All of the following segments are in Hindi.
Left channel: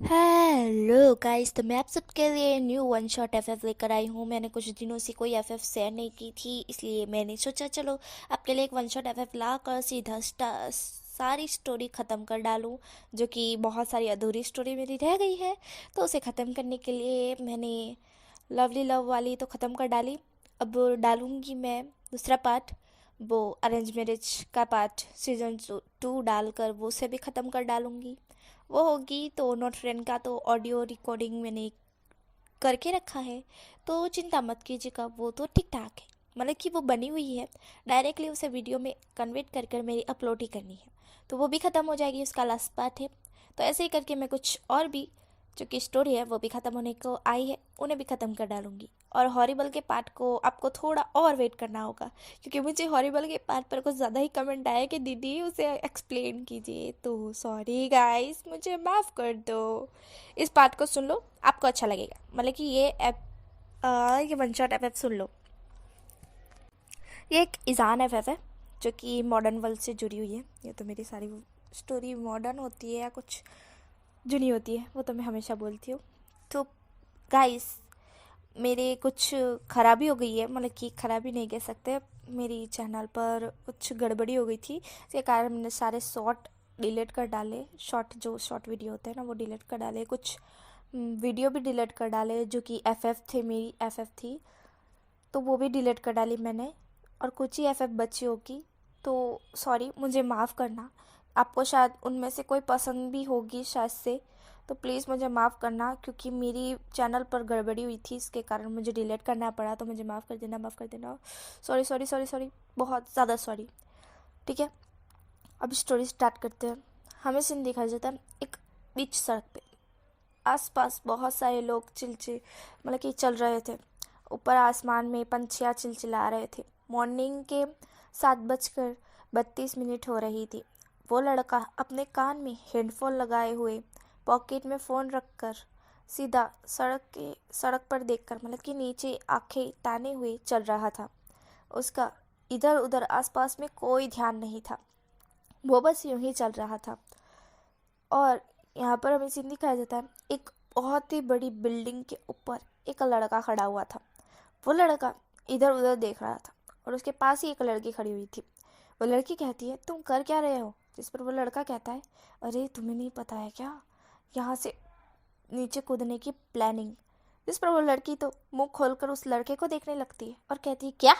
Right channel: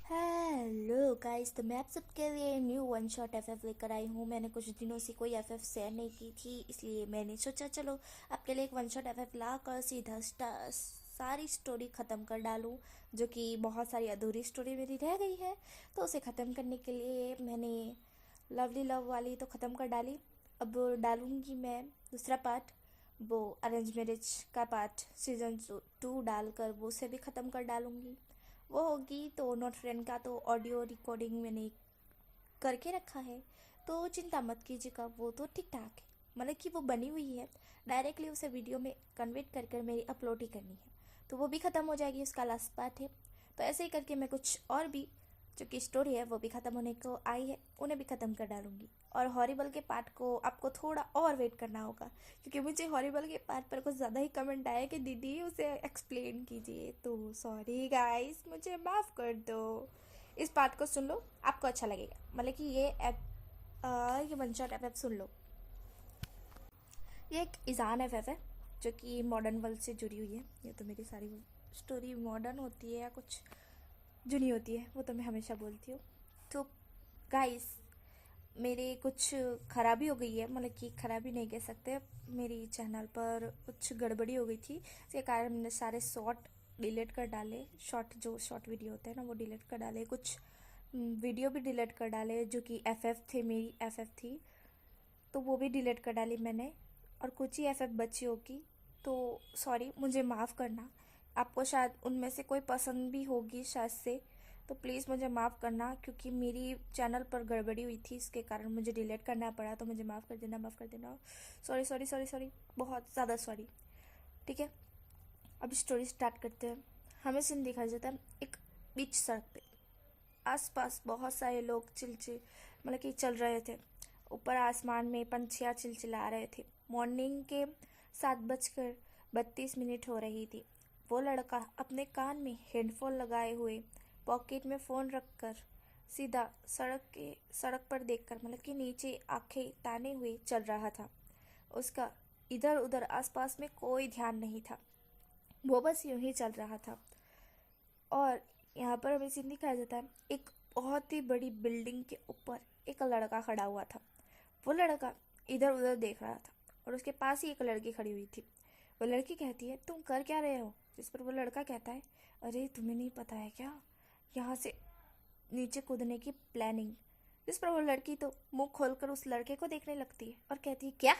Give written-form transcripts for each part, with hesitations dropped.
हेलो गाइस, तो मैं आप सबके लिए न्यू वन शॉट एफएफ लेकर आई हूँ। मैंने कुछ दिनों से कोई एफएफ शेयर नहीं की थी, इसलिए मैंने सोचा चलो आपके लिए एक वन शॉट एफएफ ला कर सीधा सारी स्टोरी ख़त्म कर डालूँ, जो कि बहुत सारी अधूरी स्टोरी मेरी रह गई है। तो उसे ख़त्म करने के लिए मैंने लवली लव वाली तो ख़त्म कर डाली। अब डालूँगी मैं दूसरा पार्ट, वो अरेंज मैरिज का पार्ट सीजन 2 डालकर वो उसे भी ख़त्म कर डालूँगी। वो होगी तो नोट फ्रेंड का तो ऑडियो रिकॉर्डिंग मैंने करके रखा है, तो चिंता मत कीजिएगा, वो तो ठीक ठाक है। मतलब कि वो बनी हुई है, डायरेक्टली उसे वीडियो में कन्वर्ट कर कर मेरी अपलोड ही करनी है, तो वो भी ख़त्म हो जाएगी, उसका लास्ट पार्ट है। तो ऐसे ही करके मैं कुछ और भी जो कि स्टोरी है वो भी ख़त्म होने को आई है, उन्हें भी ख़त्म कर डालूंगी। और हॉरिबल के पार्ट को आपको थोड़ा और वेट करना होगा, क्योंकि मुझे हॉरिबल के पार्ट पर कुछ ज़्यादा ही कमेंट आया कि दीदी उसे एक्सप्लेन कीजिए, तो सॉरी गाइस, मुझे माफ़ कर दो। इस पार्ट को सुन लो, आपको अच्छा लगेगा। मतलब कि ये वन शॉट एफ सुन लो। ये एक ईजान एफ है जो कि मॉडर्न वर्ल्ड से जुड़ी हुई है। ये तो मेरी सारी स्टोरी मॉडर्न होती है या कुछ जुनी होती है, वो तो मैं हमेशा बोलती हूँ। तो गाइस, मेरे कुछ खराबी हो गई है, मतलब कि खराबी नहीं कह सकते, मेरी चैनल पर कुछ गड़बड़ी हो गई थी, इसके कारण मैंने सारे शॉर्ट डिलीट कर डाले। शॉर्ट जो शॉर्ट वीडियो होते हैं ना, वो डिलीट कर डाले। कुछ वीडियो भी डिलीट कर डाले जो कि एफएफ थे, मेरी एफएफ थी, तो वो भी डिलीट कर डाली मैंने। और कुछ ही एफएफ बची होगी, तो सॉरी, मुझे माफ़ करना। आपको शायद उनमें से कोई पसंद भी होगी शायद से, तो प्लीज़ मुझे माफ़ करना, क्योंकि मेरी चैनल पर गड़बड़ी हुई थी, इसके कारण मुझे डिलीट करना पड़ा, तो मुझे माफ़ कर देना, माफ़ कर देना। सॉरी सॉरी सॉरी सॉरी, बहुत ज़्यादा सॉरी। ठीक है, अब स्टोरी स्टार्ट करते हैं। हमें सीन दिखाया जाता है एक बीच सड़क पे। आसपास बहुत सारे लोग चिलचिल मतलब कि चल रहे थे। ऊपर आसमान में पंछियाँ चिलचिला रहे थे। मॉर्निंग के 7:32 हो रही थी। वो लड़का अपने कान में हेडफोन लगाए हुए, पॉकेट में फ़ोन रखकर, सीधा सड़क पर देखकर, मतलब कि नीचे आंखें ताने हुए चल रहा था। उसका इधर उधर आसपास में कोई ध्यान नहीं था, वो बस यूं ही चल रहा था। और यहाँ पर हमें सीन दिखाया जाता है एक बहुत ही बड़ी बिल्डिंग के ऊपर एक लड़का खड़ा हुआ था। वो लड़का इधर उधर देख रहा था, और उसके पास ही एक लड़की खड़ी हुई थी। वो लड़की कहती है, तुम कर क्या रहे हो? जिस पर वो लड़का कहता है, अरे तुम्हें नहीं पता है क्या, यहाँ से नीचे कूदने की प्लानिंग। जिस पर वो लड़की तो मुंह खोलकर उस लड़के को देखने लगती है और कहती है, क्या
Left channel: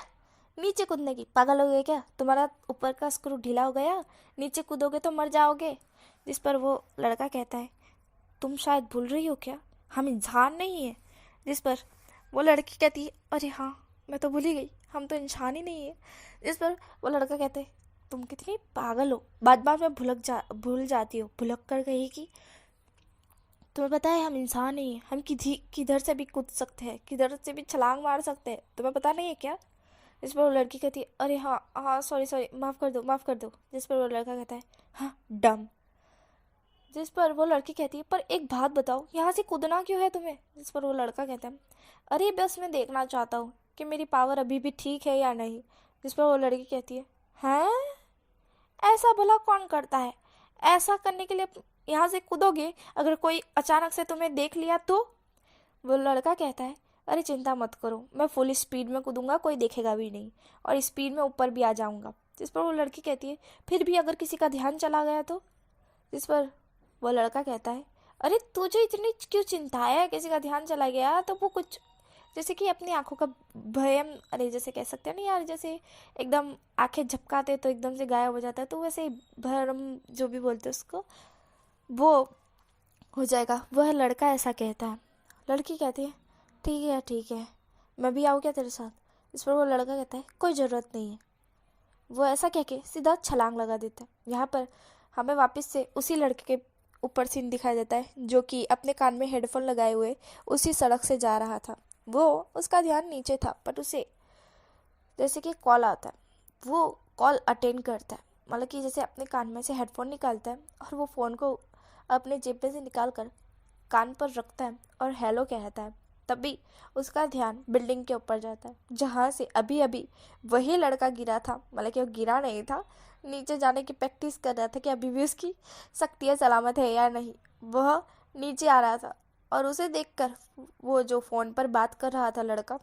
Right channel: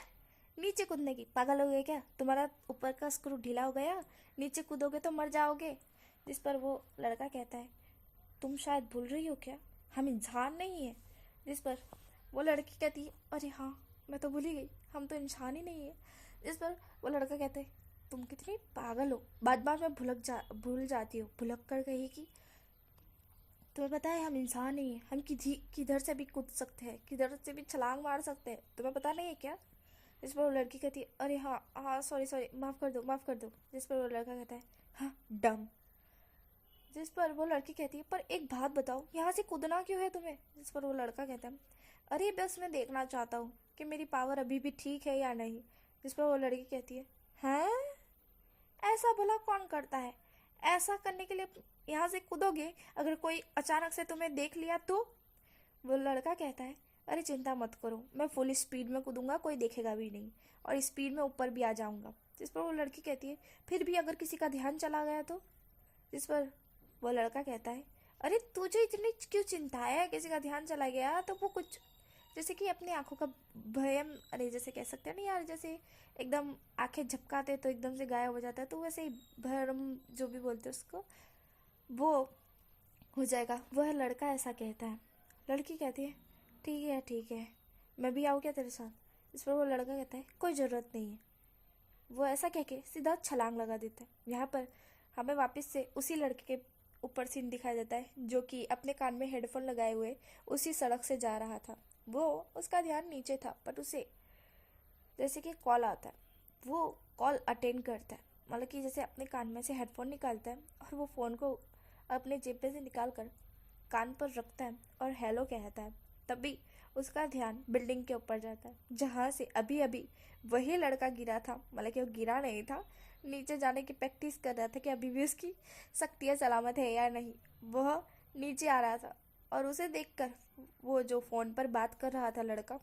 नीचे कूदने की? पागल हो गए क्या? तुम्हारा ऊपर का स्क्रू ढीला हो गया, नीचे कूदोगे तो मर जाओगे। जिस पर वो लड़का कहता है, तुम शायद भूल रही हो क्या, हम इंसान नहीं है। जिस पर वो लड़की कहती है, अरे हाँ, मैं तो भूल ही गई, हम तो इंसान ही नहीं है। जिस पर वो लड़का कहते है, तुम कितनी पागल हो, बात बात में भूल जाती हो, भुलक कर कहेगी, तुम्हें पता है हम इंसान नहीं है, हम किधर से भी कूद सकते हैं, किधर से भी छलांग मार सकते हैं, तुम्हें पता नहीं है क्या? जिस पर वो लड़की कहती है, अरे हाँ हाँ, सॉरी सॉरी, माफ़ कर दो, माफ़ कर दो। जिस पर वो लड़का कहता है, हाँ डम। जिस पर वो लड़की कहती है, पर एक बात बताओ, यहाँ से कूदना क्यों है तुम्हें? जिस पर वो लड़का कहता है, अरे बस मैं देखना चाहता हूँ कि मेरी पावर अभी भी ठीक है या नहीं। जिस पर वो लड़की कहती है, हाँ, ऐसा भला कौन करता है? ऐसा करने के लिए यहाँ से कूदोगे, अगर कोई अचानक से तुम्हें देख लिया तो? वो लड़का कहता है, अरे चिंता मत करो, मैं फुल स्पीड में कूदूंगा, कोई देखेगा भी नहीं, और स्पीड में ऊपर भी आ जाऊंगा। जिस पर वो लड़की कहती है, फिर भी अगर किसी का ध्यान चला गया तो? जिस पर वो लड़का कहता है, अरे तुझे इतनी क्यों चिंता है, किसी का ध्यान चला गया तो वो कुछ, जैसे कि अपनी आंखों का भयम, अरे जैसे कह सकते हैं ना यार, जैसे एकदम आंखें झपकाते तो एकदम से गायब हो जाता है, तो वैसे ही भरम जो भी बोलते हैं उसको, वो हो जाएगा। वह लड़का ऐसा कहता है। लड़की कहती है, ठीक है, मैं भी आऊँ क्या तेरे साथ? इस पर वो लड़का कहता है, कोई ज़रूरत नहीं है। वो ऐसा कह के सीधा छलांग लगा देता है। यहाँ पर हमें वापस से उसी लड़के के ऊपर सीन दिखाया जाता है, जो कि अपने कान में हेडफोन लगाए हुए उसी सड़क से जा रहा था। वो, उसका ध्यान नीचे था, बट उसे जैसे कि कॉल आता है, वो कॉल अटेंड करता है। मतलब कि जैसे अपने कान में से हेडफोन निकालता है और वो फ़ोन को अपने जेब में से निकाल कर कान पर रखता है और हेलो कहता है। तभी उसका ध्यान बिल्डिंग के ऊपर जाता है, जहाँ से अभी अभी वही लड़का गिरा था। मतलब कि वो गिरा नहीं था, नीचे जाने की प्रैक्टिस कर रहा था कि अभी भी उसकी शक्तियाँ सलामत है या नहीं। वह नीचे आ रहा था और उसे देखकर वो जो फ़ोन पर बात कर रहा था लड़का,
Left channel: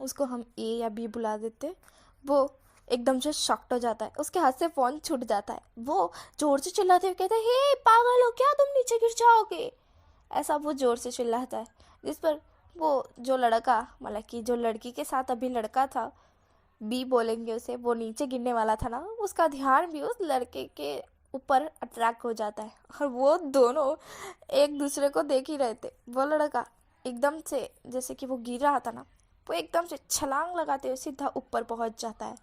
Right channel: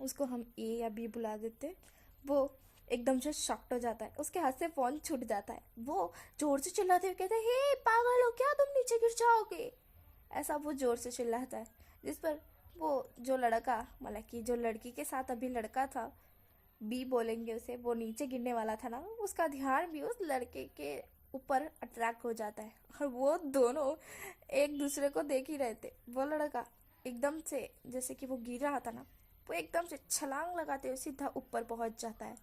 उसको हम ए या बी बुला देते, वो एकदम से शॉक्ड हो जाता है, उसके हाथ से फ़ोन छूट जाता है। वो ज़ोर से चिल्लाते हुए कहता है, हे पागल हो क्या, तुम नीचे गिर जाओगे। ऐसा वो ज़ोर से चिल्लाता है, जिस पर वो जो लड़का, मतलब कि जो लड़की के साथ अभी लड़का था, बी बोलेंगे उसे, वो नीचे गिरने वाला था ना, उसका ध्यान भी उस लड़के के ऊपर अट्रैक्ट हो जाता है और वो दोनों एक दूसरे को देख ही रहे थे। वो लड़का एकदम से, जैसे कि वो गिर रहा था ना, वो एकदम से छलांग लगाते हुए सीधा ऊपर पहुंच जाता है,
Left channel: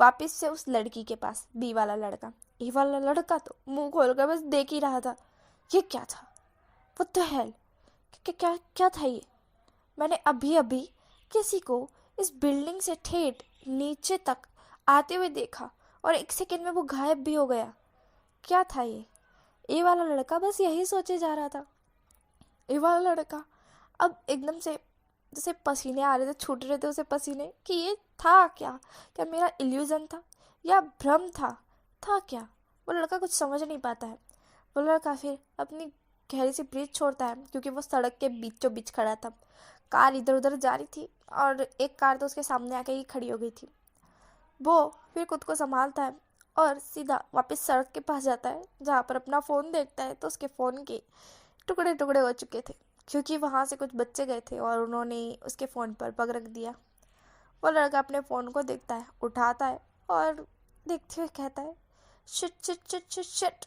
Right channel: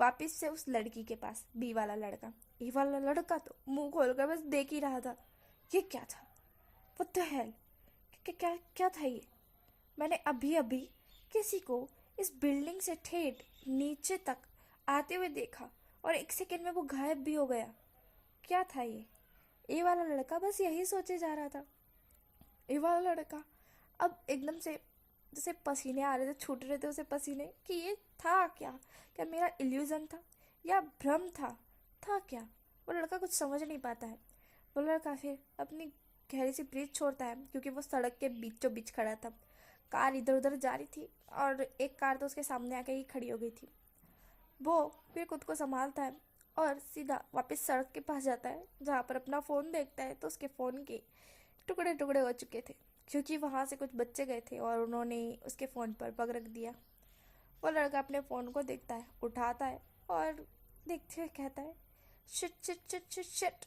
वापिस से उस लड़की के पास। बी वाला लड़का, ए वाला लड़का तो मुंह खोलकर बस देख ही रहा था। ये क्या था? What the hell? क्या क्या क्या था ये? मैंने अभी अभी किसी को इस बिल्डिंग से ठेठ नीचे तक आते हुए देखा और एक सेकंड में वो गायब भी हो गया। क्या था ये? ए वाला लड़का बस यही सोचे जा रहा था। ए वाला लड़का अब एकदम से जैसे पसीने आ रहे थे, छूट रहे थे उसे पसीने, कि ये था क्या? क्या मेरा इल्यूजन था या भ्रम था क्या? वो लड़का कुछ समझ नहीं पाता है। वो लड़का फिर अपनी गहरी सी ब्रीथ छोड़ता है, क्योंकि वो सड़क के बीचों बीच खड़ा था। कार इधर उधर जा रही थी और एक कार तो उसके सामने आके ही खड़ी हो गई थी। वो फिर खुद को संभालता है और सीधा वापस सड़क के पास जाता है, जहाँ पर अपना फ़ोन देखता है तो उसके फ़ोन के टुकड़े टुकड़े हो चुके थे, क्योंकि वहाँ से कुछ बच्चे गए थे और उन्होंने उसके फ़ोन पर पग रख दिया। वो लड़का अपने फ़ोन को देखता है, उठाता है और देखते हुए कहता है, shit shit shit shit shit,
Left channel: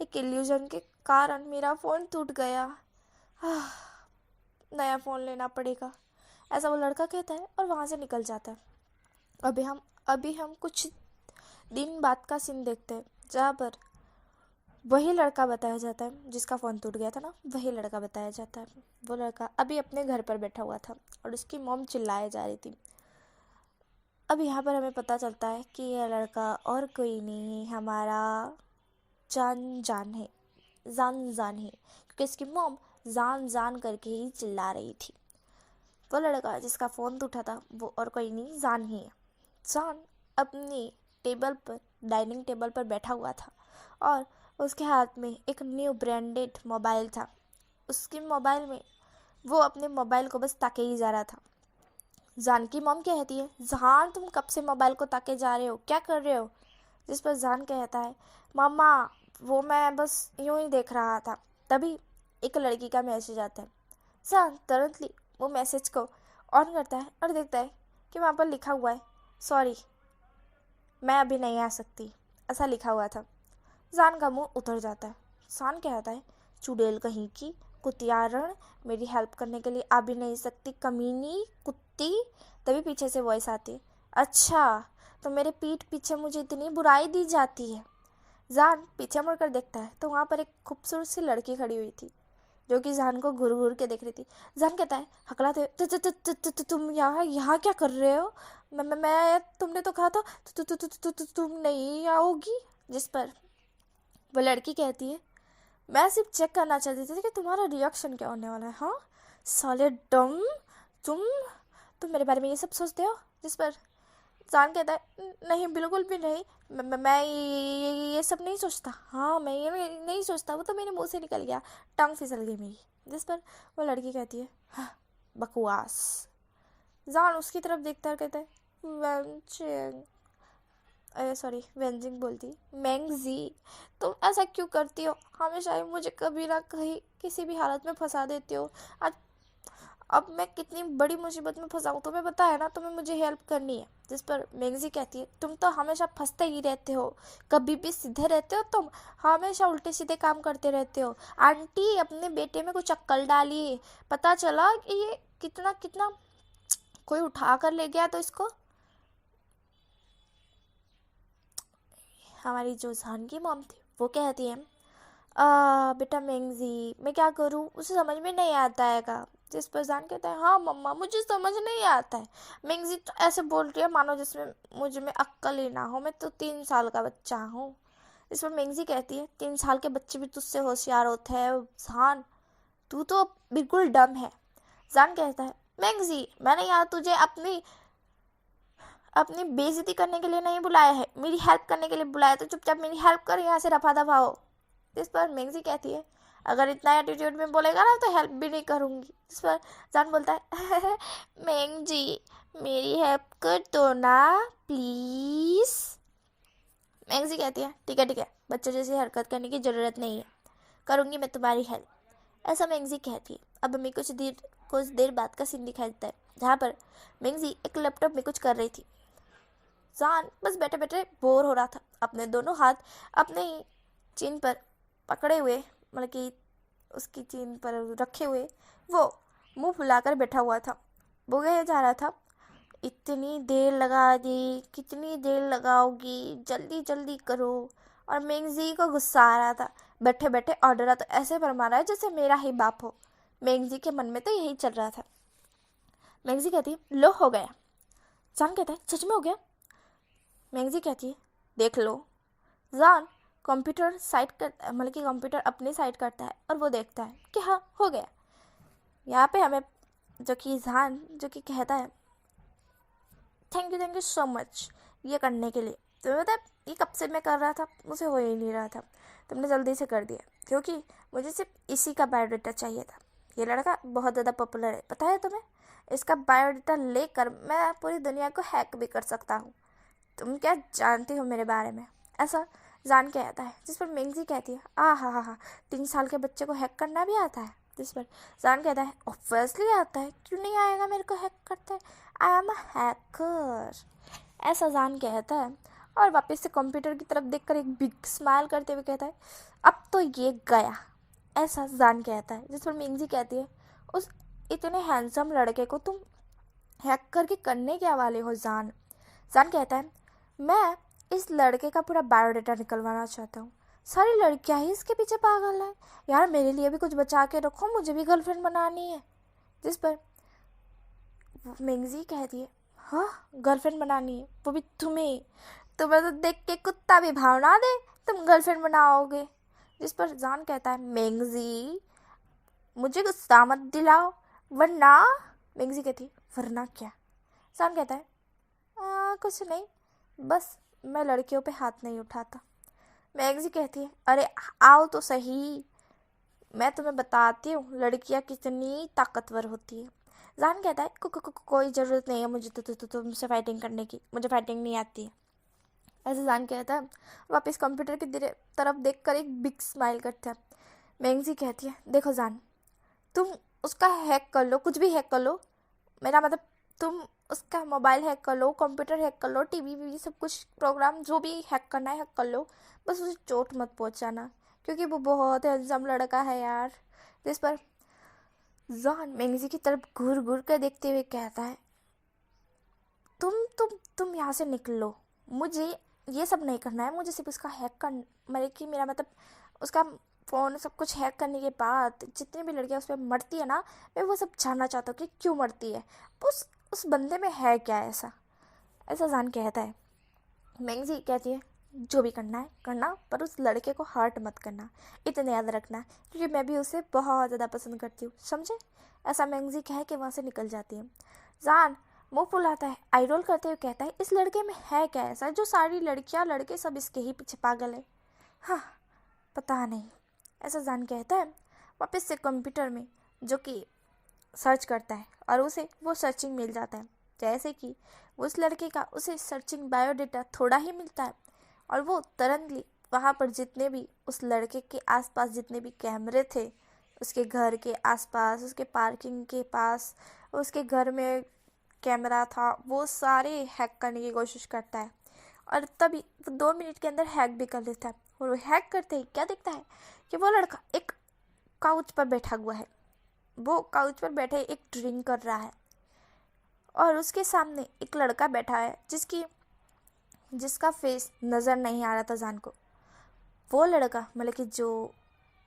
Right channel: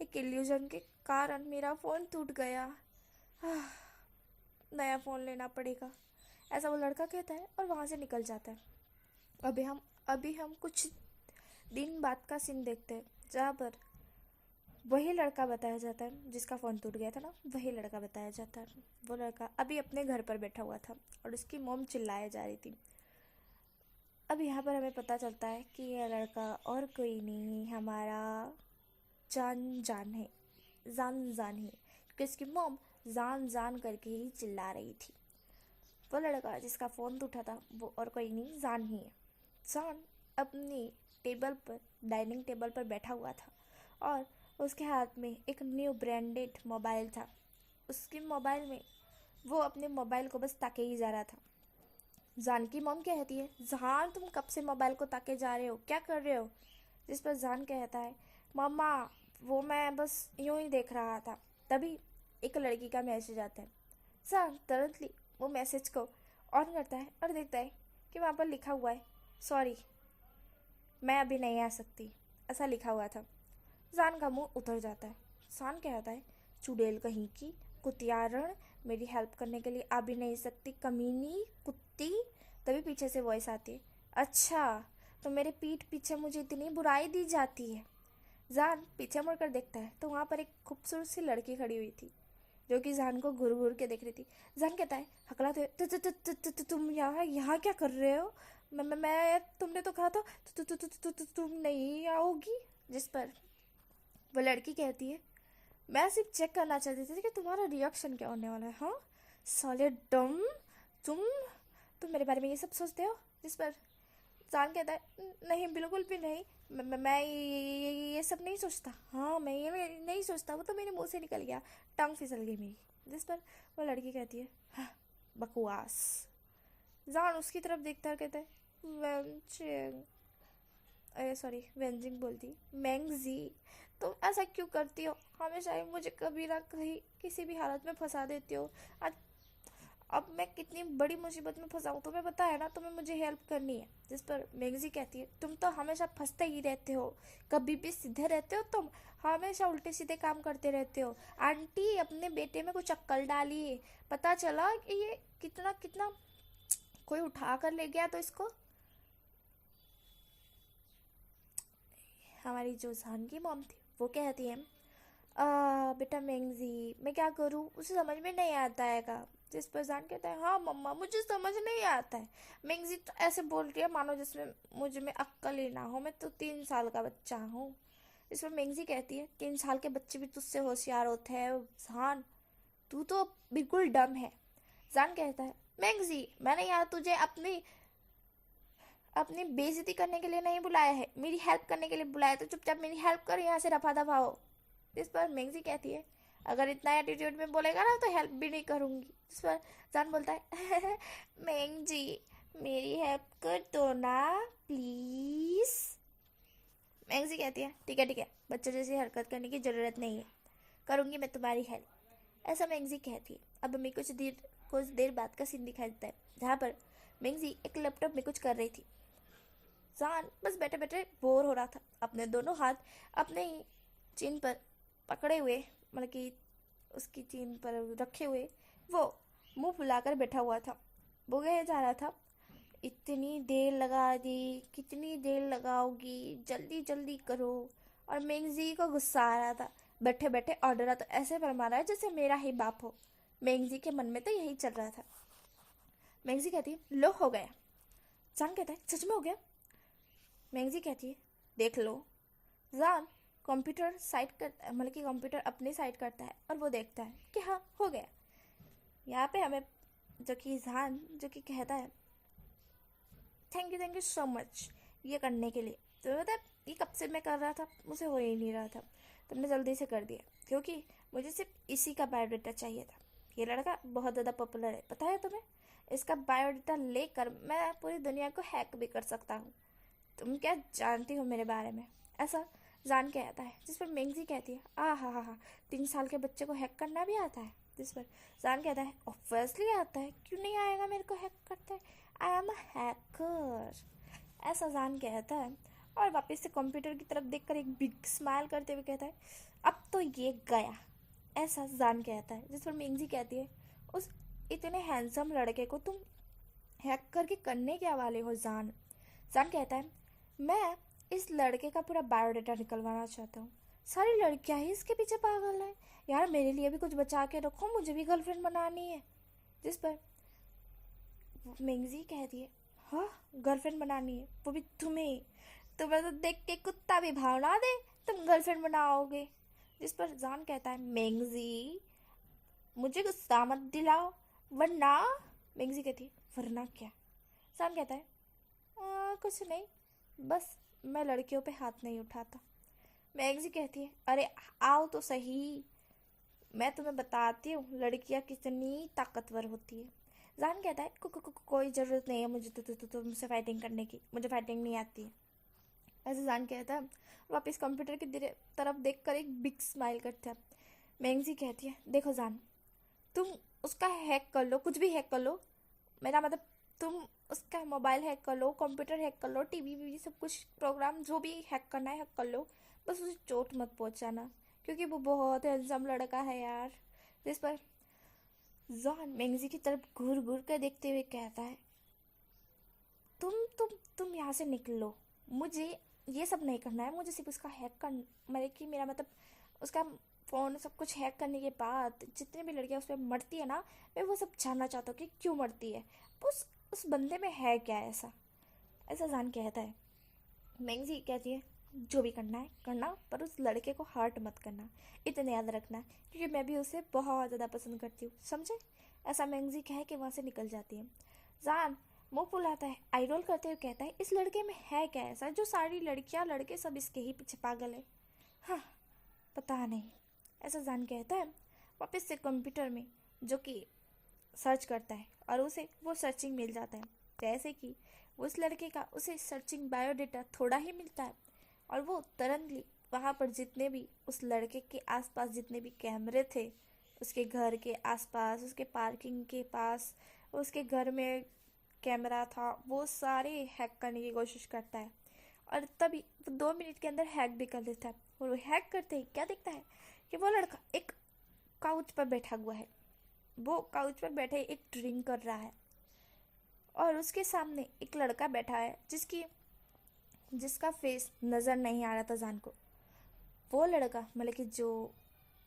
एक इल्यूजन के कारण मेरा फ़ोन टूट गया, नया फ़ोन लेना पड़ेगा। ऐसा वो लड़का कहता है और वहाँ से निकल जाता है। अभी हम कुछ दिन बाद का सीन देखते हैं, जहाँ पर वही लड़का बताया जाता है जिसका फ़ोन टूट गया था ना, वही लड़का बताया जाता है। वो लड़का अभी अपने घर पर बैठा हुआ था और उसकी मॉम चिल्लाए जा रही थी। अब यहाँ पर हमें पता चलता है कि यह लड़का और कोई नहीं, हमारा जान है, जान है, क्योंकि इसकी मॉम जान करके ही चिल्ला रही थी। वो लड़का जिसका फ़ोन टूटा था वो और कोई नहीं, जान ही है। जान अपनी टेबल पर, डाइनिंग टेबल पर बैठा हुआ था और उसके हाथ में एक न्यू ब्रांडेड मोबाइल था। उसके मोबाइल में वो अपने मोबाइल को बस ताके ही जा रहा था। जान की मॉम कहती है, जान तुम कब से मोबाइल को ताके जा रहे हो, क्या कर रहे हो? जिस पर जान कहता है, मामा वो मैं बस यूं ही देख रहा था। तभी एक लड़की का मैसेज आता है। जान तुरंतली वो मैसेज को ऑन करता है और देखता है कि वहाँ पर लिखा हुआ है, सॉरी मैं अभी नहीं आ सकती, ऐसा लिखा हुआ था। जान का मुंह उतर जाता है। जान कहता है, चुड़ैल कहीं की, कुतियारण, मेरी हेल्प करने के लिए आ भी नहीं सकती, कमीनी कुत्ती। तभी पीछे से वॉइस आती है, अच्छा तो मेरे पीठ पीछे मुझे इतनी बुराई दी जाती है। जान पीछे मुड़कर देखता है तो वहाँ पर एक खूबसूरत सी लड़की खड़ी हुई थी, जो कि जान को घूर घूर के देख रही थी। जान कहता है हकलाते हुए, तुम यहाँ क्या कर रहे हो? मैं तुमने तो कहा था तुम नहीं आओगी। जिस पर वो लड़की कहती है, मैं सिर्फ चेक करना चाहती थी कि तुम्हारा रिएक्शन क्या होने वाला है। हाँ साले डम, तुम मेरे बारे में ये सब सोचते हो? जिस पर जान कहता है, नहीं बिल्कुल भी नहीं, मैं ये सब नहीं सोचता। हाँ मैं ये नहीं सोचता, वो तो मेरे मुंह से निकल गया, टंग फिसल गई मेरी। जिस पर वो लड़की कहती है, हाँ बकवास। जान उसकी तरफ देखता कहता है, वेंचिंग, अरे सॉरी वेंजिंग बोलती, मैंगजी तुम ऐसा क्यों करती हो? हमेशा ही मुझे कभी ना कहीं किसी भी हालत में फंसा देती हो। आज अब मैं कितनी बड़ी मुसीबत में फंसा हूँ तुम्हें पता है ना, तुम्हें मुझे हेल्प करनी है। जिस पर मैगजी कहती है, तुम तो हमेशा फंसते ही रहते हो, कभी भी सीधे रहते हो तुम, हमेशा उल्टे सीधे काम करते रहते हो। आंटी अपने बेटे में कुछ अक्ल डालिए, पता चला कि ये कितना कितना कोई उठा कर ले गया तो इसको। हमारी जो जान की मॉम थी वो कहती है, बेटा मैंगजी मैं क्या करूँ, उसे समझ में नहीं आता है का। जिस पर जान कहता है, हाँ मम्मा मुझे समझ नहीं आता है। मैंगजी तो ऐसे बोल रही है मानो जिसमें मुझ में अक्ल ही ना हो, मैं तो 3 साल का बच्चा हूँ। इस पर मैंगजी कहती है, 3 साल के बच्चे भी तुझसे होशियार होते हैं जान, तू तो बिल्कुल डम है। जान कहता है, मैंगजी मैंने यहाँ तुझे अपनी बेइज्जती करने के लिए नहीं बुलाया है, मेरी हेल्प करने के लिए बुलाया, तो चुपचाप मेरी हेल्प कर, यहाँ से रफा दफा हो। इस पर मैगजी कहती है, अगर इतना एटीट्यूड में बोलेगा ना तो हेल्प भी नहीं करूँगी। इस पर जान बोलता है मैंग जी मेरी हेल्प कर दो ना प्लीज़। मैंग जी कहती है ठीक है बच्चे जैसी हरकत करने की ज़रूरत नहीं है, करूँगी मैं तुम्हारी हेल्प, ऐसा मैंगजी कहती है। अब हमें कुछ देर बाद का सीन दिखाई देता है जहाँ पर मैंगजी एक लैपटॉप में कुछ कर रही थी। जान बस बैठे बैठे बोर हो रहा था, अपने दोनों हाथ अपने ही चीन पर पकड़े हुए, मतलब कि उसकी चीन पर रखे हुए वो मुंह फुलाकर बैठा हुआ था। वो कहे जा रहा था इतनी देर लगा दी, कितनी देर लगाओगी, जल्दी जल्दी करो। और मैंगजी को गुस्सा आ रहा था, बैठे बैठे ऑर्डर तो ऐसे फरमा रहा है जैसे मेरा ही बाप हो। मैंगजी के मन में तो यही चल रहा था। मैंगजी कहती है लो हो गया। जान कहता है सच में हो गया। मैंगजी कहती है देख लो। जान कंप्यूटर साइड कर, मतलब कि कंप्यूटर अपनी साइड करता है और वो देखता है कि हाँ हो गया। यहाँ पे हमें जो कि जान जो कि कहता है थैंक यू सो मच ये करने के लिए। तो मतलब ये कब से मैं कर रहा था, मुझे हो ही नहीं रहा था, तुमने जल्दी से कर दिया, क्योंकि मुझे सिर्फ इसी का बायोडाटा चाहिए था। ये लड़का बहुत ज़्यादा पॉपुलर है, पता है तुम्हें? इसका बायोडाटा लेकर मैं पूरी दुनिया को हैक भी कर सकता हूँ। तुम क्या जानती हो मेरे बारे में? ऐसा जान के आता है, जिस पर मैंगजी कहती है हा 3 साल के बच्चे को हैक करना भी आता है। जिस पर जान कहता है ऑब्वियसली आता है, क्यों नहीं आएगा, मेरे को हैक करते हैं, आई एम अ हैकर। ऐसा जान कहता है और वापस से कंप्यूटर की तरफ देखकर एक बिग स्माइल करते हुए कहता है अब तो ये गया। ऐसा जान कहता है, जिस पर मैंगजी कहती है उस इतने हैंडसम लड़के को तुम हैक करके करने क्या वाले हो जान? जान कहता है मैं इस लड़के का पूरा बायोडाटा निकलवाना चाहता हूँ, सारी लड़कियाँ ही इसके पीछे पागल है यार, मेरे लिए भी कुछ बचा के रखो, मुझे भी गर्लफ्रेंड बनानी है। जिस पर मैंगजी कहती है हाँ गर्लफ्रेंड बनानी है, वो भी तुम्हें तो देख के कुत्ता भी भाव ना दे, तुम गर्लफ्रेंड बनाओगे। जिस पर जान कहता है मैंगजी मुझे गुस्सा मत दिलाओ वरना। मैंगजी कहती है वरना क्या? जान कहता है कुछ नहीं, बस मैं लड़कियों पे हाथ नहीं उठाता। मैंगजी कहती है अरे आओ तो सही, मैं तुम्हें बताती हूँ लड़कियाँ कितनी ताकतवर होती है। जान कहता है कोई ज़रूरत नहीं है मुझे तो तुमसे फाइटिंग करने की, मुझे फाइटिंग नहीं आती है। ऐसे जान कहता है, वापस कंप्यूटर की तरफ देखकर एक बिग स्माइल करता है। मैंगजी कहती है देखो जान, तुम उसका हैक कर लो, कुछ भी हैक कर लो, मेरा मतलब तुम उसका मोबाइल हैक कर लो, कंप्यूटर हैक कर लो, टीवी सब कुछ प्रोग्राम जो भी हैक करना है हैक कर लो, बस उसे चोट मत पहुंचाना, क्योंकि वो बहुत हैंडसम लड़का है यार। जिस पर जान मैंगजी की तरफ घूर घूर कर देखते हुए कहता है तुम यहाँ से निकलो, मुझे ये सब नहीं करना है, मुझे सिर्फ उसका हैक कर, मेरा मतलब उसका फ़ोन सब कुछ हैक करने के बाद जितनी भी लड़कियाँ उस पर मरती है ना, मैं वो सब जानना चाहता हूँ कि क्यों मरती है, उस बंदे में है क्या ऐसा। ऐसा जान कहता है। मैंगजी कहती है जो भी करना है करना, पर उस लड़के को हर्ट मत करना, इतना याद रखना, क्योंकि मैं भी उसे बहुत ज़्यादा पसंद करती हूँ, समझे? ऐसा मैंगजी कह के वहाँ से निकल जाती है। जान मुँह फुलाता है, आई रोल करते हुए कहता है इस लड़के में है क्या ऐसा जो सारी लड़कियाँ लड़के सब इसके ही पीछे पागल है? हाँ पता नहीं, ऐसा जान कहता है। वापस से कंप्यूटर में जो कि सर्च करता है और उसे वो सर्चिंग मिल जाता है, जैसे कि उस लड़के का उसे सर्चिंग बायोडाटा थोड़ा ही मिलता है और वो तुरंतली वहाँ पर जितने भी उस लड़के के आसपास जितने भी कैमरे थे, उसके घर के आसपास, उसके पार्किंग के पास, उसके घर में कैमरा था, वो सारे हैक करने की कोशिश करता है और तभी वो 2 मिनट के अंदर हैक भी कर लेता है। और वो हैक करते ही क्या दिखता है कि वो लड़का एक काउच पर बैठा हुआ है, वो काउच पर बैठे एक ड्रिंक कर रहा है और उसके सामने एक लड़का बैठा है जिसका फेस नज़र नहीं आ रहा था जान को। वो लड़का मतलब कि जो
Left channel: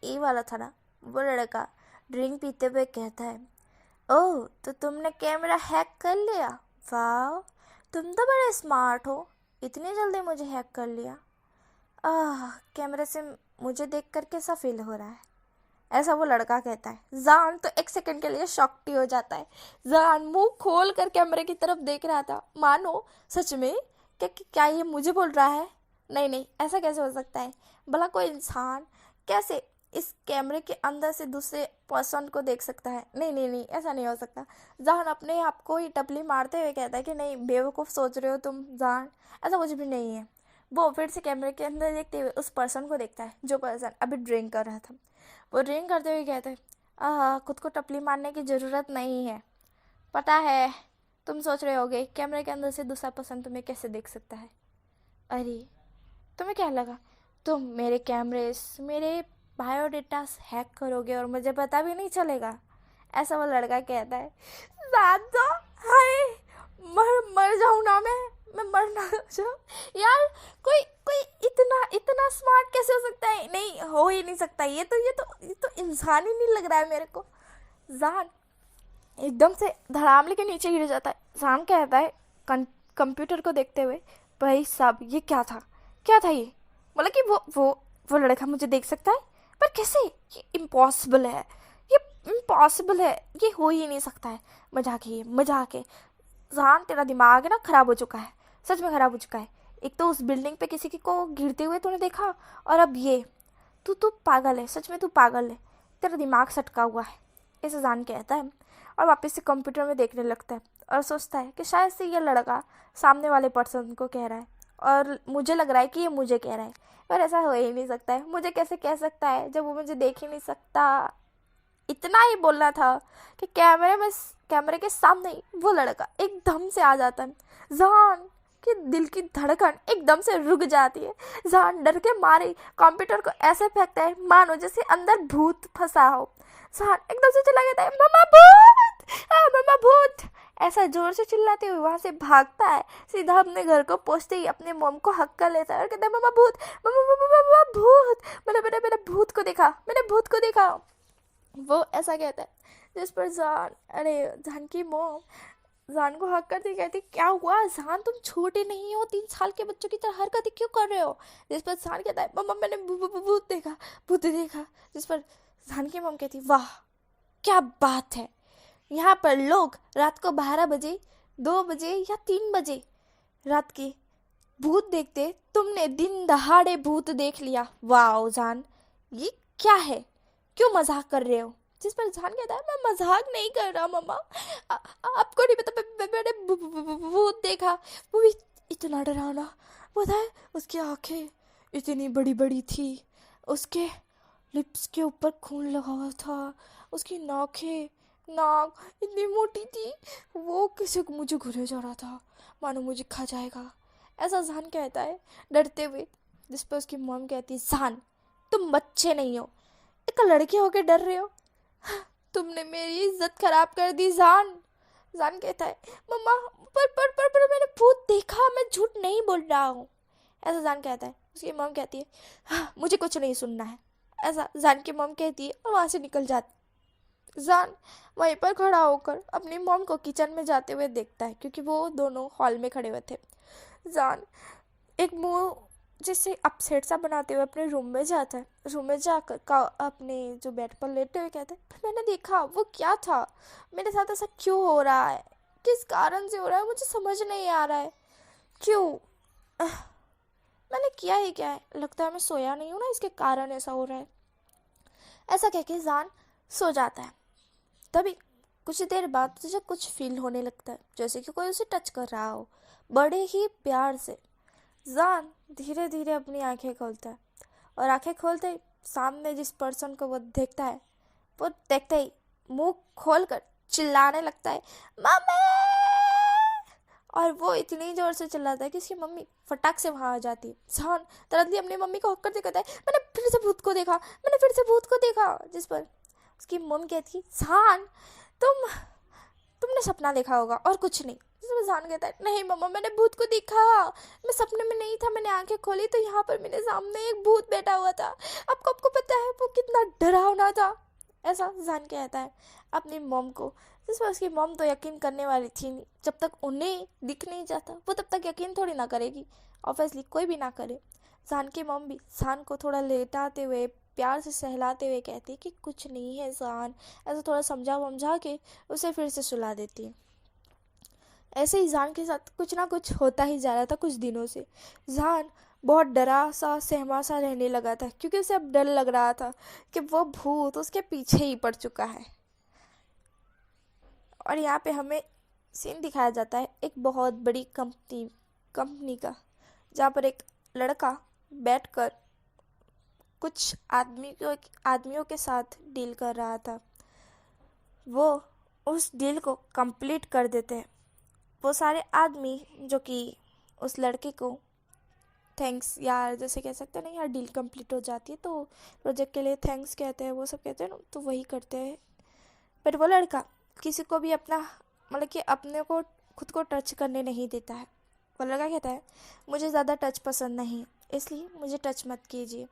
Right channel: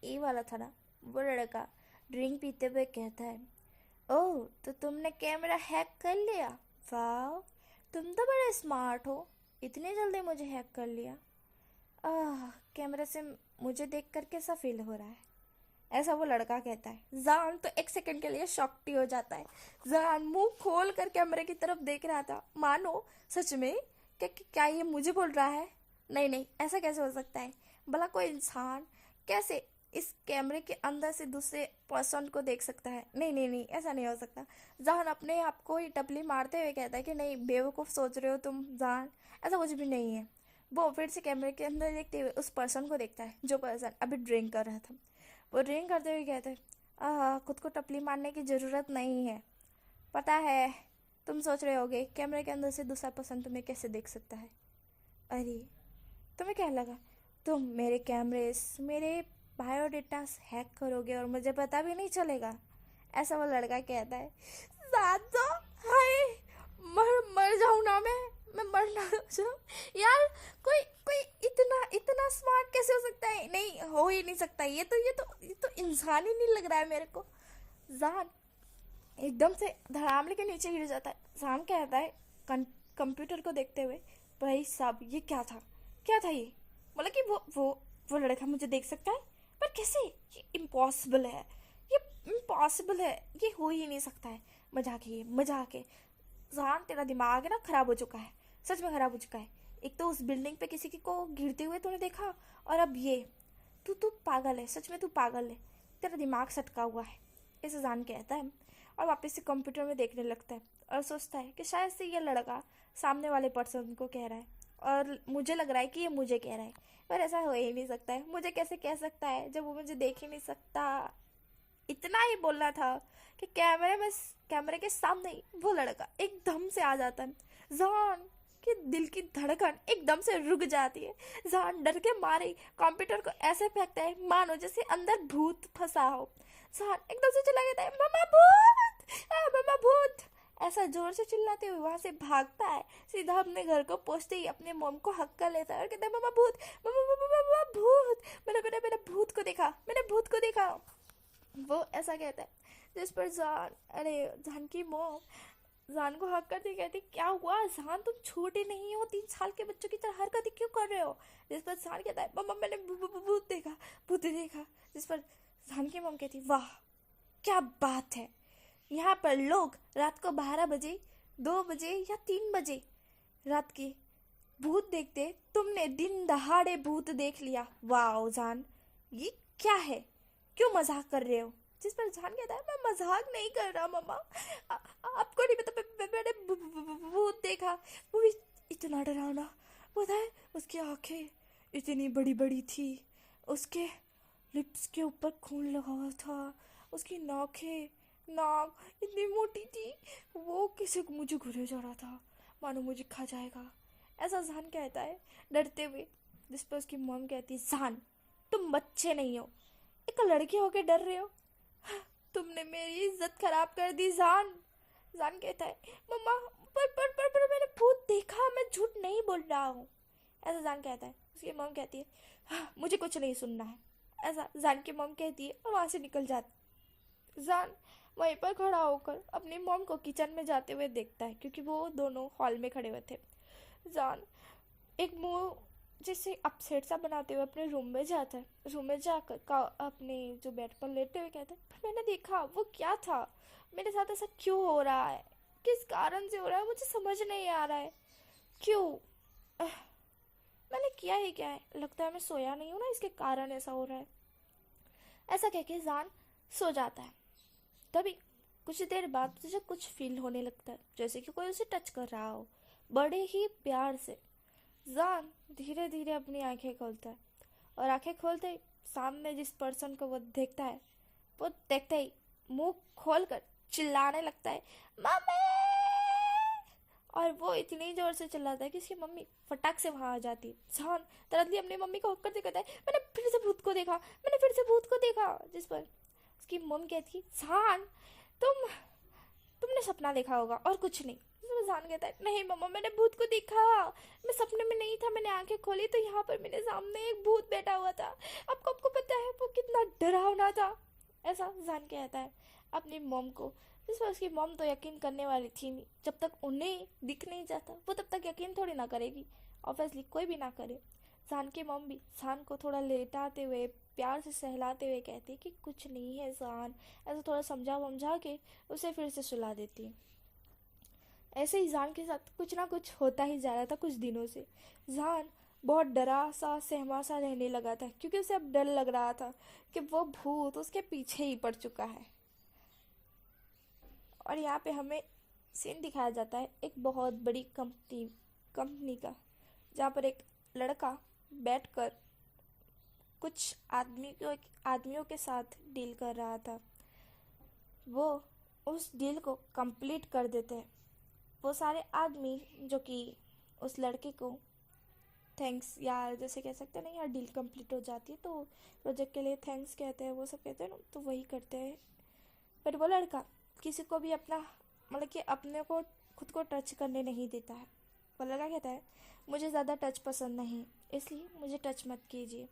ए वाला था ना, वो लड़का ड्रिंक पीते हुए कहता है ओह तो तुमने कैमरा हैक कर लिया, वाह तुम तो बड़े स्मार्ट हो, इतनी जल्दी मुझे हैक कर लिया। कैमरे से मुझे देखकर कैसा फील हो रहा है? ऐसा वो लड़का कहता है। जान तो 1 सेकंड के लिए शॉक्ड हो जाता है। जान मुंह खोल कर कैमरे की तरफ देख रहा था, मानो सच में क्या ये मुझे बोल रहा है? नहीं ऐसा कैसे हो सकता है? भला कोई इंसान कैसे इस कैमरे के अंदर से दूसरे पर्सन को देख सकता है। नहीं नहीं नहीं, ऐसा नहीं हो सकता। जहान अपने आप को ही टपली मारते हुए कहता है कि नहीं बेवकूफ़ सोच रहे हो तुम जहान, ऐसा कुछ भी नहीं है। वो फिर से कैमरे के अंदर देखते हुए उस पर्सन को देखता है जो पर्सन अभी ड्रिंक कर रहा था। वो ड्रिंक करते हुए कहता है खुद को टपली मारने की ज़रूरत नहीं है। पता है तुम सोच रहे होगे कैमरे के अंदर से दूसरा पर्सन तुम्हें कैसे देख सकता है। अरे तुम्हें क्या लगा तुम मेरे कैमरेस मेरे बायोडेटास हैक करोगे और मुझे पता भी नहीं चलेगा, ऐसा वो लड़का कहता है। दादा हाय, मर जाऊँ ना मैं मर ना जाऊँ यार। कोई कोई इतना इतना स्मार्ट कैसे हो सकता है? नहीं हो ही नहीं सकता। ये तो इंसान ही नहीं लग रहा है मेरे को। जान एकदम से धड़ामले के नीचे गिर जाता है। जान कहता है कंप्यूटर को देखते हुए, भाई साहब ये क्या था ये? मतलब कि वो लड़का मुझे देख सकता है, पर कैसे? ये इम्पॉसिबल है, ये हो ही नहीं सकता है। मजाक है। जान तेरा दिमाग है ना ख़राब हो चुका है, सच में ख़राब हो चुका है। एक तो उस बिल्डिंग पे किसी को गिरते हुए तूने देखा, और अब ये तू पागल है, सच में तू पागल है, तेरा दिमाग सटका हुआ है, ऐसे जान कहता है। और वापस से कंप्यूटर में देखने लगता है और सोचता है कि शायद से ये लड़का सामने वाले पर्सन को कह रहा है और मुझे लग रहा है कि ये मुझे कह रहा है, पर ऐसा हो ही नहीं सकता है। मुझे कैसे कह सकता है जब वो मुझे देख ही नहीं सकता। इतना ही बोलना था कि कैमरे के सामने ही वो लड़का एकदम से आ जाता है। जान कि दिल की धड़कन एकदम से रुक जाती है। जान डर के मारे कंप्यूटर को ऐसे फेंकता है मानो जैसे अंदर भूत फंसा हो। जान एकदम से चिल्ला कहता है मम्मा भूत, मम्मा भूत, ऐसा जोर से चिल्लाते हुए वहाँ से भागता है। सीधा अपने घर को पहुँचते ही अपने मॉम को हक कर लेता है और कहता है मम्मा भूत, मम्मा भूत, मैंने भूत को देखा, मैंने भूत को देखा। वो ऐसा कहता है जिस पर जान की मॉम जान को हक करती कहती क्या हुआ जान, तुम छोटे नहीं हो, 3 साल के बच्चों की तरह हरकतें क्यों कर रहे हो? जिस पर जान कहता है मम्मा मैंने भूत देखा। जिस पर जान की मॉम कहती वाह क्या बात है, यहाँ पर लोग रात को 12 बजे 2 बजे या 3 बजे रात के भूत देखते, तुमने दिन दहाड़े भूत देख लिया। वाह जान ये क्या है, क्यों मजाक कर रहे हो? जिस पर जान कहता है मैं मजाक नहीं कर रहा मम्मा, आपको नहीं पता मैंने भूत देखा, वो भी इतना डरावना। पता है उसकी आंखें इतनी बड़ी बड़ी थी, उसके लिप्स के ऊपर खून लगा हुआ था, उसकी नाक इतनी मोटी थी, वो किसी को मुझे घुरे जा रहा था मानो मुझे खा जाएगा, ऐसा जान कहता है डरते हुए। जिस पर उसकी मॉम कहती है जान तुम बच्चे नहीं हो, एक लड़की होके डर रहे हो, तुमने मेरी इज्जत खराब कर दी जान कहता है मम्मा पर मैंने भूत देखा, मैं झूठ नहीं बोल रहा हूँ, ऐसा जान कहता है। उसकी मॉम कहती है हाँ, मुझे कुछ नहीं सुनना है, ऐसा जान की मॉम कहती है और वहाँ से निकल जाती। जान वहीं पर खड़ा होकर अपनी मॉम को किचन में जाते हुए देखता है क्योंकि वो दोनों हॉल में खड़े हुए थे। जान एक मुंह जैसे अपसेट सा बनाते हुए अपने रूम में जाता है। रूम में जाकर अपने जो बेड पर लेटे हुए कहते हैं मैंने देखा वो क्या था, मेरे साथ ऐसा क्यों हो रहा है, किस कारण से हो रहा है, मुझे समझ नहीं आ रहा है, क्यों मैंने किया ही क्या है, लगता है मैं सोया नहीं हूँ ना इसके कारण ऐसा हो रहा है। ऐसा कह के जान सो जाता है। तभी कुछ देर बाद तुझे कुछ फील होने लगता है जैसे कि कोई उसे टच कर रहा हो, बड़े ही प्यार से। जान धीरे धीरे अपनी आंखें खोलता है और आंखें खोलते ही सामने जिस पर्सन को वो देखता है, वो देखते ही मुंह खोलकर चिल्लाने लगता है मम्मी, और वो इतनी जोर से चिल्लाता है कि उसकी मम्मी फटाक से वहाँ आ जाती है। जान तरतली अपनी मम्मी को हक करते कहता है मैंने फिर से भूत को देखा। जिस पर उसकी मम्मी कहती है जान तुमने सपना देखा होगा और कुछ नहीं। जान कहता है नहीं मम्मा मैंने भूत को देखा, मैं सपने में नहीं था, मैंने आंखें खोली तो यहाँ पर मेरे सामने एक भूत बैठा हुआ था, आपको पता है वो कितना डरावना था, ऐसा जान कहता है अपनी मॉम को। जिस पर उसकी मॉम तो यकीन करने वाली थी नहीं, जब तक उन्हें दिख नहीं जाता वो तब तक यकीन थोड़ी ना करेगी, ऑब्वियसली कोई भी ना करे। जान की मॉम भी जान को थोड़ा लेटाते हुए प्यार से सहलाते हुए कहती कि कुछ नहीं है जान, ऐसा थोड़ा समझा के उसे फिर से सुला देती है। ऐसे ही जान के साथ कुछ ना कुछ होता ही जा रहा था कुछ दिनों से। जान बहुत डरा सा सहमा सा रहने लगा था, क्योंकि उसे अब डर लग रहा था कि वो भूत उसके पीछे ही पड़ चुका है। और यहाँ पे हमें सीन दिखाया जाता है एक बहुत बड़ी कंपनी का, जहाँ पर एक लड़का बैठकर कुछ आदमियों के साथ डील कर रहा था। वो उस डील को कंप्लीट कर देते हैं। वो सारे आदमी जो कि उस लड़के को थैंक्स यार जैसे कह सकते हैं ना, यार डील कंप्लीट हो जाती है तो प्रोजेक्ट के लिए थैंक्स कहते हैं, वो सब कहते हैं ना, तो वही करते हैं। पर वो लड़का किसी को भी अपना मतलब कि अपने को खुद को टच करने नहीं देता है। वो लड़का कहता है मुझे ज़्यादा टच पसंद नहीं, इसलिए मुझे टच मत कीजिए।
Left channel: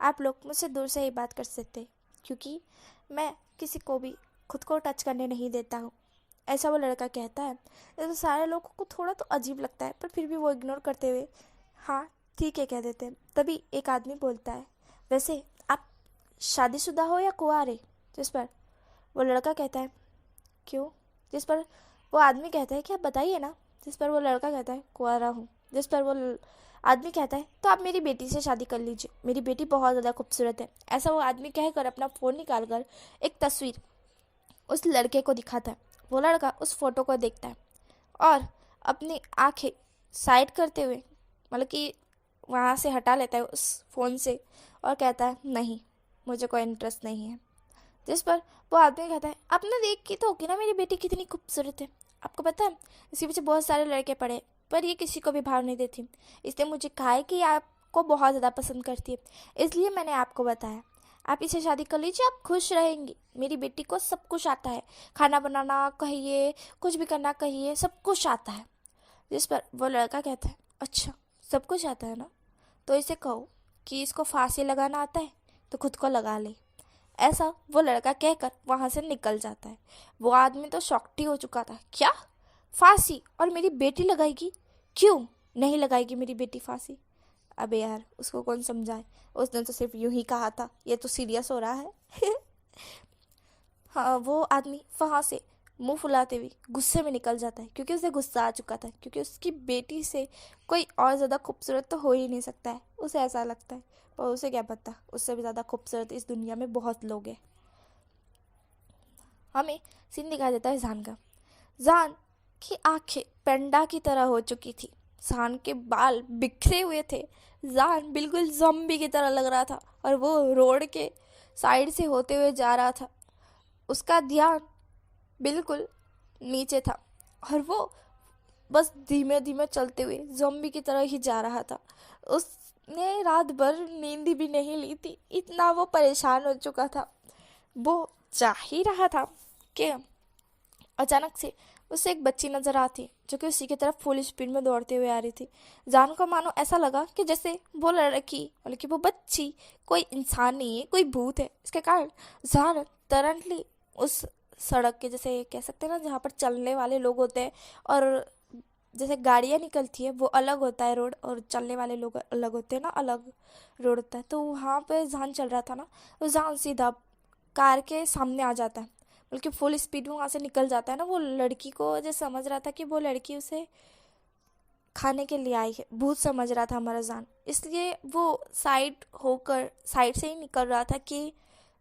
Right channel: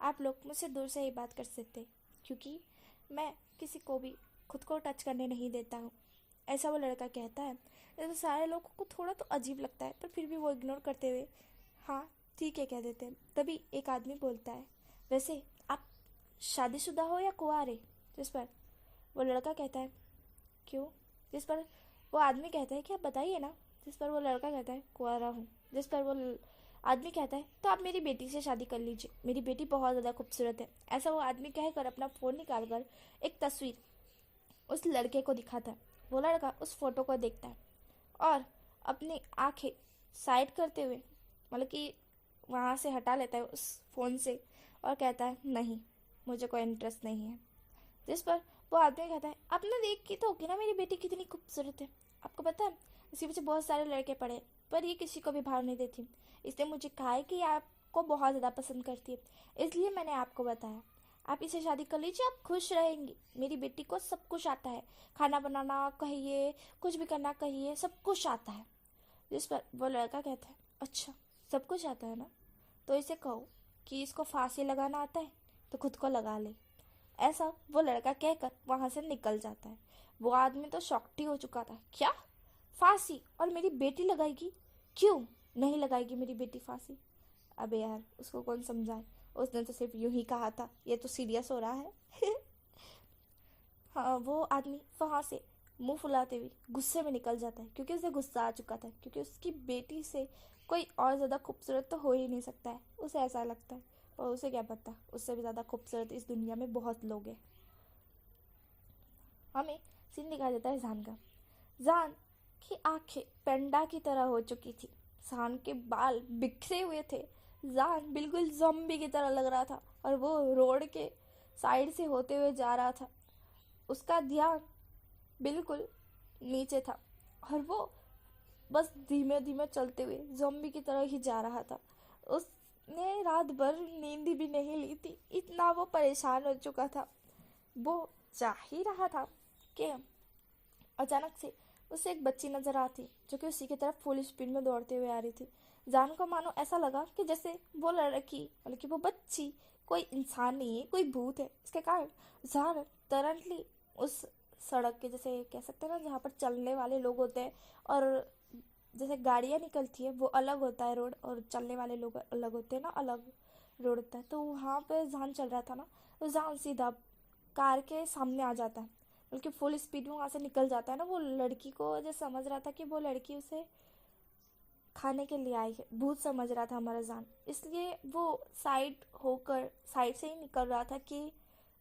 आप लोग मुझसे दूर से ही बात कर सकते हैं, क्योंकि मैं किसी को भी खुद को टच करने नहीं देता हूँ। ऐसा वो लड़का कहता है। तो सारे लोगों को थोड़ा तो अजीब लगता है, पर फिर भी वो इग्नोर करते हुए हाँ ठीक है कह देते हैं। तभी एक आदमी बोलता है वैसे आप शादीशुदा हो या कुंवारे? जिस पर वो लड़का कहता है क्यों? जिस पर वो आदमी कहता है कि आप बताइए ना। जिस पर वो लड़का कहता है कुंवारा हूँ। जिस पर वो आदमी कहता है तो आप मेरी बेटी से शादी कर लीजिए, मेरी बेटी बहुत ज़्यादा खूबसूरत है। ऐसा वो आदमी कहकर अपना फ़ोन निकाल कर एक तस्वीर उस लड़के को दिखाता है। वो लड़का उस फोटो को देखता है और अपनी आंखें साइड करते हुए मतलब कि वहाँ से हटा लेता है उस फ़ोन से और कहता है नहीं, मुझे कोई इंटरेस्ट नहीं है। जिस पर वो आदमी कहता है आपने देख की तो होगी ना मेरी बेटी कितनी खूबसूरत है। आपको पता है इसके पीछे बहुत सारे लड़के पड़े, पर ये किसी को भी भाव नहीं देती। इसने मुझे कहा है कि आपको बहुत ज़्यादा पसंद करती है, इसलिए मैंने आपको बताया। आप इसे शादी कर लीजिए, आप खुश रहेंगी। मेरी बेटी को सब कुछ आता है, खाना बनाना कहिए, कुछ भी करना कहिए, सब कुछ आता है। जिस पर वो लड़का कहता है अच्छा सब कुछ आता है ना, तो इसे कहो कि इसको फांसी लगाना आता है तो खुद को लगा ले। ऐसा वो लड़का कहकर वहाँ से निकल जाता है। वो आदमी तो शॉक्ड ही हो चुका था। क्या फांसी? और मेरी बेटी लगाएगी? क्यों नहीं लगाएगी मेरी बेटी फांसी? अबे यार उसको कौन समझाए, उसने तो सिर्फ यूं ही कहा था, ये तो सीरियस हो रहा है। हाँ वो आदमी वहाँ से मुंह फुलाते हुए गुस्से में निकल जाता है, क्योंकि उसे गुस्सा आ चुका था, क्योंकि उसकी बेटी से कोई और ज़्यादा खूबसूरत तो हो ही नहीं सकता है, उसे ऐसा लगता है। और उसे क्या पता, उससे भी ज़्यादा खूबसूरत इस दुनिया में बहुत लोग हैं। हमें सीन दिखाई देता है जान का। जान की आंखें पेंडा की तरह हो चुकी थी, जान के बाल बिखरे हुए थे, जान बिल्कुल ज़ॉम्बी की तरह लग रहा था और वो रोड के साइड से होते हुए जा रहा था। उसका ध्यान बिल्कुल नीचे था और वो बस धीमे धीमे चलते हुए ज़ॉम्बी की तरह ही जा रहा था। उसने रात भर नींद भी नहीं ली थी, इतना वो परेशान हो चुका था। वो जा ही रहा था कि अचानक से उसे एक बच्ची नजर आती, जो कि उसी की तरफ फुल स्पीड में दौड़ते हुए आ रही थी। जान को मानो ऐसा लगा कि जैसे वो लड़की मतलब कि वो बच्ची कोई इंसान नहीं है, कोई भूत है। इसके कारण जान तरंटली उस सड़क के जैसे कह सकते हैं ना, जहाँ पर चलने वाले लोग होते हैं और जैसे गाड़ियाँ निकलती है वो अलग होता है रोड, और चलने वाले लोग अलग होते हैं ना, अलग रोड होता है। तो वहाँ पे जान चल रहा था ना, तो जान सीधा कार के सामने आ जाता है, बल्कि फुल स्पीड में वहाँ से निकल जाता है ना। वो लड़की को जो समझ रहा था कि वो लड़की उसे खाने के लिए आई है, भूत समझ रहा था हमारा जान, इसलिए वो साइड से ही निकल रहा था कि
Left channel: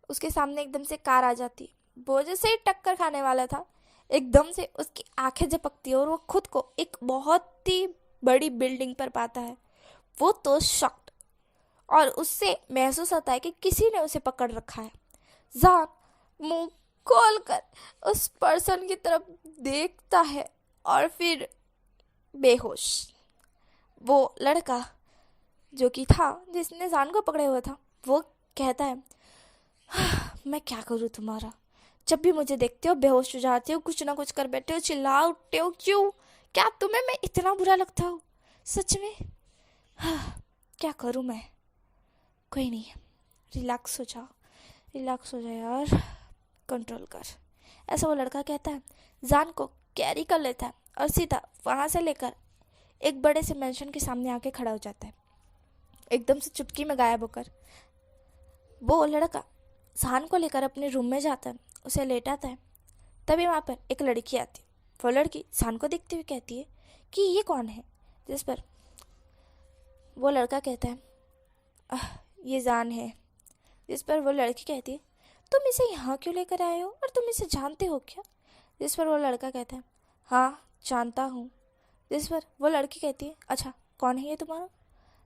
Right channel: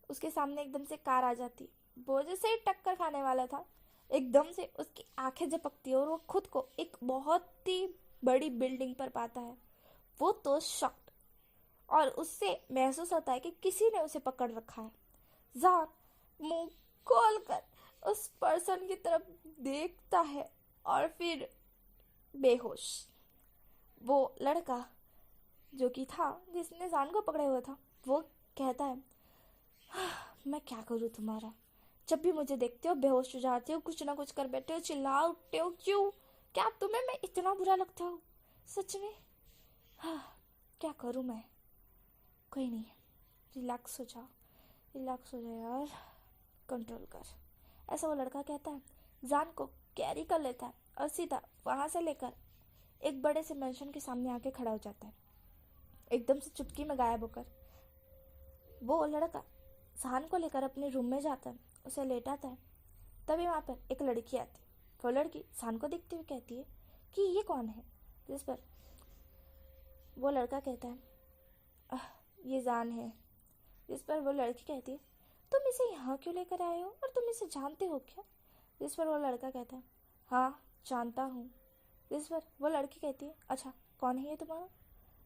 उसके सामने एकदम से कार आ जाती। वो जैसे ही टक्कर खाने वाला था, एकदम से उसकी आंखें झपकती है और वो खुद को एक बहुत ही बड़ी बिल्डिंग पर पाता है। वो तो शॉक्ड, और उससे महसूस होता है कि किसी ने उसे पकड़ रखा है। जान मुंह खोल कर उस पर्सन की तरफ देखता है और फिर बेहोश। वो लड़का जो कि था जिसने जान को पकड़े हुआ था, वो कहता है मैं क्या करूँ तुम्हारा, जब भी मुझे देखते हो बेहोश हो जाते हो, कुछ ना कुछ कर बैठे हो, चिल्ला उठते हो, क्यों? क्या तुम्हें मैं इतना बुरा लगता हूँ सच में? क्या करूँ मैं? कोई नहीं, रिलैक्स हो जा, रिलैक्स हो जा यार, कंट्रोल कर। ऐसा वो लड़का कहता है। जान को कैरी कर लेता है और सीधा वहाँ से लेकर एक बड़े से मेंशन के सामने आके खड़ा हो जाता है, एकदम से चुटकी में गायब होकर। वो लड़का जान को लेकर अपने रूम में जाता है, उसे लेटाता है। तभी वहाँ पर एक लड़की आती है। वो लड़की जान को देखते हुए कहती है कि ये कौन है? जिस पर वो लड़का कहता है, ये जान है। जिस पर वो लड़की कहती है, तुम इसे यहाँ क्यों लेकर आए हो और तुम इसे जानते हो क्या? जिस पर वो लड़का कहता है, हाँ जानता हूँ। जिस पर वो लड़की कहती है, अच्छा कौन है ये तुम्हारा?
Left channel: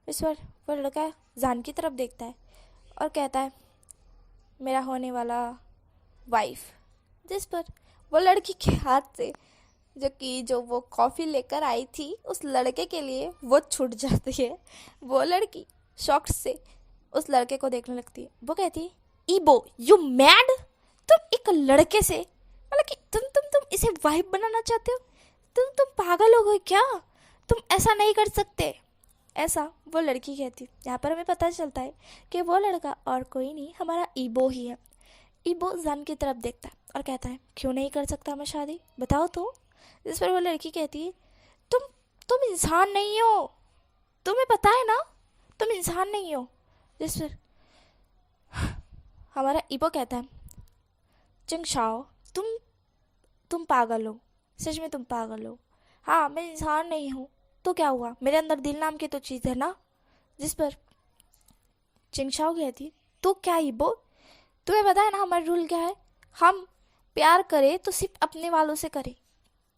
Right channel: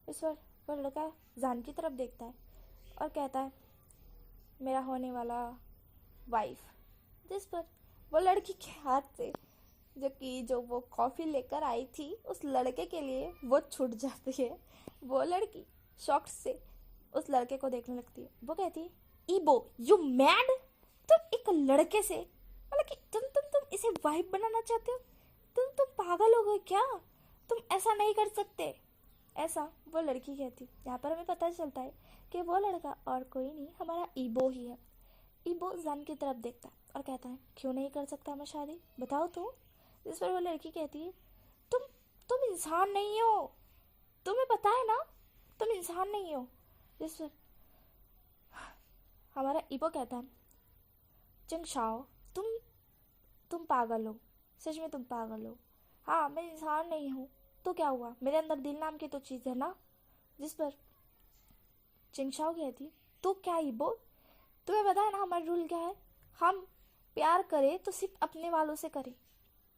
इस पर वो लड़का जान की तरफ देखता है और कहता है, मेरा होने वाला वाइफ। जिस पर वो लड़की के हाथ से जो वो कॉफ़ी लेकर आई थी उस लड़के के लिए वो छूट जाती है। वो लड़की शॉक्ड से उस लड़के को देखने लगती है। वो कहती है, ईबो यू मैड? तुम एक लड़के से, मतलब कि तुम इसे वाइफ बनाना चाहते हो? तुम पागल हो गए क्या? तुम ऐसा नहीं कर सकते। ऐसा वो लड़की कहती। यहाँ पर हमें पता चलता है कि वो लड़का और कोई नहीं, हमारा ईबो ही है। ईबो जान की तरफ देखता है और कहता है, क्यों नहीं कर सकता मैं शादी, बताओ तो। जिस पर वो लड़की कहती है, तुम इंसान नहीं हो, तुम्हें पता है ना, तुम इंसान नहीं हो। जिस पर हमारा ईबो कहता है, चिंगशाओ तुम पागल हो, सच में तुम पागल हो। हाँ मैं इंसान नहीं हूँ तो क्या हुआ, मेरे अंदर दिल नाम की तो चीज़ है ना। जिस पर चिंगशाओ कहती, तू क्या ईबो, तुम्हें पता है ना हमारा रूल क्या है, हम प्यार करें तो सिर्फ अपने वालों से करें,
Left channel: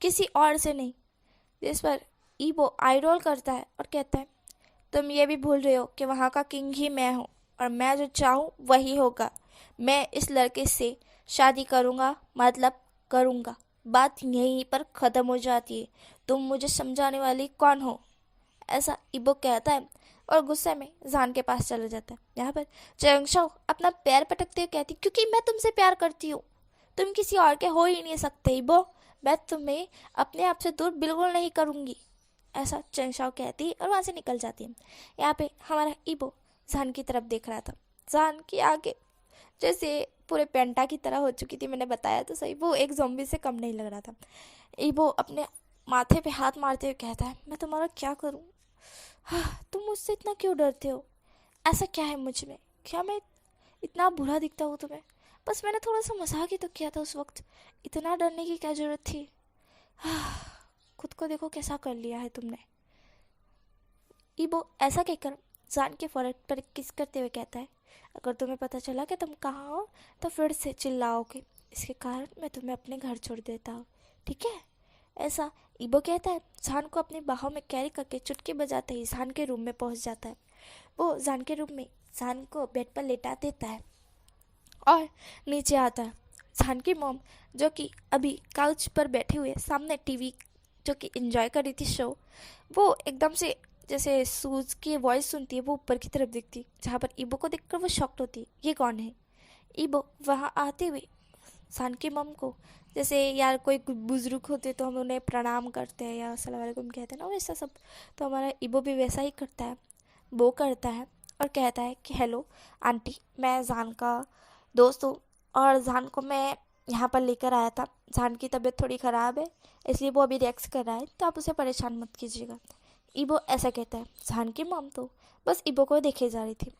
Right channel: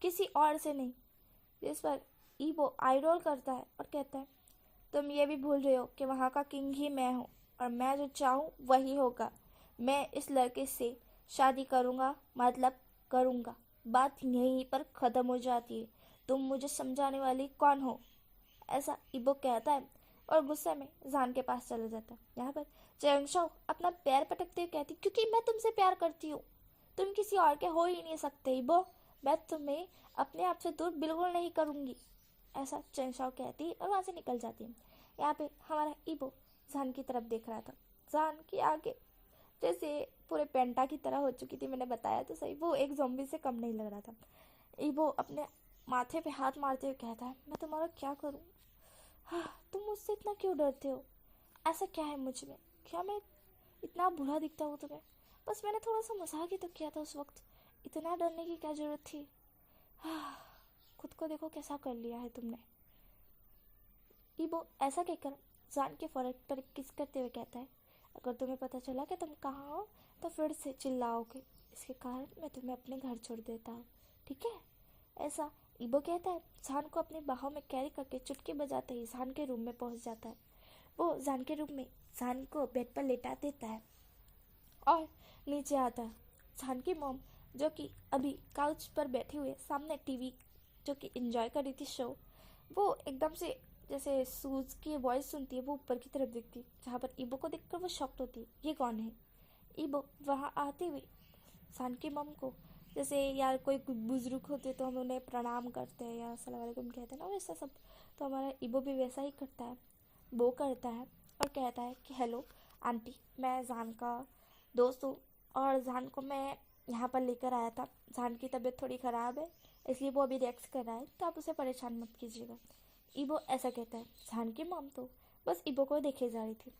किसी और से नहीं। जिस पर ईबो आई रोल करता है और कहता है, तुम ये भी भूल रहे हो कि वहाँ का किंग ही मैं हूँ और मैं जो चाहूँ वही होगा। मैं इस लड़के से शादी करूँगा, मतलब करूँगा, बात यहीं पर ख़त्म हो जाती है। तुम मुझे समझाने वाली कौन हो? ऐसा ईबो कहता है और गुस्से में जान के पास चला जाता है। यहाँ पर चंगशाओ अपना पैर पटकते हुए कहती, क्योंकि मैं तुमसे प्यार करती हूँ, तुम किसी और के हो ही नहीं सकते ईबो, मैं तुम्हें अपने आप से दूर बिल्कुल नहीं करूँगी। ऐसा चंगशाओ कहती और वहाँ से निकल जाती है। यहाँ पे हमारा ईबो जान की तरफ देख रहा था। जान की आगे जैसे पूरे पेंटा की तरह हो चुकी थी, मैंने बताया तो सही, वो एक ज़ॉम्बी से कम नहीं लग रहा था। ईबो अपने माथे पे हाथ मारते हुए कहता है, मैं तुम्हारा क्या करूँ? हाँ, तुम मुझसे इतना क्यों डरते हो? ऐसा क्या है मुझ में, क्या मैं इतना बुरा दिखता हूँ तुम्हें? बस मैंने थोड़ा सा मजाक ही तो किया था उस वक्त, इतना डरने की क्या ज़रूरत थी? खुद को देखो कैसा कर लिया है तुमने। ईबो ऐसा कहकर जान के फोrehead पर किस करते हुए कहता है, अगर तुम्हें पता चला कि तुम कहाँ हो तो फिर से चिल्लाओगे, इसके कारण मैं तुम्हें अपने घर छोड़ देता हूँ, ठीक है? ऐसा ईबो कहता है। जान को अपनी बाहों में कैरी करके चुटकी बजाते ही जान के रूम में पहुँच जाता है। वो जान के रूम में जान को बेड पर लेटा देता है और नीचे आता है। जान की मॉम जो कि अभी काउच पर बैठे हुए सामने टीवी जो कि एंजॉय कर रही थी शो, वो एकदम से जैसे सूज की वॉइस सुनती है वो ऊपर की तरफ दिखती, जहाँ पर ईबो को देखकर वो शॉक्ड होती है, ये कौन है? ईबो वहाँ आते हुए जान की मॉम को, जैसे यार कोई बुजुर्ग होते तो हम उन्हें प्रणाम करते हैं या अस्सलाम वालेकुम कहते हैं ना, वैसा सब तो हमारा ईबो भी वैसा ही करता है। वो करता है और कहता है कि हेलो आंटी, मैं जान का दोस्त हूँ और जान को मैं यहाँ पर लेकर आया था। जान की तबीयत थोड़ी ख़राब है इसलिए वो अभी रिएक्ट कर रहा है, तो आप उसे परेशान मत कीजिएगा। ईबो ऐसा कहता है। जान की मॉम तो बस ईबो को देखे जा रही थी।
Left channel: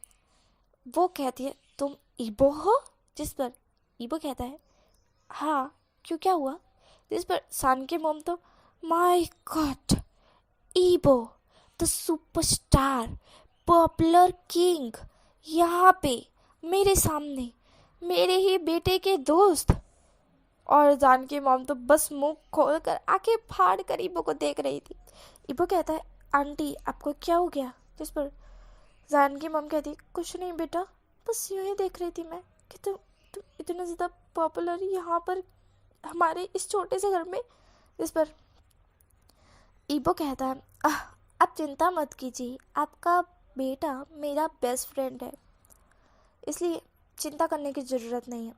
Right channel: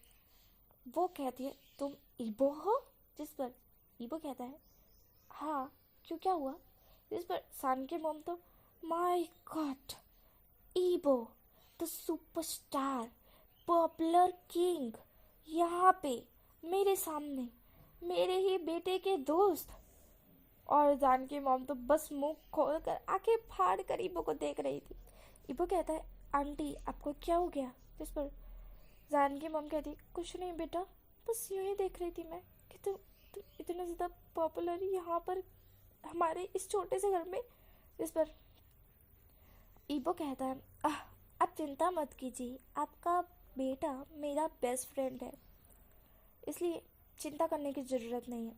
वो कहती है, तुम ईबो हो? जिस पर ईबो कहता है, हाँ क्यों, क्या हुआ? जिस पर जान की मॉम तो, माय गॉड, ईबो द सुपरस्टार पॉपुलर किंग यहाँ पे मेरे सामने, मेरे ही बेटे के दोस्त। और जान की मॉम तो बस मुंह खोलकर आंखें फाड़ कर ईबो को देख रही थी। ईबो कहता है, आंटी आपको क्या हो गया? जिस पर जान की मॉम कहती, कुछ नहीं बेटा, बस यूं ही देख रही थी मैं कि तुम इतने ज़्यादा पॉपुलर यहाँ पर हमारे इस छोटे से घर में। जिस पर ईबो कहता है, आप चिंता मत कीजिए, आपका बेटा मेरा बेस्ट फ्रेंड है, इसलिए चिंता करने की ज़रूरत नहीं है।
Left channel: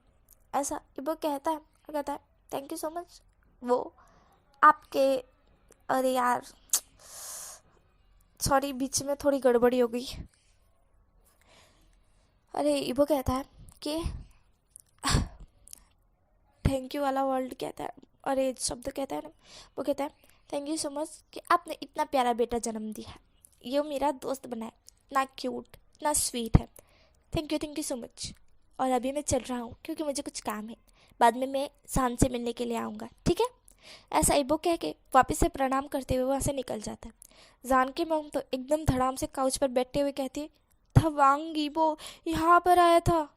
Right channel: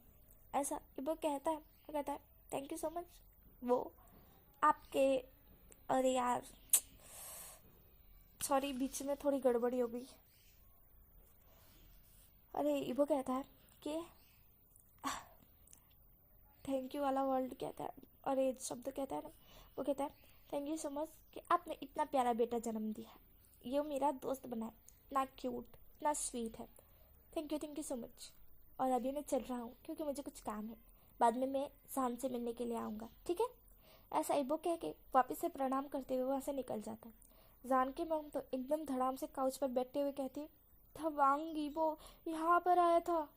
ऐसा ईबो कहता है और कहता है, थैंक यू सो मच। वो आपके, अरे यार सॉरी, बीच में थोड़ी गड़बड़ी हो गई। अरे ईबो कहता है कि थैंक यू वाला वर्ड कहता है, अरे शब्द कहता है ना, वो कहता है थैंक यू सो मच कि आपने इतना प्यारा बेटा जन्म दिया है, ये मेरा दोस्त बना है, इतना क्यूट, इतना स्वीट है, थैंक यू सो मच। और अभी मैं चल रहा हूँ क्योंकि मुझे कुछ काम है, बाद में मैं शान से मिलने के लिए आऊँगा, ठीक है? ऐसा ईबो कह के वापस से प्रणाम करते हुए वहाँ से निकल जाता है। जान की मम तो एकदम धड़ाम से काउच पर बैठे हुए कहती है, धवांगी वो यहाँ पर आया था,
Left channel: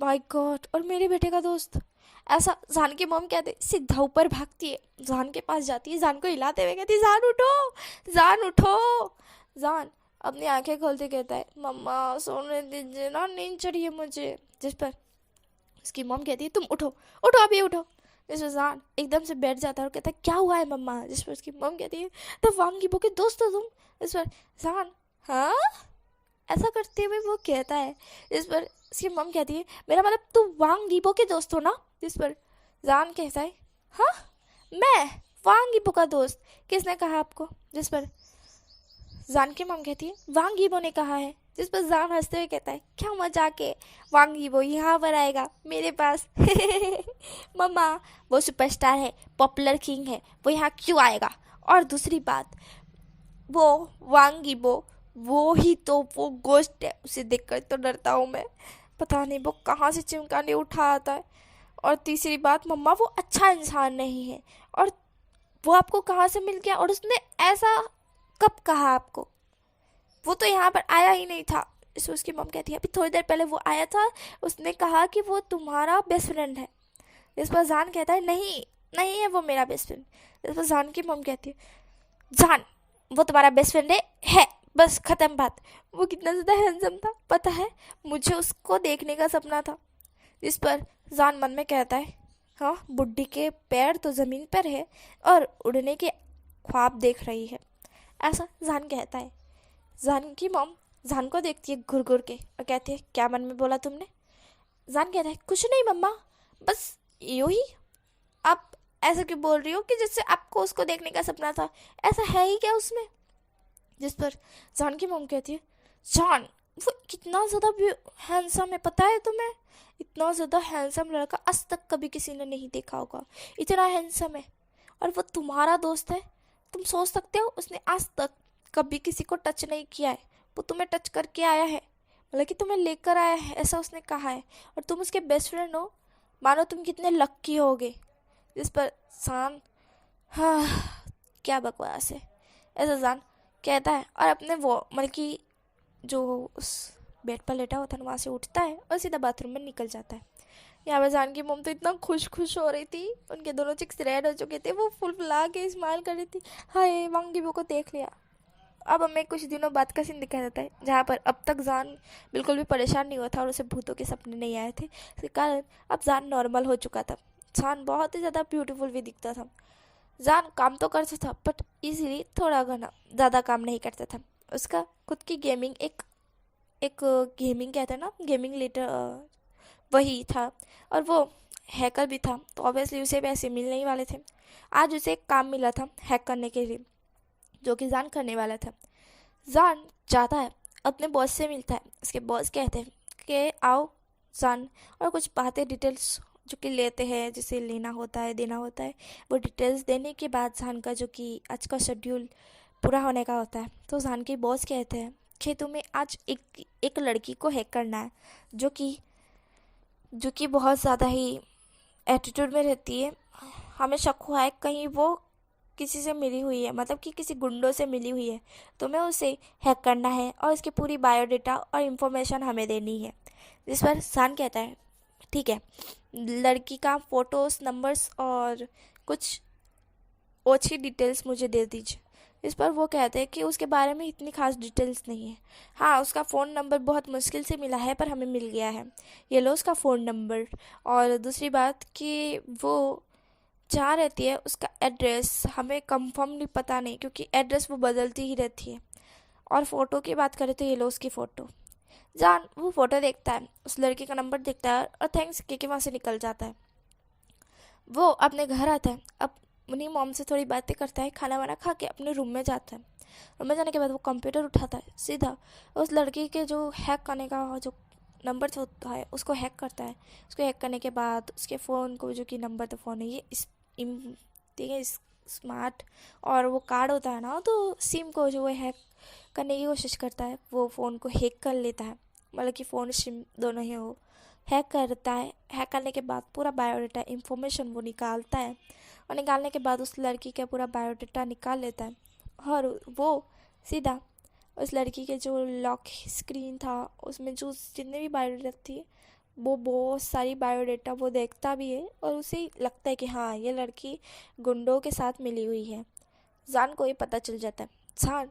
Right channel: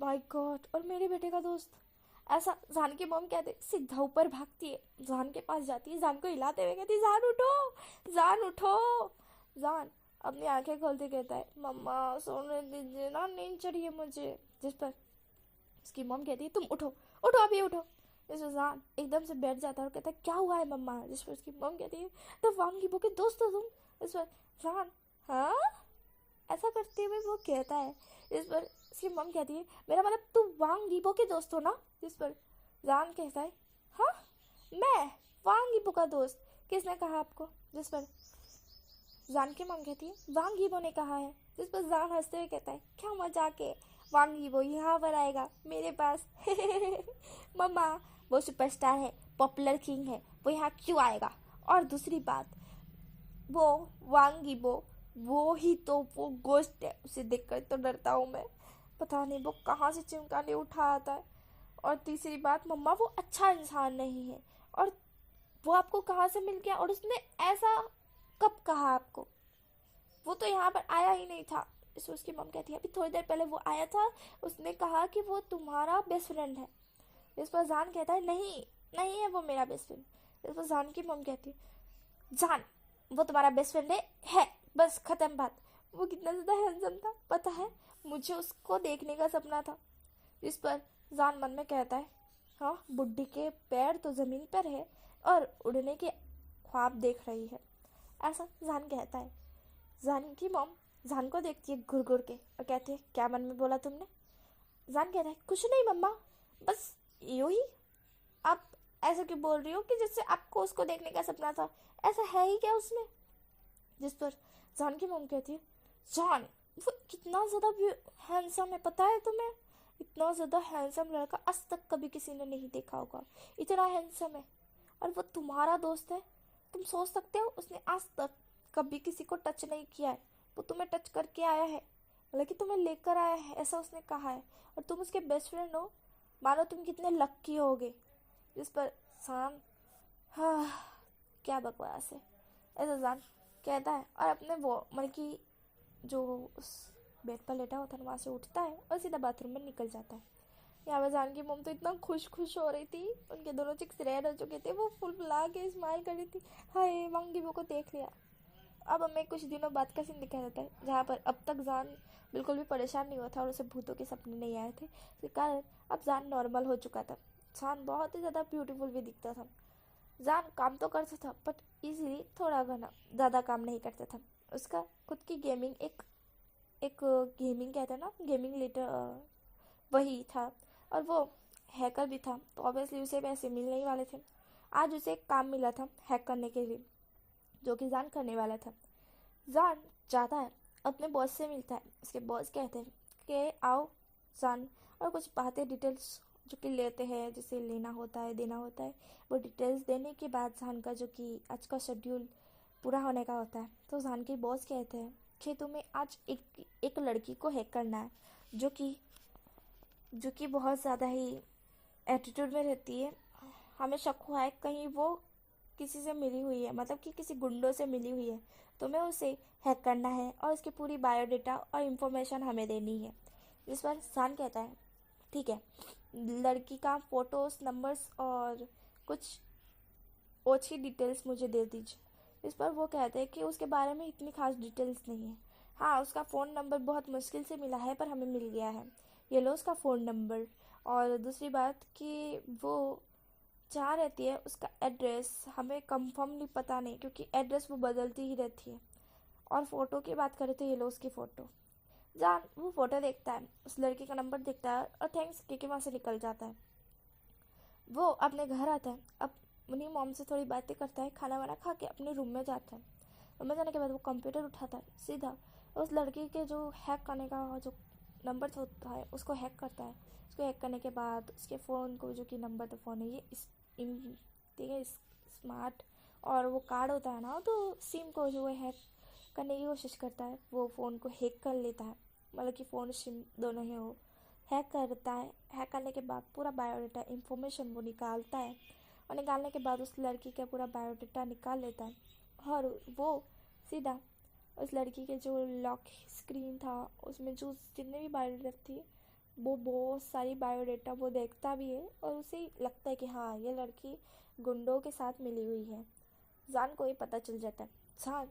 माय गॉड, और मेरे बेटे का दोस्त। ऐसा जान की मम कहते सीधा ऊपर भागती है, जान के पास जाती है, जान को हिलाते हुए कहती है, जान उठो, जान उठो। जान अपनी आंखें खोलते कहता है, मम्मा सोने दीजिए ना, नींद चढ़ी है मुझे। जिस पर उसकी मम कहती है, तुम उठो, उठो अभी उठो। जिस पर जान एकदम से बैठ जाता है और कहता है, क्या हुआ है मम्मा। जिस पर उसकी मम कहती है, तो वांगी बो के दोस्त हो तुम। इस पर जान, हाँ, ऐसा करते हुए वो कहता है। जिस पर उसकी मम कहती है, मेरा मतलब तू वांग गीबो के दोस्त हो ना। जिस पर जान कहता है, हाँ, मैं वांग गीबो का दोस्त, किसने कहा आपको। जिस पर जान की मम कहती है, वांग गीबो ने कहा है। जिस पर जान हंसते हुए कहता है, क्या मजाक है, वांग गीबो यहाँ पर आएगा मेरे पास। मम्मा, वो सुपरस्टार है, पॉपुलर किंग है, वो यहाँ क्यों आएगा। और दूसरी बात, वो वांग गीबो वो ही तो वो गोश्त है, उसे देखकर तो डरता हूँ मैं, पता नहीं वो कहाँ से चिमकाने उठा आता है। और तीसरी बात, मम्मा वो अच्छा इंसान नहीं है, और वो आपको कहाँ से मिल गया, और उसने ऐसा कब कहा आपको, वो तो यहाँ पर आया ही नहीं था। इसमें उसकी मम कहती है, अभी थोड़ी देर पहले वो आया था, उसने कहा कि वो तुम्हारा बेस्ट फ्रेंड है। इस पर जान कहता है, नहीं, नहीं है वो मेरा बेस्ट फ्रेंड। इस पर जान की मम कहती है, जान वो तुम्हारा बेस्ट फ्रेंड है, बस खत्म बात। वो कितना ज़्यादा हैंडसम था पता है, मुझे उसको देखने का सपना था। इस पर जान मन में कहता है, हाँ, बुड्ढी के पैर तो ज़मीन पर है और उड़ने के ख्वाब देख रही है, ऐसा जान कहता है। जान की मॉम जान को देखती है घुर घुर के और कहती है, क्या मन में बोला तुमने। जान कहता है, कुछ नहीं मम्मा, बस यूँ ही। आप ऐसा क्यों बोल रही हो कि जैसे आपको उसको देखने का सपना था, ऐसा है ही क्या उसमें। जिस पर जान की मॉम कहती है, जान वो कितना ज़्यादा हैंडसम है पता है तुम्हें, इतना ज़्यादा हैंडसम लड़का आज तक कभी किसी ने नहीं देखा होगा, इतना हैंडसम है, और वो तुम्हारा दोस्त है। तुम सोच सकते हो उसने आज तक कभी किसी को टच नहीं किया है, वो तुम्हें टच करके आया है, मतलब कि तुम्हें लेकर आया है, ऐसा उसने कहा है, और तुम उसके बेस्ट फ्रेंड हो, मानो तुम कितने लक्की होगे। जिस पर जान, हाँ, क्या बकवास है, ऐसा जान कहता है, और अपने वो मतलब कि जो उस बेड पर लेटा हुआ था वहाँ से उठता है और सीधा बाथरूम में निकल जाता है। यहाँ पर जान की मम तो इतना खुश खुश हो रही थी, उनके दोनों चिक्स रेड हो चुके थे, वो फुल फुला के स्माइल कर रही थी, हाय वांगी वो को देख लिया। अब हमें कुछ दिनों बाद का सीन दिखाया जाता है, जहाँ पर अब तक जान बिल्कुल भी परेशान नहीं हुआ था और उसे भूतों के सपने नहीं आए थे, इसके कारण अब जान नॉर्मल हो चुका था। जान बहुत ही ज़्यादा ब्यूटीफुल भी दिखता था। जान काम तो करता था बट इजीली थोड़ा घना, ज़्यादा काम नहीं करता था। उसका खुद की गेमिंग एक एक गेमिंग कहते हैं ना, गेमिंग लेटर, वही था, और वो हैकर भी था, तो ऑब्वियसली उसे पैसे मिलने ही वाले थे। आज उसे एक काम मिला था हैक करने के लिए, जो कि जान करने वाला था। जान जाता है, अपने बॉस से मिलता है, उसके बॉस कहते हैं कि आओ जान, और कुछ बातें डिटेल्स जो कि लेते हैं, जिसे लेना होता है देना होता है, वो डिटेल्स देने के बाद जान का जो कि आज का शेड्यूल पूरा होने का होता है। तो जान के बॉस कहते हैं कि तुम्हें आज एक लड़की को हैक करना है, जो कि बहुत ज़्यादा ही एटीट्यूड में रहती है, हमें शक हुआ है कहीं वो किसी से मिली हुई है, मतलब कि किसी गुंडों से मिली हुई है, तुम्हें उसे हैक करना है और उसकी पूरी बायोडाटा और इन्फॉर्मेशन हमें देनी है। जिस पर सान कहता है, ठीक है, लड़की का फ़ोटोज़, नंबर्स और कुछ ओछी डिटेल्स मुझे दे दीजिए। इस पर वो कहते हैं कि उसके बारे में इतनी खास डिटेल्स नहीं है, हाँ उसका फ़ोन नंबर बहुत मुश्किल से मिला है पर हमें मिल गया है, ये लो उसका फ़ोन नंबर। और दूसरी बात कि वो जहाँ रहती है उसका एड्रेस हमें कंफर्मली पता नहीं, क्योंकि एड्रेस वो बदलती ही रहती है। और फ़ोटो की बात करें तो ये लो उसकी फ़ोटो। जान वो फ़ोटो देखता है, उस लड़की का नंबर देखता है और थैंक्स कह के वहाँ से निकल जाता है। वो अपने घर आता है, अब उन्हीं मॉम से थोड़ी बातें करता है, खाना वाना खा के अपने रूम में जाता है। रूम में जाने के बाद वो कंप्यूटर उठाता है, सीधा उस लड़की के जो हैक करने का जो नंबर होता है उसको हैक करता है। उसको हैक करने के बाद उसके फ़ोन को, जो कि नंबर तो फ़ोन है ये ठीक है स्मार्ट, और वो कार्ड होता है ना, तो सिम को जो वो हैक करने की कोशिश करता है, वो फ़ोन को हैक कर लेता है, मतलब कि फ़ोन सिम दोनों ही हो, हैक करता है। हैक करने के बाद पूरा बायोडाटा इंफॉर्मेशन वो निकालता है, और निकालने के बाद उस लड़की का पूरा बायोडाटा निकाल लेता है, और वो सीधा उस लड़की के जो लॉक स्क्रीन था उसमें जो जितने भी बायोडेटा थी वो बहुत सारी बायोडेटा वो देखता भी है और उसे लगता है कि हाँ ये लड़की गुंडों के साथ मिली हुई है। जान को ये पता चल जाता है। जान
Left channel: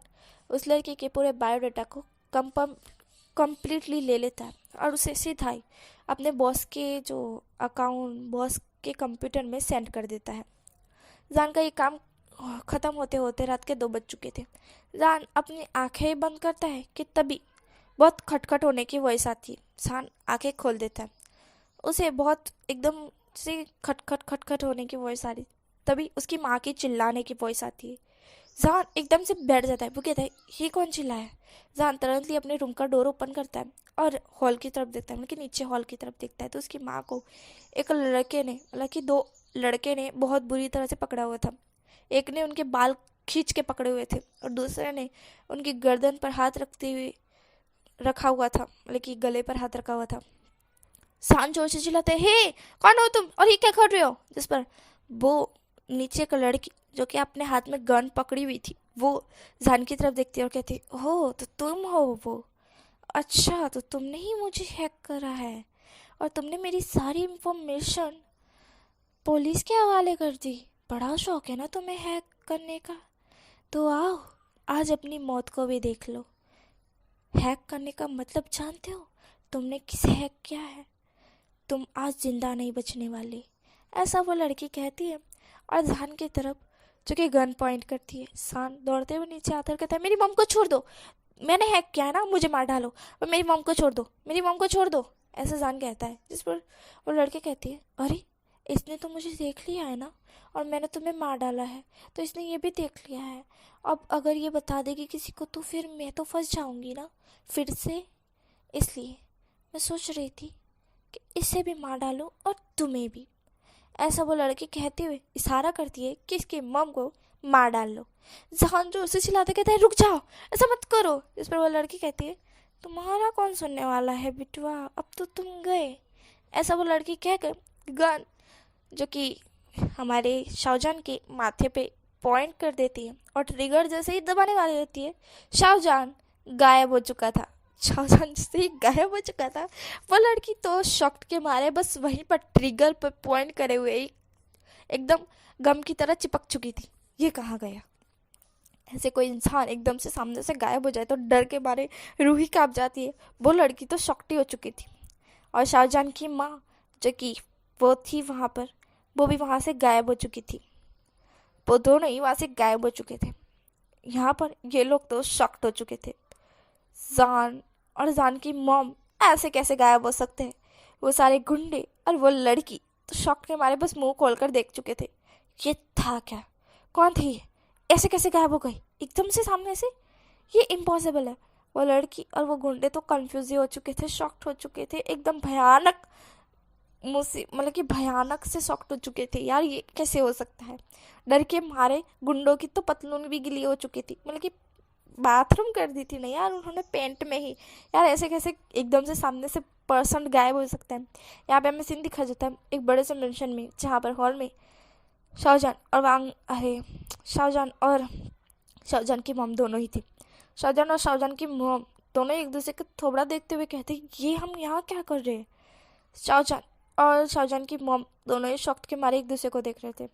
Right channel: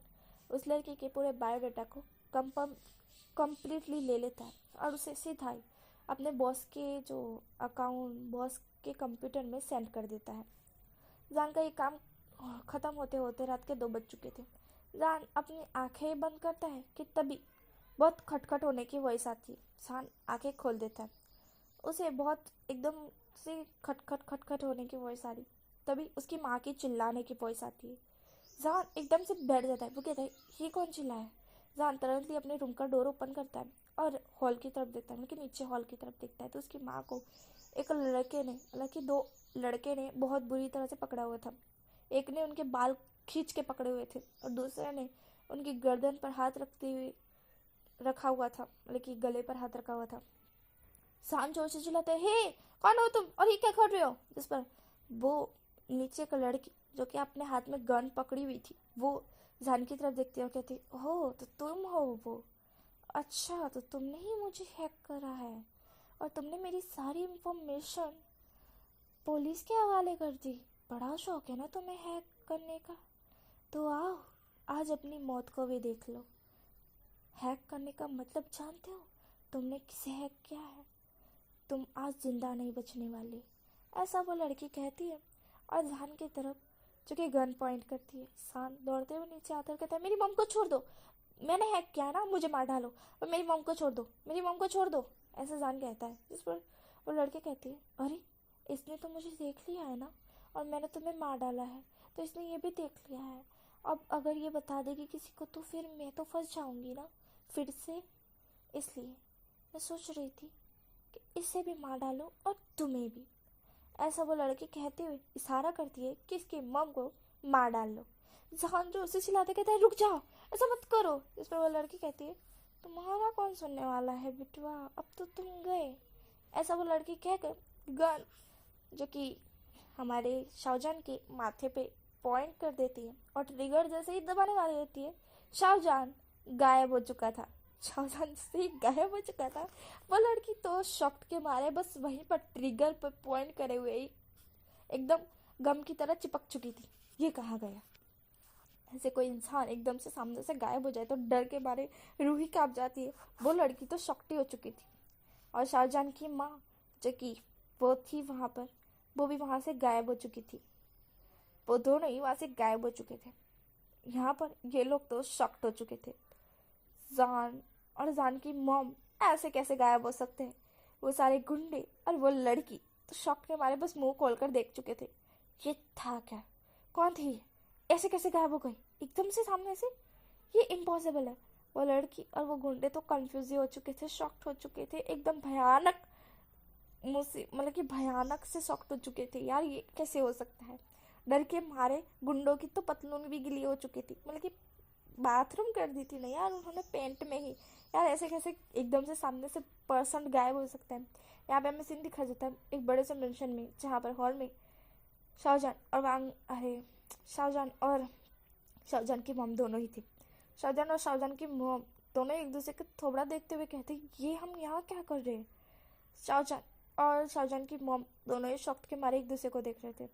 उस लड़की के पूरे बायोडेटा को कंप्लीटली ले लेता है और उसे सीधा ही अपने बॉस के जो अकाउंट बॉस के कंप्यूटर में सेंड कर देता है। जान का ये काम ख़त्म होते होते रात के 2 बज चुके थे। जान अपनी आंखें बंद करता है कि तभी बहुत खटखट होने की वॉइस आती है। जान आंखें खोल देता है। उसे बहुत एकदम से खटखट खटखट होने की वॉइस आ रही, तभी उसकी माँ की चिल्लाने की वॉइस आती है। जान एकदम से बैठ जाता है। वो कहता है ये कौन चिल्लाया। जान तुरंत ही अपने रूम का डोर ओपन करता है और हॉल की तरफ देखता है, मतलब नीचे हॉल की तरफ देखता है तो उसकी माँ को एक लड़के ने, हालांकि 2 लड़के ने बहुत बुरी तरह से पकड़ा हुआ था। एक ने उनके बाल खींच के पकड़े हुए थे और दूसरे ने उनकी गर्दन पर हाथ रखते हुए रखा हुआ था, मतलब कि गले पर हाथ रखा हुआ था। शान जोर से चिल्लाते हे कौन हो तुम और ये क्या कर रहे हो। जिस पर वो नीचे एक लड़की जो कि अपने हाथ में गन पकड़ी हुई थी वो जान की तरफ देखती है और कहती हो तो तुम हो वो, अच्छा तो तुमने ही मुझे हैक करा है और तुमने मेरी सारी इंफॉर्मेशन पुलिस के हवाले कर दी। बड़ा शौक है ना तुम्हें हैक करने का, तो आओ आज अपनी मौत को भी देख लो। हैक करने का मतलब जानते हो, तुमने किसे हैक किया है, तुम आज जिंदा नहीं बचने वाली। ऐसा वो लड़की कहती है और जान की तरफ जो कि गन पॉइंट करती है। शान दौड़ते हुए नीचे आता है, कहता है मेरी मॉम को छोड़ दो, मैंने हैक किया है ना, मुझे मार डालो और मेरी मॉम को छोड़ दो, मेरी मॉम को छोड़ दो, ऐसा जान कहता है। जिस पर वो लड़की कहती है अरे इसने तो मुझे देख लिया है ना और मैंने तुम्हें मार डाला है तो इसने ये भी देख लिया है, अब अगर ये बता देगी किसी को तो फिर मैं तो फंस जाऊंगी ना फिर से, इसलिए मैं सोच रही थी कि इसे भी मार डालूं और तुम्हें भी। ऐसा वो लड़की कहते हुए इशारा करती है कि इसकी मॉम को मार डाल लो। जहान जोर से चिल्लाते कहता है रुक जाओ ऐसा मत करो। इस पर वो लड़की कहती है तुम्हारा कौन सुनने वाला है बिटवा, अब तो तुम गए। ऐसा वो लड़की कहकर गन जो कि हमारे शाहजहान के माथे पे पॉइंट कर देती है और ट्रिगर जैसे ही दबाने वाली रहती है शाहजहान गायब हो चुका था। शाहजहान जैसे ही गायब हो चुका था वो लड़की तो शॉक्ड के मारे बस वहीं पर ट्रिगर पर पॉइंट करे हुए ही एकदम गम की तरह चिपक चुकी थी। ये कहाँ गया। ऐसे कोई इंसान एकदम से सामने से गायब हो जाए तो डर के मारे रूह ही कांप जाती है। वो लड़की तो शॉक्ड ही हो चुकी थी और शाहजहान की माँ जो कि वो थी वहाँ पर, वो भी वहाँ से गायब हो चुकी थी। वो दोनों ही वहाँ से गायब हो चुके थे। यहाँ पर ये लोग तो शॉक्ड हो चुके थे। जान और जान की मॉम ऐसे कैसे गायब हो सकते हैं। वो सारे गुंडे और वो लड़की तो शॉक के मारे बस मुंह खोलकर देख चुके थे। ये था क्या, कौन थी ये, ऐसे कैसे गायब हो गई एकदम से सामने से, ये इम्पॉसिबल है। वो लड़की और वो गुंडे तो कंफ्यूज हो चुके थे, शॉक्ड हो चुके थे, एकदम भयानक मतलब कि भयानक से शॉक्ड हो चुके थे। यार ये कैसे हो सकता है। डर के मारे गुंडों की तो पतलून भी गिली हो चुकी थी, मतलब कि बाथरूम कर दी थी ना यार उन्होंने पेंट में ही। यार ऐसे कैसे एकदम से सामने से पर्सन गायब हो सकता है। यहाँ पे हमें सीन दिखा जाता है एक बड़े से मेंशन में जहाँ पर हॉल में शाहजहान और शाहजहान की मॉम दोनों ही थी। शाहजहान और शाहजहान की मॉम दोनों एक दूसरे को थोबड़ा देखते हुए कहते ये हम यहाँ क्या कर रहे हैं। शाहजहान और शाहजहान की मॉम दोनों ही शॉक्ड के मारे एक दूसरे को देख रहे थे।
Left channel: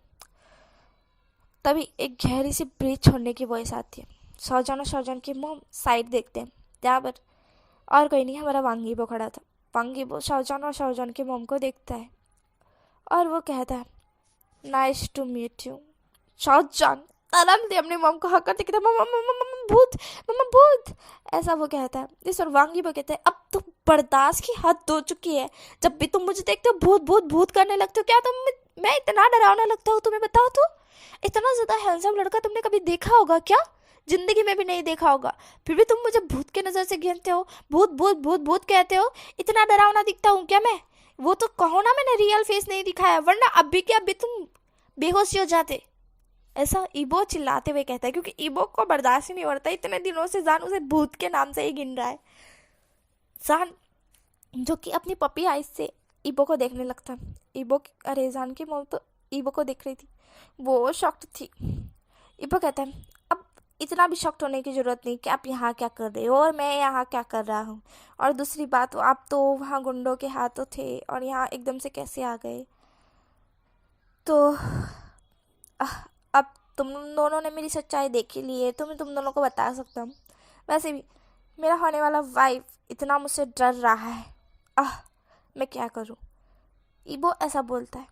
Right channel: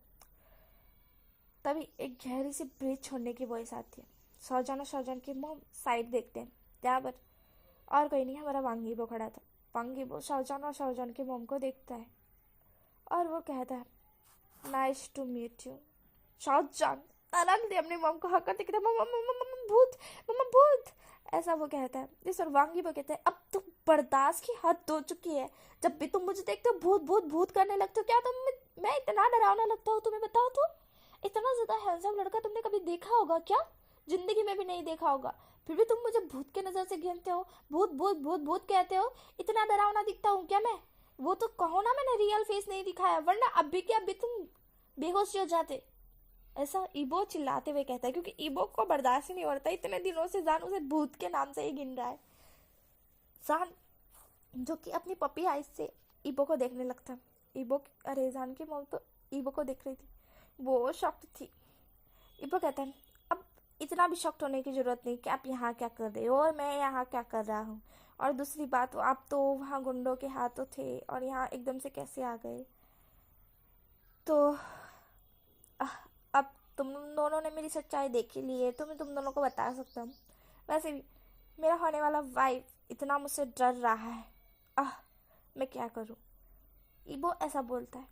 तभी एक गहरी सी ब्रीथ छोड़ने की वॉइस आती है। शाहजहान और शाहजहान की मॉम साइड देखते हैं, जहाँ पर और कोई नहीं हमारा वांगीबो खड़ा था। वांगीबो शाहजहान और शाहजहान की मॉम को देखता है और वो कहता है nice to meet you. Shahjahan आराम से अपनी मॉम को हक करते कहता है मम्मा भूत, मम्मा भूत, ऐसा वो कहता है। इस और वांगीबो कहते हैं अब तो बर्दाश्त की हद हो चुकी है, जब भी तुम मुझे देखते हो भूत भूत भूत करने लगते हो। क्या तुम मैं इतना डरावना लगता हूँ तुम्हें, बताओ तो। इतना ज़्यादा हैंडसम लड़का तुमने कभी देखा होगा क्या, जिंदगी में भी नहीं देखा होगा, फिर भी तुम मुझे भूत के नज़र से गिनते हो, भूत भूत भूत भूत कहते हो। इतना डरावना दिखता हूँ क्या मैं, वो तो कहो ना मैंने रियल फेस नहीं दिखाया, वरना अभी के अभी तुम बेहोश हो जाते। ऐसा ईबो चिल्लाते हुए कहता है, क्योंकि ईबो को बर्दाश्त ही नहीं हो रहा था। इतने दिनों से जान उसे भूत के नाम से ही गिन रहा है। जान जो कि अपनी पपी आइज से ईबो को देखने लगता। अरे जान की मौत तो ईबो को देख रही थी, वो शॉक्ड थी। ईबो कहता है अब इतना भी शॉक्ड होने की ज़रूरत नहीं कि आप यहाँ क्या कर रहे हो और मैं यहाँ क्या कर रहा हूँ। और दूसरी बात, आप तो वहाँ गुंडों के हाथों थे और यहाँ एकदम से कैसे आ गए? तो आह, अब तुम दोनों ने मेरी सच्चाई देख ही ली है, तो मैं तुम दोनों को बता सकता हूँ। वैसे भी मेरा होने वाला वाइफ इतना मुझसे डर रहा है। आह, मैं क्या करूँ? ईबो ऐसा बोलता है।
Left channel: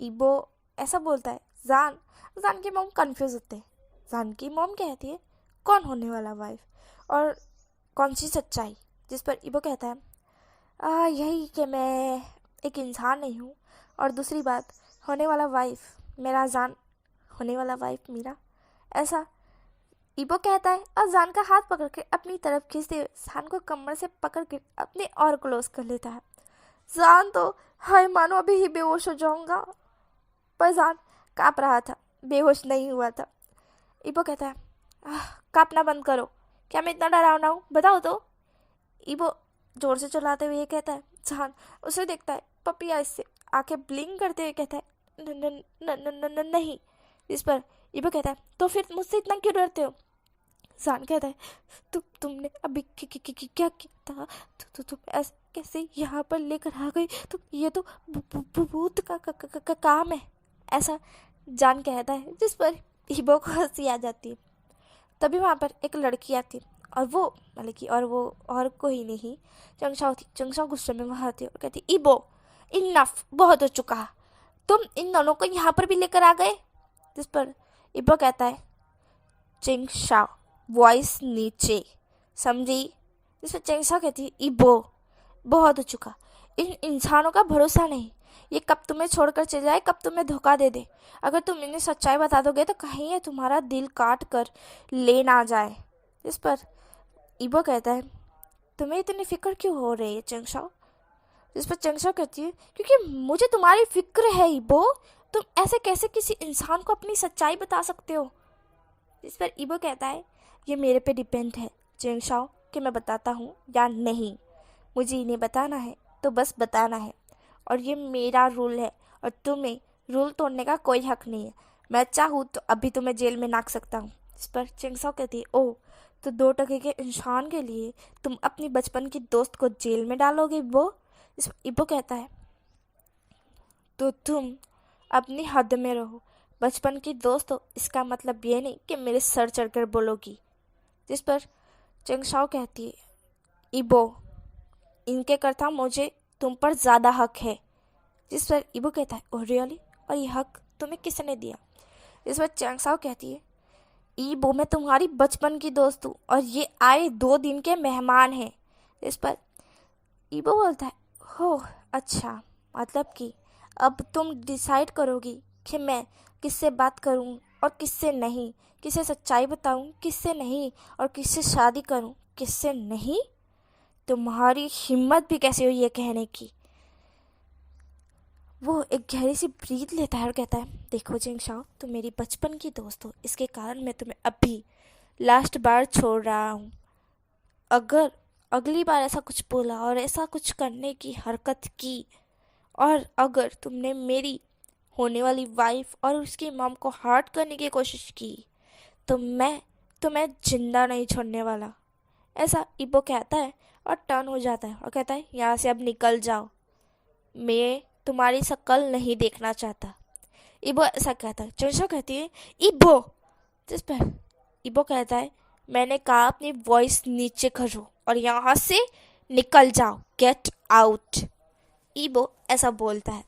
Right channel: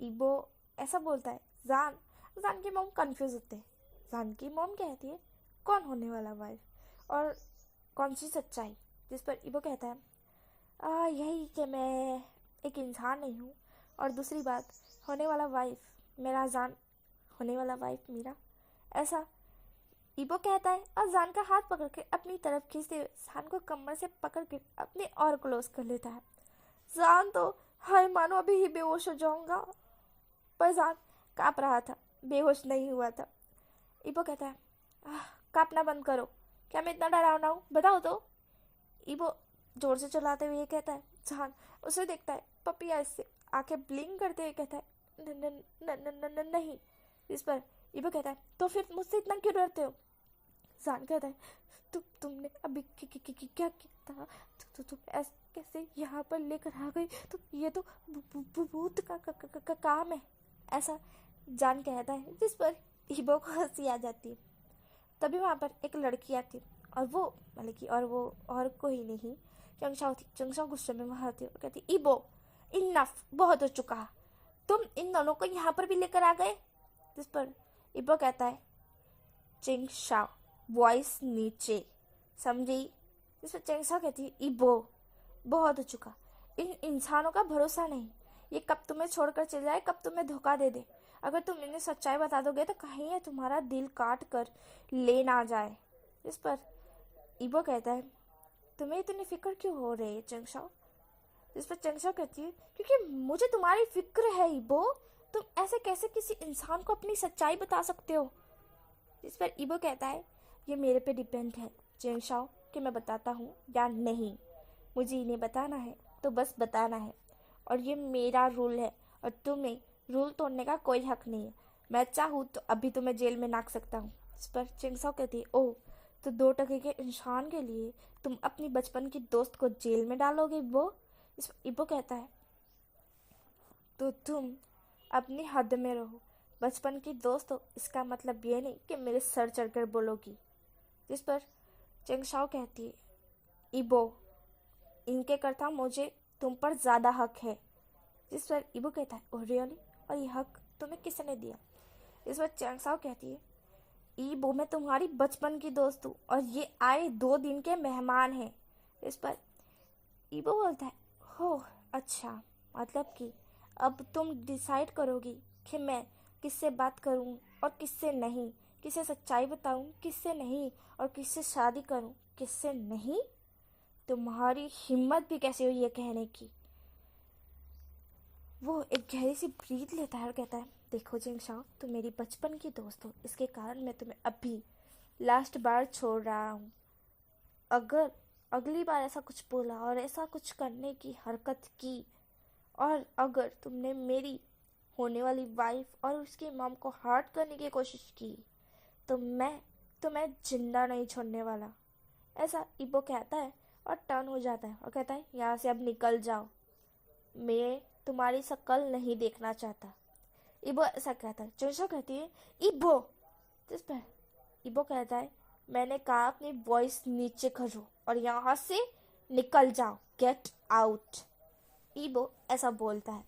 ईबो ऐसा बोलता है। जान जान की मॉम कंफ्यूज होते हैं। जान की मॉम कहती है, कौन होने वाला वाइफ और कौन सी सच्चाई? जिस पर ईबो कहता है, यही कि मैं एक इंसान नहीं हूँ, और दूसरी बात, होने वाला वाइफ मेरा जान, होने वाला वाइफ मेरा। ऐसा ईबो कहता है और जान का हाथ पकड़ के अपनी तरफ खींचते हुए जान को कमर से पकड़ के अपने और क्लोज कर लेता है। जान तो हाय मानो अभी ही बेहोश हो जाऊंगा, पर जान काँप रहा था, बेहोश नहीं हुआ था। ईबो कहता है, काँपना बंद करो, क्या मैं इतना डरावना हूँ? बताओ तो। ईबो जोर से चलाते हुए ये कहता है। जान उसे देखता है, पपी आइज से आंखें ब्लिंक करते हुए कहता है, "न- न- न- न- न- न- नहीं। इस पर ईबो कहता है, तो फिर मुझसे इतना क्यों डरते हो? जान कहता है, तुमने अभी क्या किया था? तुम ऐसे कैसे यहाँ पर लेकर आ गई? तो ये तो भूत का काम है। ऐसा जान कहता है, जिस पर ईबो को हंसी आ जाती है। तभी वहाँ पर एक लड़की आती है, और वो मतलब कि और वो और कोई नहीं, चंगशाओ थी। चंगशाओ गुस्से में वहाँ आती है और कहती, ईबो इनफ, बहुत हो चुका, तुम इन दोनों को यहाँ पर भी लेकर आ गए। जिस पर ईबो कहता है, चंगशाओ वॉइस नीचे, समझी? जिस पर चंगशाओ कहती है, ईबो बहुत हो चुका, इन इंसानों का भरोसा नहीं, ये कब तुम्हें छोड़कर चले जाए, कब तुम्हें धोखा दे दे। अगर तुम इन्हें सच्चाई बता दोगे तो कहीं ये तुम्हारा दिल काट कर ले ना जाए। इस पर ईबो कहता है, तुम्हें इतनी फिक्र क्यों हो रही है चंगशाओ? जिस पर चंगशाओ कहती है, क्योंकि मुझे तुम्हारी फिक्र है ईबो, तुम ऐसे कैसे किसी इंसान को अपनी सच्चाई बता सकते हो? जिस पर ईबो कहता है, ये मेरे पे डिपेंड है चंगशाओ कि मैं बताता हूँ या नहीं। मुझे इन्हें बताना है तो बस बताना है, और ये मेरा रूल है, और तुम्हें रूल तोड़ने का कोई हक नहीं है। मैं चाहूँ तो अभी तुम्हें जेल में नाक सकता हूँ। इस पर चिंगसाओ कहती है, ओह, तो 2 टके के इंसान के लिए तुम अपनी बचपन की दोस्त को जेल में डालोगे इब्बो? इस इब्बो कहता है, तो तुम अपनी हद में रहो, बचपन की दोस्त हो इसका मतलब ये नहीं कि मेरे सर चढ़कर बोलोगी। जिस पर चिंगसाओ कहती है, इबो इनके करता मुझे तुम पर ज़्यादा हक है। जिस पर इबो कहता है, ओह रियली, और ये हक तुम्हें किसने दिया? इस पर चैंगसाओ कहती है, इबो मैं तुम्हारी बचपन की दोस्त हूँ और ये आए 2 दिन के मेहमान हैं। इस पर इबो बोलता है, हो अच्छा, मतलब कि अब तुम डिसाइड करोगी कि मैं किससे बात करूँ और किससे नहीं, किसे सच्चाई बताऊँ किससे नहीं, और किससे शादी करूँ किससे नहीं? तुम्हारी हिम्मत भी कैसे हुई ये कहने की? वो एक गहरी सी ब्रीथ लेता है और कहता है, देखो जिंगशाओ, तुम मेरी बचपन की दोस्त हो, इसके कारण मैं तुम्हें अभी लास्ट बार छोड़ रहा हूँ। अगर अगली बार ऐसा कुछ बोला और ऐसा कुछ करने की हरकत की, और अगर तुमने मेरी होने वाली वाइफ और उसकी मॉम को हर्ट करने की कोशिश की, तो मैं तुम्हें जिंदा नहीं छोड़ने वाला। ऐसा इबो कहता है और टर्न हो जाता है और कहता है, यहाँ से अब निकल जाओ, मैं तुम्हारी शक्ल नहीं देखना चाहता। इबो ऐसा कहता है। चोशो कहती है, इबो। जिस पर इबो कहता है, मैंने कहा अपनी वॉइस नीचे करो और यहाँ से निकल जाओ, गेट आउट। इबो ऐसा बोलता है।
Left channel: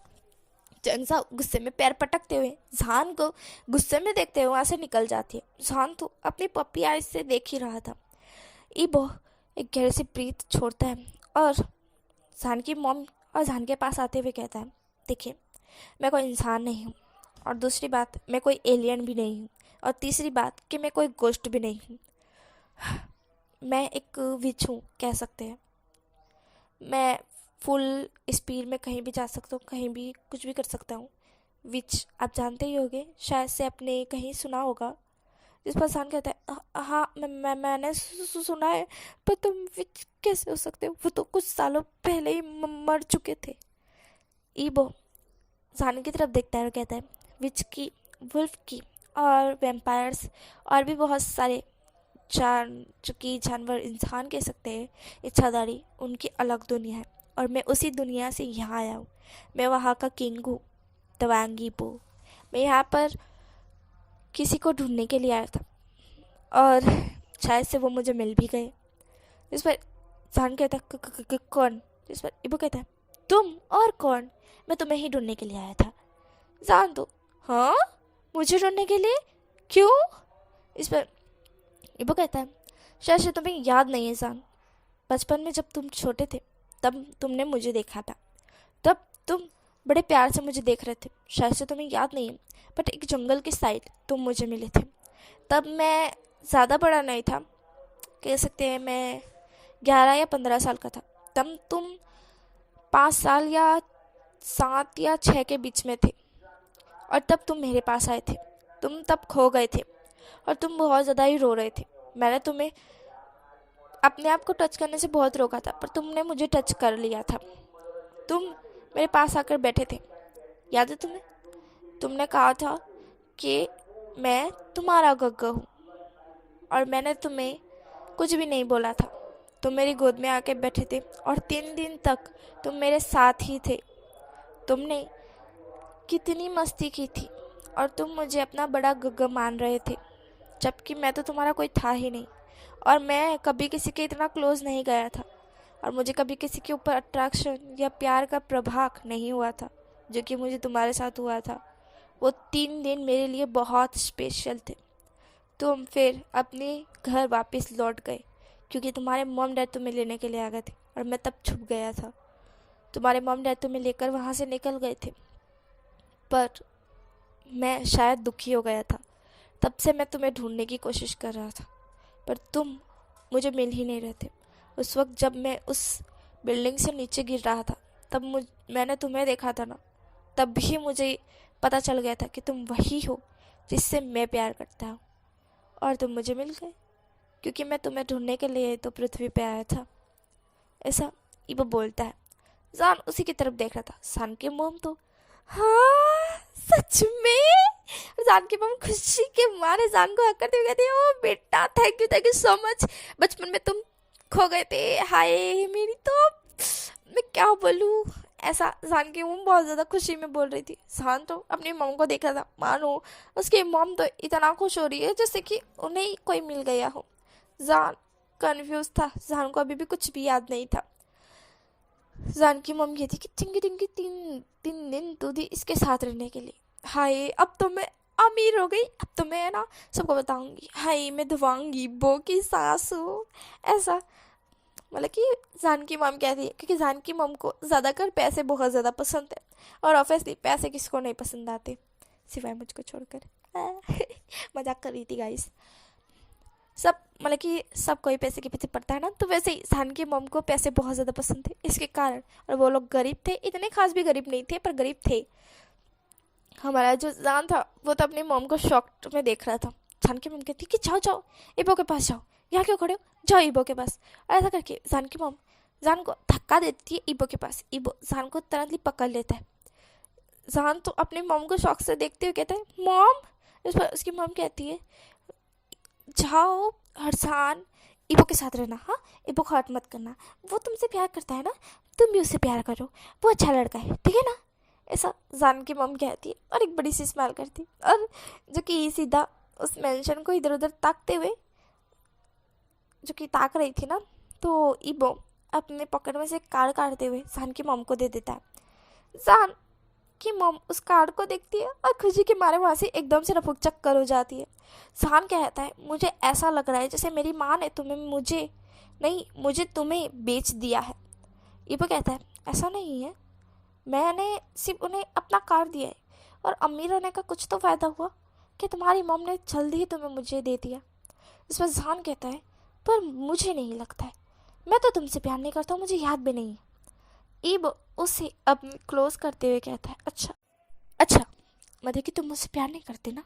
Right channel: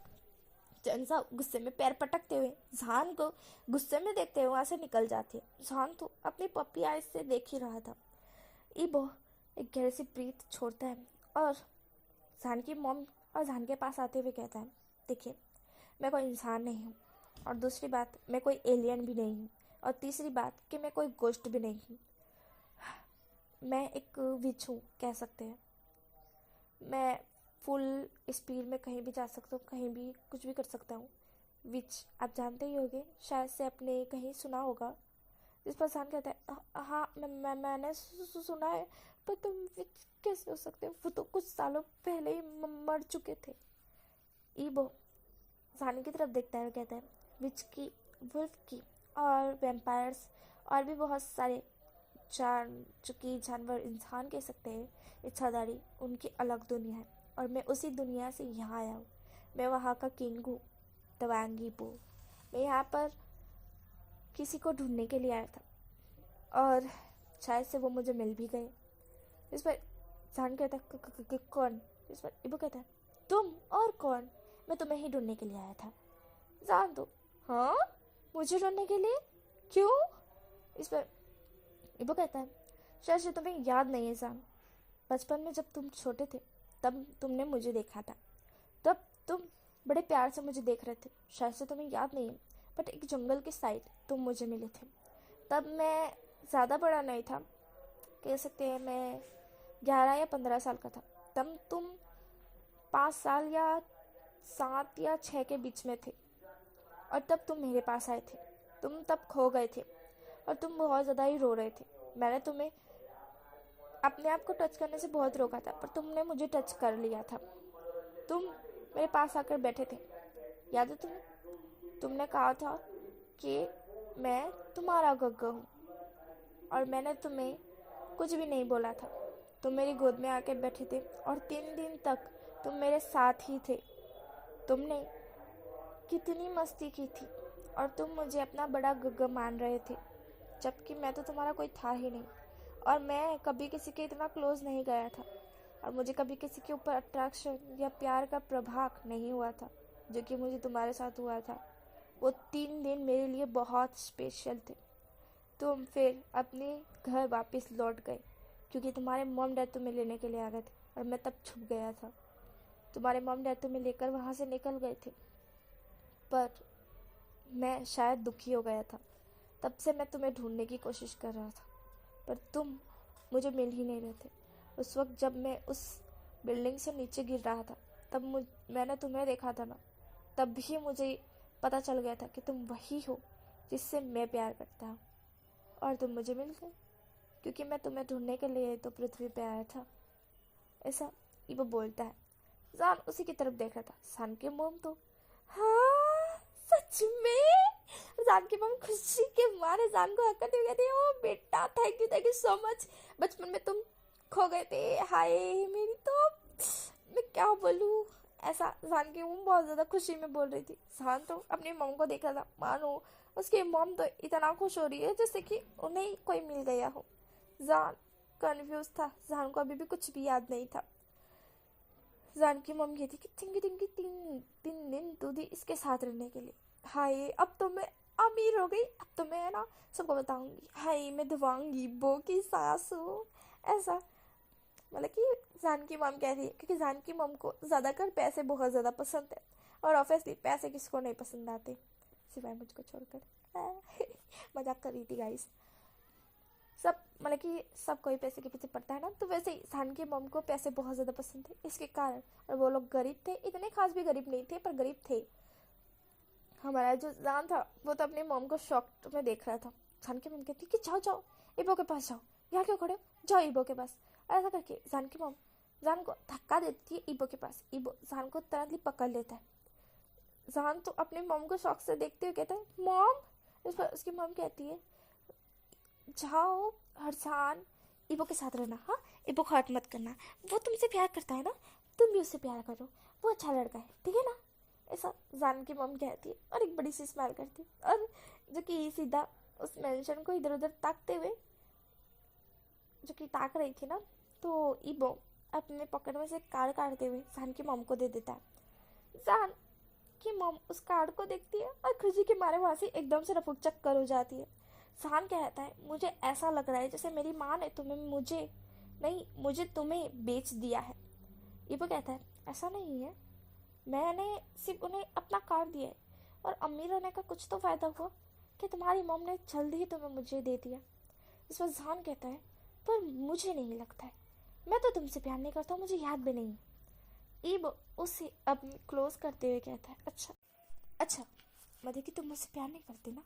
चंगसा गुस्से में पैर पटकते हुए जान को गुस्से में देखते हुए वहाँ से निकल जाती है। जान तो अपनी पप्पी आइज से देख ही रहा था। इबो एक गहरी सी ब्रीथ छोड़ता है और जान की मॉम और जान के पास आते हुए कहता है, देखिए, मैं कोई इंसान नहीं हूँ, और दूसरी बात, मैं कोई एलियन भी नहीं हूँ, और तीसरी बात कि मैं कोई गोस्ट भी नहीं हूँ। मैं एक विच हूँ कह सकते हैं। मैं फुल स्पीड में कहीं भी जा सकता हूँ, कहीं भी कुछ भी कर सकता हूँ। विच आप जानते ही होंगे, शायद से आपने कहीं सुना होगा। जिस पर इंसान कहता है, हाँ मैंने सुना है, पर तुम विच कैसे हो सकते हो? वो तो कुछ सालों पहले ही मर चुके थे। ईबो जान की तरफ देखता है और कहता है, विच की, वुल्फ की और वैम्पायर्स और भी बहुत सारे जो कि जानवर इंसान कह सकते हैं इच्छाधारी, उनकी अलग दुनिया है। और मैं उसी दुनिया से यहाँ आया हूँ। मैं वहाँ का किंग हूँ, तवांगी पो। मैं यहाँ पर किसी को ढूंढने के लिए आया था और शायद से वो मुझे मिल भी गए। इस पर जान कहता कौन? इस पर इबो कहता है तुम और कौन? मैं तुम्हें ही ढूंढने के लिए आया था। जान तो हाँ, मुझे ढूंढने के लिए? क्यों? इस पर इबो कहता है शायद से तुम्हें याद नहीं है जान, बचपन में जब तुम छोटे थे तब तुमने मुझे देखा था। तब तुम बड़े प्यार से मुझे देख रहे थे, शायद से तुम्हें याद नहीं है, बट एक जंगल के साइड तुम मुझे मिले थे। तब मैं ज़्यादा बड़ा नहीं था, कह सकते हैं मैं 11 या 15 साल का था। तब तुम 5 साल या 7 या 6 के बीच में थे और तब तुम मेरे पास आए थे। तुम तब खो गए थे और तुम बहुत ज़्यादा ही रो रहे थे। मैंने तुम्हें अपने आप को टच करने से बहुत रोका था, पर तुमने मुझे टच कर लिया था। तुम मेरे पास आकर बैठे थे, याद है तुम्हें? तुमने कहा था कि मैं तुम्हारा गग्गा हूँ और मैंने तुम्हें कुछ भी नहीं बोला था। तुम मेरी गोद में आके बैठे थे और 3 दिन तक तुम मेरे साथ ही थे। तुमने कितनी मस्ती की थी और तुम मुझे अपना बड़ा गग्गा मान रहे थे, जबकि मैं तो तुम्हारा कोई था ही नहीं। और मैं कभी किसी के इतना क्लोज नहीं गया था और मुझे कभी किसी के ऊपर अट्रैक्शन या प्यार का प्रभाव नहीं हुआ था जो कि मुझे तुम्हारे साथ हुआ था। वो 3 दिन मेरे लिए बहुत स्पेशल थे। तुम फिर अपने घर वापस लौट गए क्योंकि तुम्हारे मॉम डैड तुम्हें लेने के लिए आ गए थे और मैं तब छुप गया था। तुम्हारे मॉम डैड तुम्हें लेकर वहाँ से निकल गए थे, पर मैं शायद दुखी हो गया था। तब से मैं तुम्हें ढूंढने की कोशिश कर रहा था, पर तुम मुझे मिल ही नहीं रहे थे। उस वक्त जब मैं उस बिल्डिंग से नीचे गिर रहा था तब मैंने तुम्हें देखा था ना, तब भी मुझे पता चल गया था कि तुम वही हो जिससे मैं प्यार करता हूँ। और तुम मुझे मिल गए क्योंकि मैं तुम्हें ढूंढने के लिए तो पृथ्वी पे आया था। ऐसा इबो बोलता है। जान उसी की तरफ देख रहा था। सान की मोम तो हाँ सच में। जान की मोम खुशी के मारे जान को हक करते हुए कहती है ओ बेटा थैंक यू सो मच। बचपन में तुम खो गए थे, हाय मेरी तो मैं क्या बोलूँ। ऐसा जान की मोम बहुत ज़्यादा खुशी में बोल रही थी। जान तो अपनी मोम को देख रहा था, मानो उसकी मोम तो इतना खुश हो रही है जैसे कि उन्हें कोई मिल गया हो। जान कन्फ्यूज था, जान को अभी भी कुछ भी याद नहीं था। जान की मम्मी कहती कि टिंगी टिंगी 3 दिन तू दी इसके साथ रहने के लिए। हाय अब तो मैं अमीर हो गई, अब तो मैं ना सबको बताऊंगी, हाय मैं धवांगी बो की सास हूँ। ऐसा मतलब कि जान की मम कहती है क्योंकि जान की मम को ज़्यादातर पैसे बहुत ज़्यादा पसंद है और ऑब्वियसली पैसे किसको नहीं पसंद आते सिवाय मुझको छोड़कर। मजाक कर रही थी गाइस। सब मतलब कि सब कोई पैसे के पीछे पड़ता है ना, तो वैसे ही जान की मम को पैसे बहुत ज़्यादा पसंद थे इसके कारण। और वो लोग गरीब थे, इतने खास भी गरीब नहीं थे पर गरीब थे। हमारा जो जान था वो तो अपनी मम को शॉक में देख रहा था। जान की मम कहती कि जाओ जाओ इबो के पास जाओ, यहाँ क्यों खड़े हो, जाओ इबो के पास। और ऐसा करके जान की मम जान को धक्का देती है इबो के पास। इबो जान को तुरंत पकड़ लेता है। जान तो अपनी मम को शौक से देखते हुए कहता है मॉम। इस पर उसकी मम कहती है जाओ हरसान इबो के साथ रहना, हाँ इबो को हर्ट मत करना, वो तुमसे प्यार करता है ना, तुम भी उससे प्यार करो, वो अच्छा लड़का है ठीक है ना। ऐसा जान की मम कहती है और एक बड़ी सी स्माइल करती है। और जो कि सीधा उस मेंशन को इधर उधर ताकते हुए जो कि ताक रही थी ना, तो इबो अपने पॉकेट में से कार्ड काटते हुए जान की मम को दे देता है। जान कि मम उस कार्ड को देखती है और खुशी के मारे वहाँ से एकदम से रफूक चक्कर हो जाती है। जान कहता है मुझे ऐसा लग रहा है जैसे मेरी माँ ने मुझे तुम्हें बेच दिया है। इबो कहता है ऐसा नहीं है, मैंने सिर्फ उन्हें अपना कार्ड दिया है और अमीर होने का कुछ तो फ़ायदा हुआ कि तुम्हारी मम ने जल्दी ही तुम्हें मुझे दे दिया। इस पर जान कहता है पर मुझे नहीं लगता है, मैं तो तुमसे प्यार नहीं करता हूँ, मुझे याद भी नहीं है। इबो उसे अब क्लोज करते हुए कहता है अच्छा अच्छा मतलब कि तुम मुझसे प्यार नहीं करते ना,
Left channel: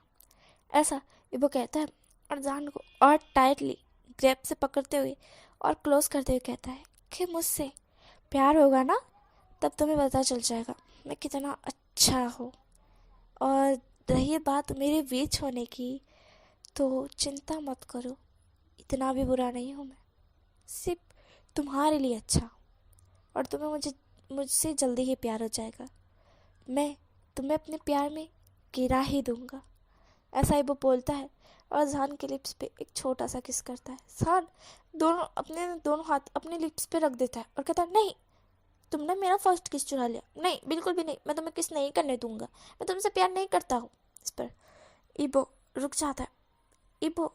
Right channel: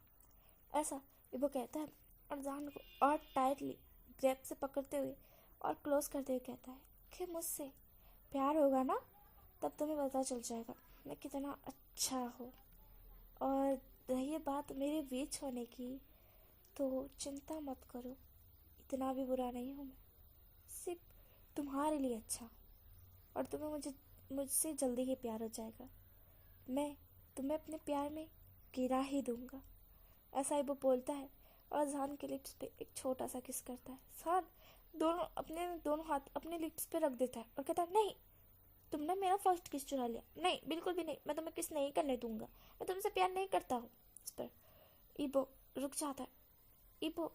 ऐसा इबो कहता है। और जान को और टाइटली ग्रैप से पकड़ते हुए और क्लोज करते हुए कहता है कि मुझसे प्यार होगा ना तब तुम्हें पता चल जाएगा मैं कितना अच्छा हूँ। और रही रही बात मेरे बीच होने की, तो चिंता मत करो, इतना भी बुरा नहीं हूँ मैं। सिर्फ तुम्हारे लिए अच्छा, और तुम्हें मुझसे जल्दी ही प्यार हो जाएगा। मैं तुम्हें अपने प्यार में गिरा ही दूंगा। ऐसा ही वो बोलता है और जान के लिप्स पे एक छोटा सा किस करता है। जान दोनों हाथ अपने लिप्स पे रख देता है और कहता है, नहीं, तुमने मेरा फर्स्ट किस चुरा लिया। नहीं, बिल्कुल भी नहीं, मैं तुम्हें किस नहीं करने दूंगा, मैं तुमसे प्यार नहीं करता हूँ। इस पर इबो रुक जाता है। इबो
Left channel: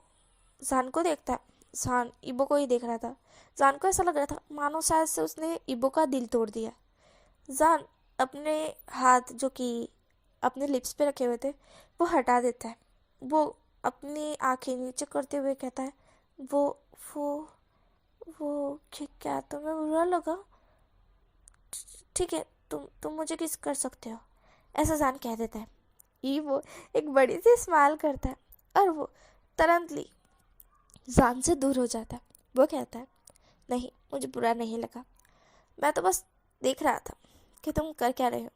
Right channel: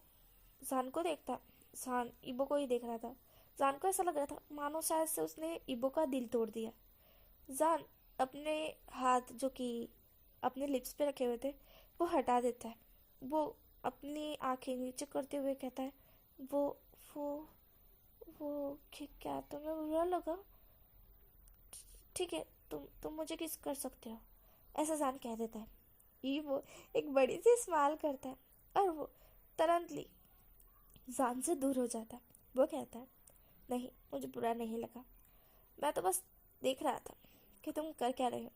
जान को देखता है। जान इबो को ही देख रहा था। जान को ऐसा लग रहा था मानो शायद से उसने इबो का दिल तोड़ दिया। जान अपने हाथ जो कि अपने लिप्स पे रखे हुए थे वो हटा देता है। वो अपनी आंखें नीचे करते हुए कहता है, वो वो वो क्या तुम्हें बुरा लगा? ठीक है, तुम मुझे किस कर सकते हो, ऐसा जान कह देता है। ये वो एक बड़ी सी स्माइल करता है और वो तुरंतली जान से दूर हो जाता है। वो कहता है, नहीं, मुझे बुरा नहीं लगा, मैं तो बस देख रहा था कि तुम कर क्या रहे हो,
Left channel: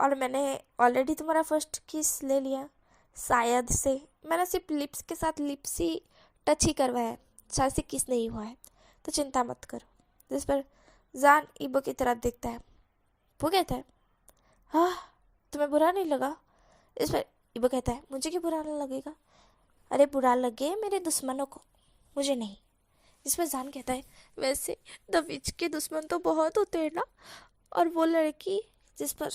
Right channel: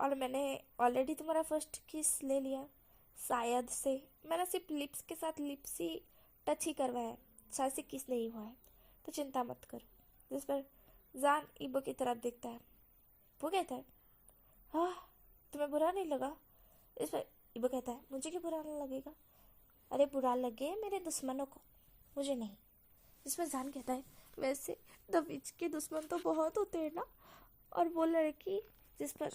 और मैंने ऑलरेडी तुम्हारा फर्स्ट किस ले लिया। शायद से मैंने सिर्फ लिप्स के साथ लिप्स ही टच ही करवाया है, शायद से किस नहीं हुआ है, तो चिंता मत करो। जिस पर जान इबो की तरफ देखता है। वो कहता है, हाँ, तुम्हें बुरा नहीं लगा? इस पर इबो कहता है, मुझे क्यों बुरा नहीं लगेगा? अरे बुरा लगे मेरे दुश्मनों को, मुझे नहीं। इस पर जान कहता है, वैसे द विच के दुश्मन तो बहुत होते हैं ना, और वो लड़की। जिस पर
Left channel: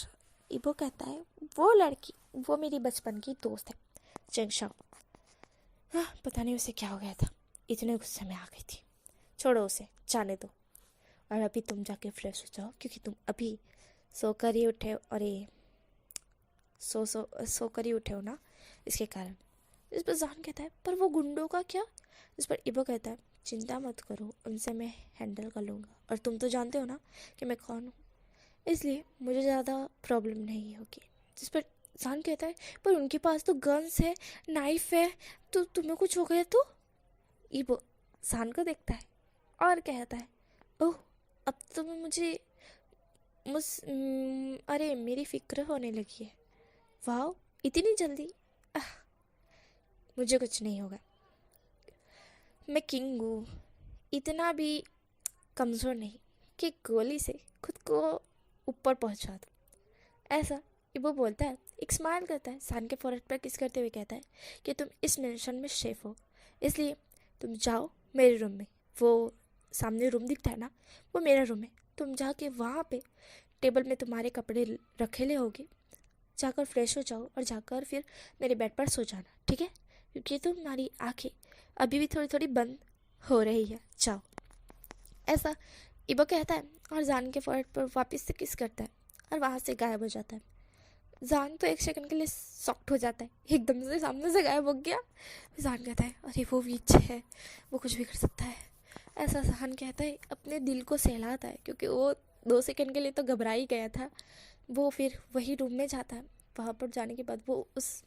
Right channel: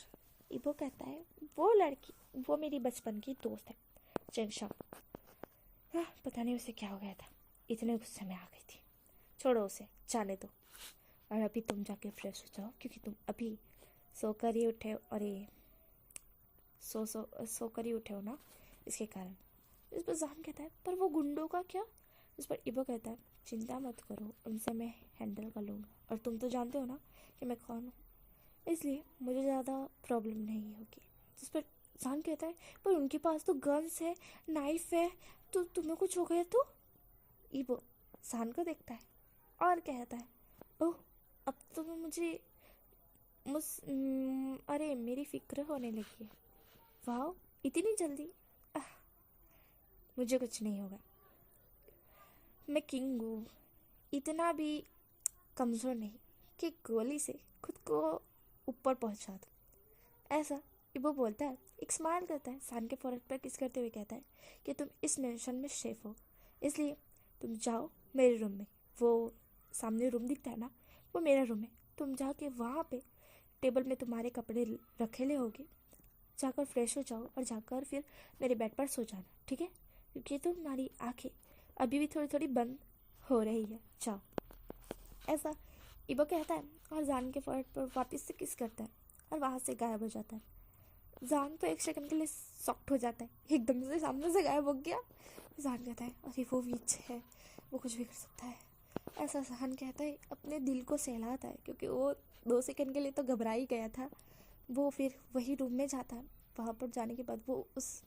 इबो कहता है, वो लड़की वो मेरी बचपन की दोस्त है, चेंगशा। हाँ, पता नहीं उसे क्या हो गया था, इतने गुस्से में आ गई थी। छोड़ो उसे, जाने दो, और अभी तुम जाके फ्रेश हो जाओ, क्योंकि तुम अभी सोकर ही उठे हो, और ये सोकर ही उठे हो ना, इसके कारण। इस पर जान कहता है, पर वो गुंडों का क्या? इस पर इबो कहता है, चिंता मत करो, उनसे मैं हैंडल कर लूँगा, और तुम तो जानते हो ना कि मैं कौन हूँ, इसलिए मुझे ज़्यादा प्रॉब्लम नहीं होगी। जिस पर जान कहता है, पर उनके पास तो गन्स है, नाइफ है, तो तुम्हें कुछ हो गया तो? इबो जान को देखता है और कहता है, ओह, अब तो मुझे अरे मेरी फिक्र होने लगी है। वाह, इतनी जल्दी? मुझे कुछ नहीं होगा, मैं किंग हूँ, इतना भी कमज़ोर नहीं कि गोली से खुद को ऊपर पहुँचा दूँ। ऐसा इबो बोलता है, एक स्माइल करता है, सान के फोrehead पर किस करते हुए कहता है कि तुम इस मिशन में शेफ हो, इसलिए तुम जाओ मेरे रूम में। वो सामने रूम दिखता है ना, वो मेरा रूम है। तुम जाके वहाँ पे टेबल में तुम्हारे कपड़े रखेले होगे, जाकर फ्रेश हो जाओ और जाकर फिर मेरे बेड पर सो जाना, ठीक है? क्योंकि तुम्हारी आंखें अभी भी थोड़ी थोड़ी बंद हो रही है, जाओ। ऐसा इबो कहता है और जान के फोrehead पर वापस से किस करता है और वहाँ से गायब हो जाता है। जान तो एक सेकंड के लिए शॉक्ड हो जाता है, एकदम से सामने से गायब हो गया। जान कहता है, अरे वो विच है, वो कुछ भी कर सकता है। ऐसा जान कहता है, अपने दिल को सहलाता है, क्योंकि वो 2 सेकंड के लिए तो घबरा ही गया था। वो फिर वही रूम में जाता है। वहाँ पर जाने के बाद वो उस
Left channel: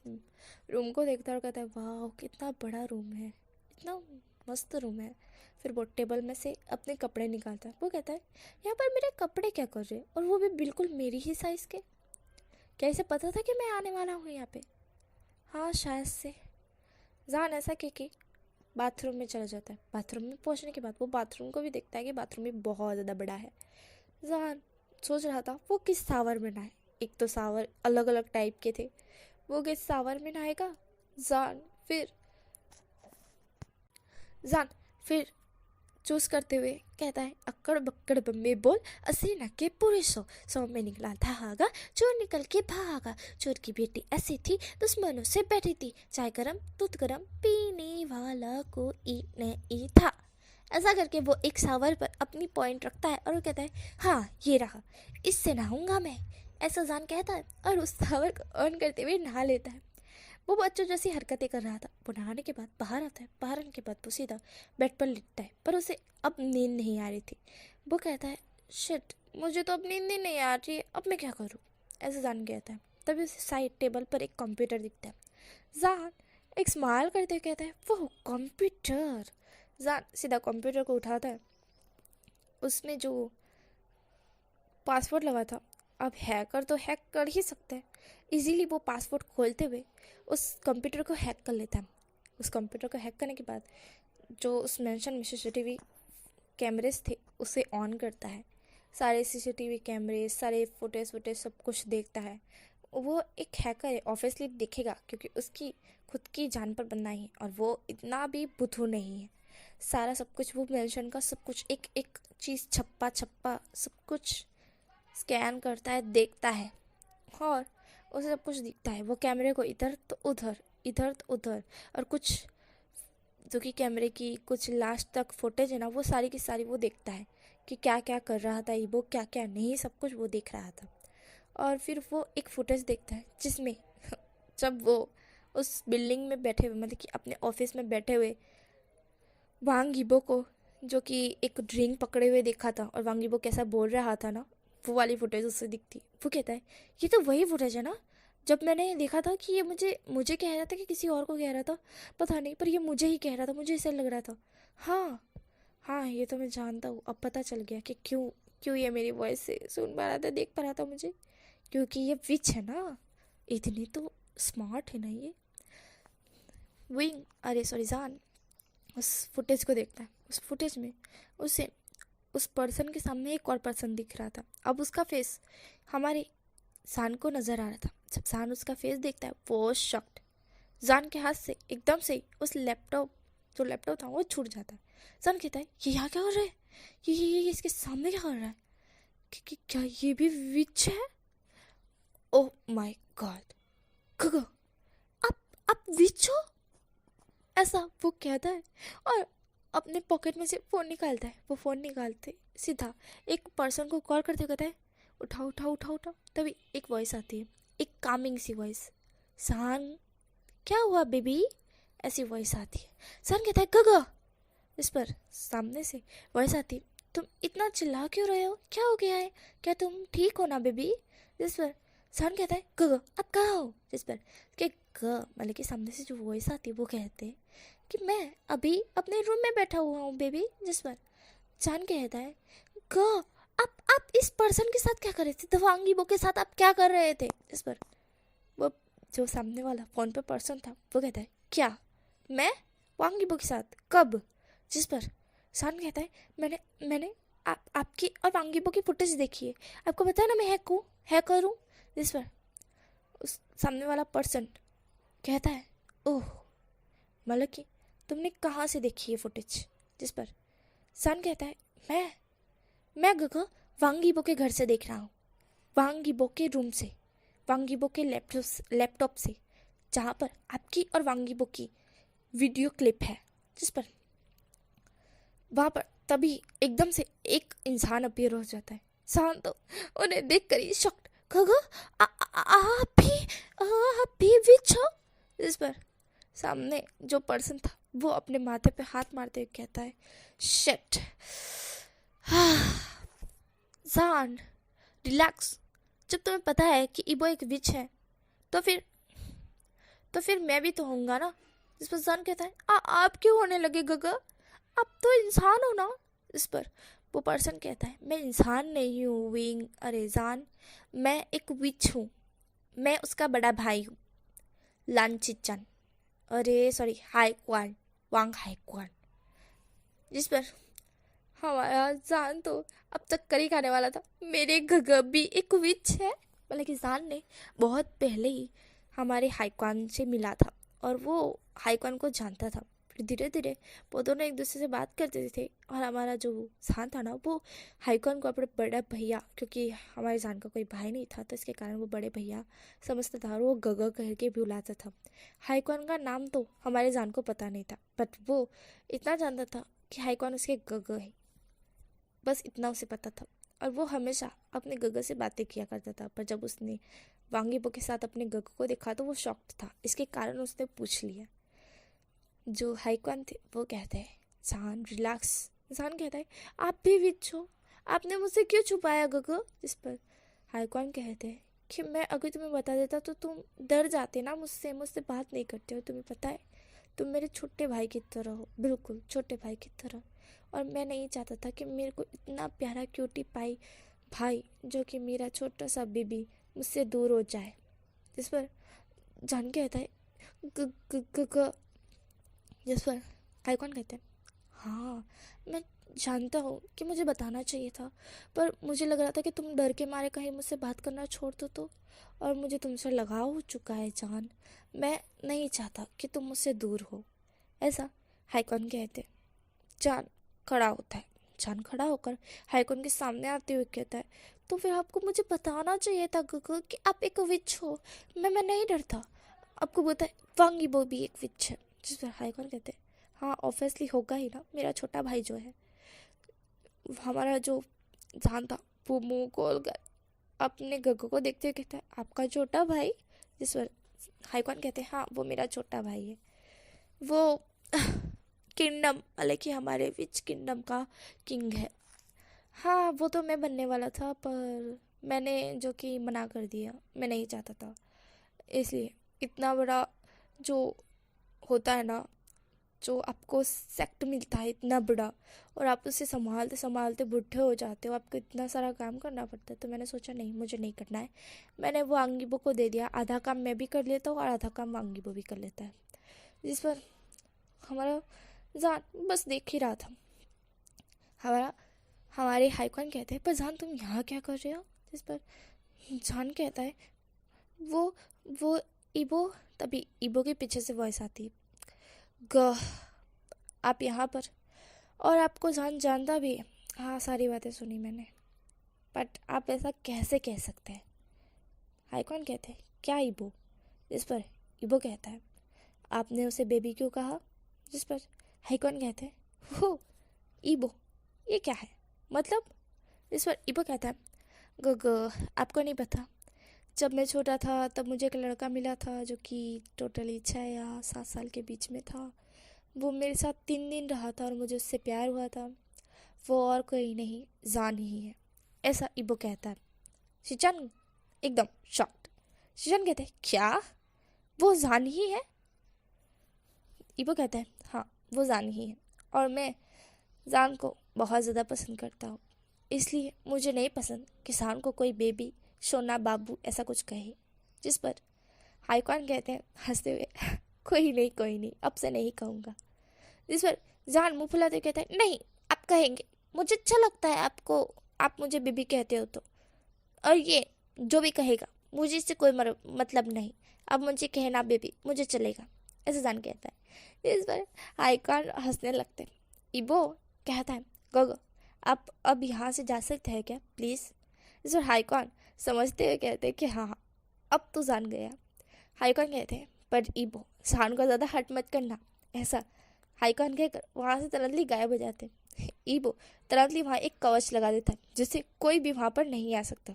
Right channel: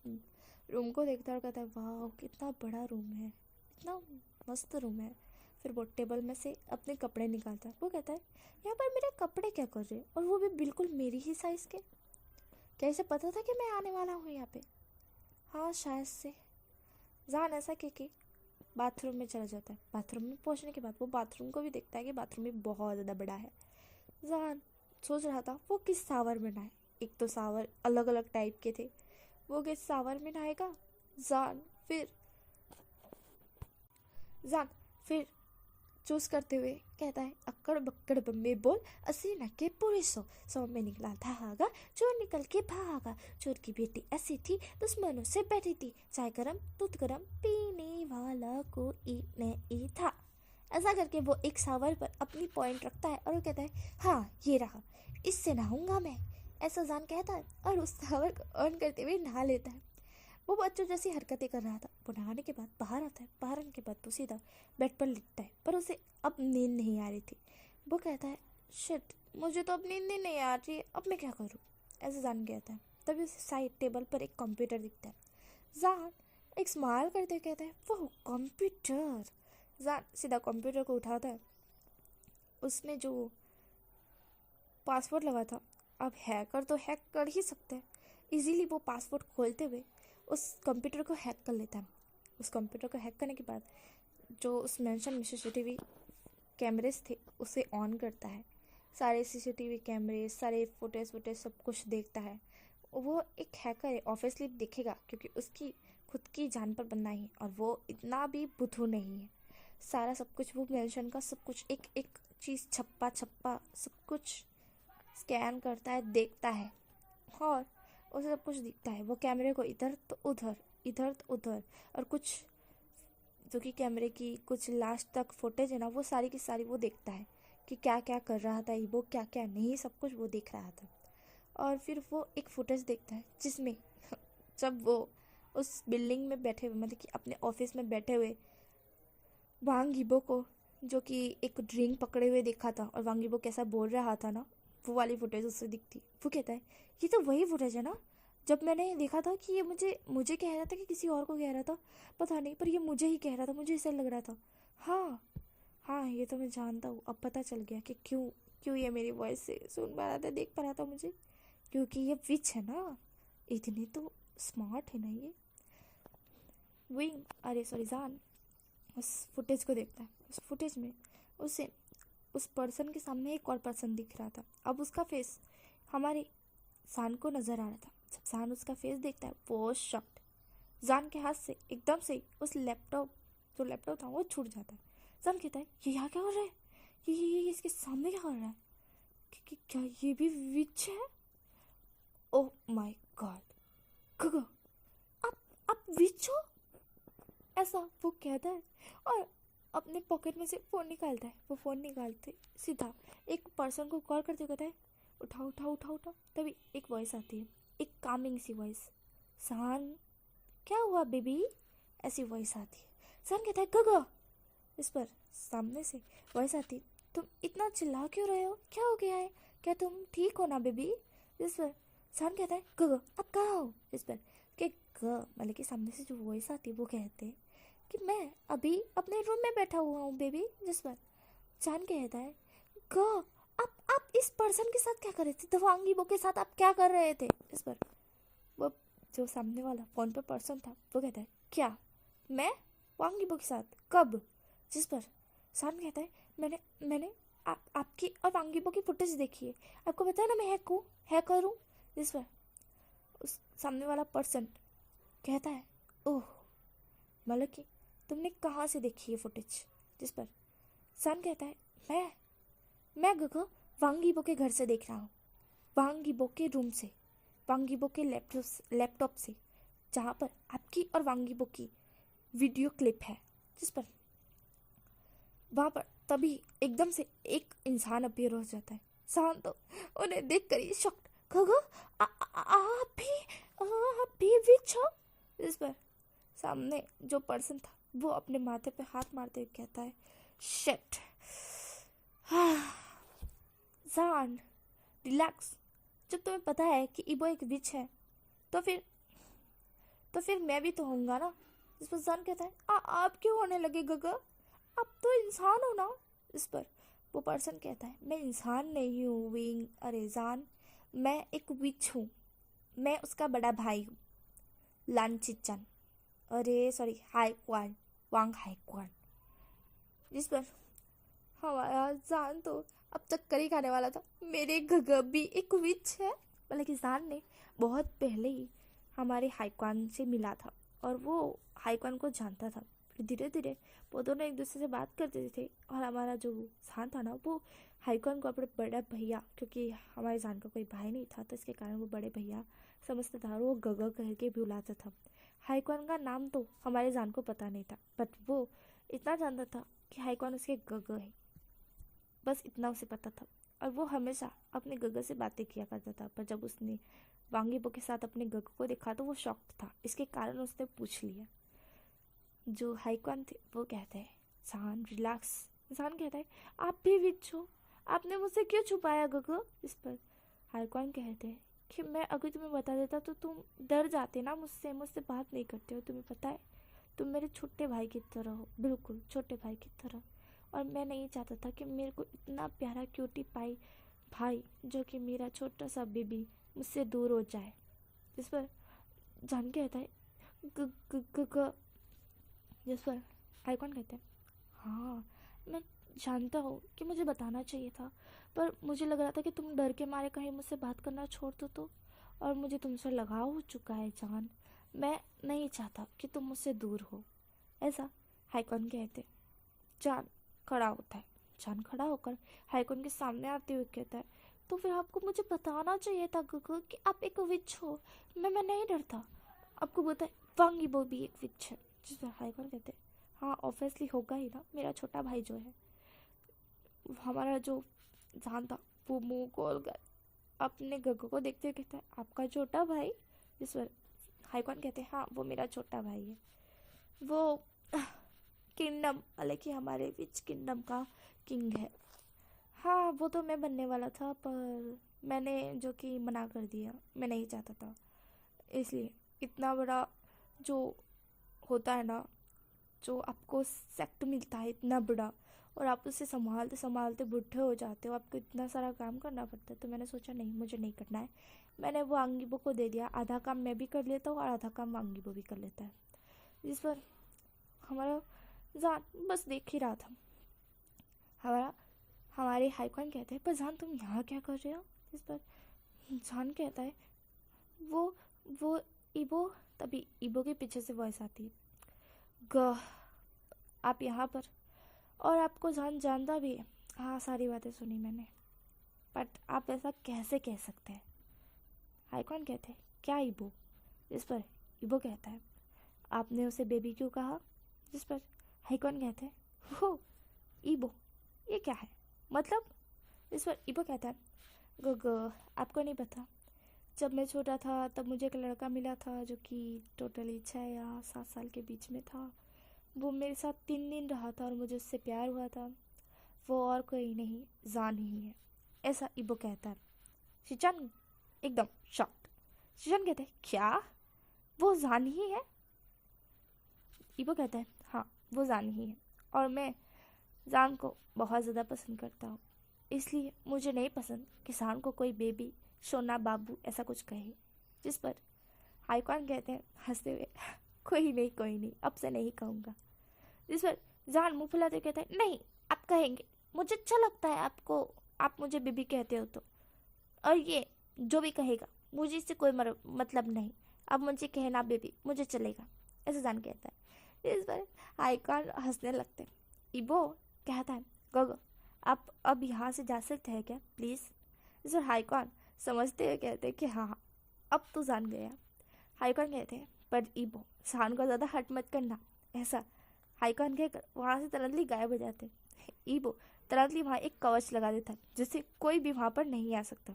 रूम को देखता है और कहता है, वाह, कितना बड़ा रूम है, इतना मस्त रूम है। फिर वो टेबल में से अपने कपड़े निकालता है। वो कहता है, यहाँ पर मेरे कपड़े क्या कर रहे हैं, और वो भी बिल्कुल मेरी ही साइज़ के? क्या इसे पता था कि मैं आने वाला हूँ यहाँ पे? हाँ, शायद से। जान ऐसा कि बाथरूम में चला जाता है। बाथरूम में पहुँचने के बाद वो बाथरूम को भी देखता है कि बाथरूम भी बहुत ज़्यादा बड़ा है। जान सोच रहा था वो किस सावर में नहाए। एक तो सावर अलग अलग टाइप के थे, वो किस सावर में नहाएगा? जान फिर जान फिर चूज करते हुए कहता है, अक्कड़ बक्कड़ बम्बे बोल, अस्सी नक्के पूरे 100 में निकला धागा, चोर निकल के भागा। चोर की बेटी ऐसी थी, दुश्मनों से बैठी थी, चाय गरम दूध गरम पीने वाला कोई नहीं था। ऐसा करके वो एक सावर पर अपनी पॉइंट रखता है और वो कहता है, हाँ, ये रहा, इससे नहाऊंगा मैं। ऐसा जान कहता है और उस सावर को ऑन करते हुए नहा लेता है। वो बच्चों जैसी हरकतें कर रहा था। वो नहाने के बाद बाहर आता है। बाहर आने के बाद वो सीधा बेड पर लिटता है, पर उसे अब नींद नहीं आ रही थी। वो कहता है, शिट, मुझे तो अब नींद ही नहीं आ रही है, अब मैं क्या करूँ? ऐसे जान कहता है। तभी उसे साइड टेबल पर एक कंप्यूटर दिखता है। जान एक स्माइल करते हुए कहता है, वो कंप्यूटर। जान सीधा कंप्यूटर को उठाता है। उसमें जो पासवर्ड लगा था, अब हैकर तो हैक कर ही सकते हैं। इजीली वो पासवर्ड खोलते हुए उस कंप्यूटर को हैक कर लेता है। उस कंप्यूटर को हैक करने के बाद जो उस मेंशन में सीसीटीवी कैमरेज थे उसे ऑन करता है। सारे सीसीटीवी कैमरे, सारे फुटेज सब कुछ देखता है। वो एक हैकर है, ऑब्वियसली देखेगा, क्योंकि उसकी खुद की जान पर बनना है और वो इतना भी बुद्धू नहीं है। सारा सब कुछ वो मेंशन का सब कुछ एक एक चीज़ छप्पा सब कुछ स्कैन करता है, देखता है और उसे सब कुछ दिखता है। वो कैमरे को इधर तो उधर और कुछ जो कि कैमरे की कुछ लास्ट तक फुटेज है ना, वो सारी की सारी वो देखता है कि क्या क्या कर रहा था वो, क्या क्या नहीं, सब कुछ वो देख रहा था। और फिर वो एक फुटेज देखता है जिसमें जब वो उस बिल्डिंग में बैठे हुए, मतलब कि अपने ऑफिस में बैठे हुए वांग यीबो को, जो कि एक ड्रिंक पकड़े हुए देखा था और वांग यीबो कैसा बोल रहा था ना, वो वाली फुटेज उससे दिखती। वो कहता है ये तो वही फुटेज है ना जब मैंने देखा था कि ये मुझे कह रहा था कि किसी और को कह रहा था, पता नहीं, पर ये मुझे ही कह रहा था, मुझे ऐसा लग रहा था। हाँ हाँ, ये तो मैं जानता हूँ, अब पता चल गया कि क्यों क्यों ये मेरी वॉइस से सुन पा रहा था, देख पा रहा था मुझे, क्योंकि ये विच है ना, इतनी तो स्मार्ट है ना ये। विंग, अरे सॉरी, जान उस फुटेज को देखता है। उस फुटेज में उसे उस पर्सन के सामने एक और पर्सन दिख रहा था। अब उसका फेस हमारे जान को नज़र आ रहा था। जब जान उसका फेस देखता है वो शॉक्ड। जान के हाथ से एकदम से उस जो लैपटॉप था वो छूट जाता है। जान कहता है ये यहाँ क्या कर रहा है, ये इसके सामने क्या कर रहा है, क्या ये भी विच है? ओह माय गॉड, गगो आप विच हो, ऐसा वो कहता है और अपने पॉकेट में से फ़ोन निकालता है। वो फ़ोन निकालते सीधा एक पर्सन को कॉल करते कहता है उठाओ। तभी एक वॉइस आती है, एक कामिंग सी वॉइस, सान क्या हुआ बेबी, ऐसी वॉइस आती है। सान कहता है गगा। इस पर सामने से वॉइस आती है, तुम इतना चिल्ला क्यों रहे हो, क्या हो गया है, क्या तुम ठीक हो ना बेबी? जिस पर सान कहता है गगा अब कहाँ हो? जिस पर के मतलब कि सामने से जो वॉइस आती है वो कहते हैं कि मैं अभी अपने रूम में बैठा हुआ हूँ बेबी। जिस पर चान कहता है ग आप इस पर्सन के साथ क्या कर रहे थे, दवांग यीबो के साथ आप क्या कर रहे थे? इस पर वो जो सामने वाला फ़ोन पे पर्सन था वो कहता है क्या मैं वांग यीबो के साथ, कब? जिस पर सान कहता है मैंने आपकी और वांग यीबो की फुटेज देखी है, आपको पता है ना मैं हैकर हूँ। जिस पर उस सामने वाला पर्सन कहता है ओह, मतलब कि तुमने कहाँ से देखी है फुटेज? जिस पर सन कहता है मैं गगा वांग यीबो के घर से देख रहा हूँ, वांग यीबो के रूम से, वांग यीबो के लैपटॉप से, जहाँ पर आपकी और वांग यीबो की वीडियो क्लिप है। जिस पर वहाँ पर तभी एकदम से एक इंसान अपीयर हो जाता है। सान तो उन्हें देख कर ही शॉक्ड, गगा आप भी विच हो? जिस पर सामने जो पर्सन था वो अपने माथे पे हाथ मारते हुए कहता है शिट, जान रिलैक्स, जब तुम्हें पता है कि इबो एक विच है तो फिर मैं भी तो होऊंगा ना। इस पर जान कहता है आप क्यों होने लगे गगा, आप तो इंसान हो ना। इस पर वो पर्सन कहता है मैं इंसान नहीं हूँ विंग, अरे जान मैं एक विच हूँ, मैं उसका बड़ा भाई हूँ, लानचिचन, अरे सॉरी हाईक्वान, वांग हाईक्वान। जिस पर हमारा जान तो अब तक करी खाने वाला था, मेरे गगा भी एक विच है। मतलब कि जान ने बहुत पहले ही हमारे हाईक्वान से मिला था और वो हाईक्वान को जानता था। फिर धीरे धीरे वो दोनों एक दूसरे से बात करते थे और हमारा जो जान था ना वो हाईक्वान को अपने बड़ा भैया, क्योंकि हमारे जान का कोई भाई नहीं था तो इसके कारण वो बड़े भैया समझता था और वो गगा कह के बुलाता था। हाईक्वान का नाम तो हमारे जान को पता नहीं था, बट वो इतना जानता था कि हाईक्वान उसके गगा है, बस इतना उसे पता था। और वो हमेशा अपने गगा से बातें किया करता था, पर जब उसने वांग यीबो के साथ अपने गगा को देखा तो वो शॉक्ड था, इसके कारण उसने पूछ लिया। जो हाईक्वान थे वो कहते हैं जान रिलैक्स। जान कहता है आप भी विच हो, आपने मुझसे क्यों छुपाया गगा? इस पर हाईक्वान कहते हैं कि मैं अगर तुम्हें बता देता तो तुम डर जाते ना, मुझसे बात नहीं करते हो, तुम्हें पता है तुम मेरे छोटे भाई की तरह हो, बिल्कुल छोटे भाई की तरह, और मैं नहीं चाहता था कि मेरे को इतना प्यारा क्यूटी पाई भाई जो कि मेरा छोटा सा बेबी मुझसे दूर हो जाए। इस पर जान कहता है जिस पर आइकॉन कहते हैं, हाँ मैं जानता हूँ कि मुझे बताना चाहिए था, पर मुझे लग रहा था कि तुम डर के मारे कहीं मुझसे बात करना छोड़ दो तो। और मुझे तुमसे लगाव हो चुका है जान, मैं नहीं चाहता कि तुम मुझसे दूर हो। ऐसा हाइकॉन कहते। जान खड़ा होता है। जान खड़ा होकर हाइकॉन के सामने आते हुए कहता है, तो फिर आपको मुझे बताना चाहिए था गगो कि आप एक विच हो। मैं नहीं डरता। आपको बताए वांगी वो भी एक विच है। जिस पर हाइकॉन कहते, हाँ ऑब्वियसली होगा ही ना, मेरा छोटा भाई जो है, हमारा जो जान था, वो मुंह खोल कर अपने गगो को देखते हुए कहता है, आपका छोटा भाई। जिस पर हाइकॉन कहते हैं, हाँ वो मेरा छोटा भाई है। वो किंगडम मतलब कि हमारे विच किंगडम का किंग है। हाँ वो तो मैं बनने वाला था, पर मैंने जो कि मना कर दिया, मैं नहीं चाहता था। इसलिए इतना बड़ा जो होता है ना, जो आपको सेक्ट मिलता है इतना बड़ा, और आप उसे संभालते संभालते बुढ़े हो जाते हो, आपको इतना सारा काम करना पड़ता है। तो मैंने सोचा नहीं, मुझे नहीं करना है। मैंने वो आंगीबो को दे दिया, आधा काम मैं भी कर लेता हूँ और आधा काम आंगीबो भी कर लेता है। जिस पर हमारा जान बस देख ही रहा था। हमारा हमारे हाइकॉन कहते हैं, पर जान तुम यहाँ क्या कर रहे हो। जिस पर जान कहता है, वो वो इबो। तभी इबो के पीछे से वॉइस आती है, गह आप यहाँ पर, और आपको जान जानता भी है। हाँ सारी बातें सुनी मैंने, बट आप ऐसा कैसे कह सकते हैं। हाइकॉन कहते हैं, क्या इबो। जिस पर इबो कहता है, आपने उसे बेबी क्यों कहा। जिस पर हाइकॉन कहते हैं, हो इबो ये क्या है मतलब। इस पर इबो कहता है, गग आपको नहीं पता, जब मैं छोटा था तब मुझे एक लड़का मिला था जो कि टोटली 6 या 7 साल के बीच में था। वो मेरे साथ 3 दिन रहा था और मुझे उससे प्यार हुआ था। वो और कोई नहीं, जान ही है। ऐसा इबो कहता है। शिचान एकदम शॉक्ड। शिचान कहते हैं, क्या वो जान ही है। इबो कहता है, हाँ वो जान ही है, और मैं जान को बहुत ज़्यादा पसंद करता हूँ। इसलिए मुझे नहीं पसंद कि जान को कोई बेबी सोना बाबू ऐसा कुछ कहे। जिस पर हाइकॉन कहते हैं हंसते हुए, कोई नहीं अब से नहीं कहूँगा। जिस पर जान मुँह फुलाते कहता है, नहीं आप कहेंगे, मुझे अच्छा लगता है आपको, आप मुझे बेबी कहते हो तो, और ये जो भी कहेगा मुझे इससे कोई मतलब नहीं, अब मुझे कहना बेबी मुझे चलेगा। ऐसे जान कहता है। इस पर आइकॉन हंसने लगते हैं। इबो कहता है, गोगो आप अब यहाँ से जा सकते हैं क्या प्लीज़। इस पर हाइकॉन समझते हुए कहते हैं कि हाँ अब तो जान गया। हाइकॉन कहते हैं, पर इबो जान को ज़्यादा हट मत करना। ऐसा हाइकॉन कहकर वहाँ से तुरंतली गायब हो जाते हैं। ईबो तुरंतली वहाँ एक कवच लगा देता है जिससे कोई भी वहाँ पर नहीं आ सकता।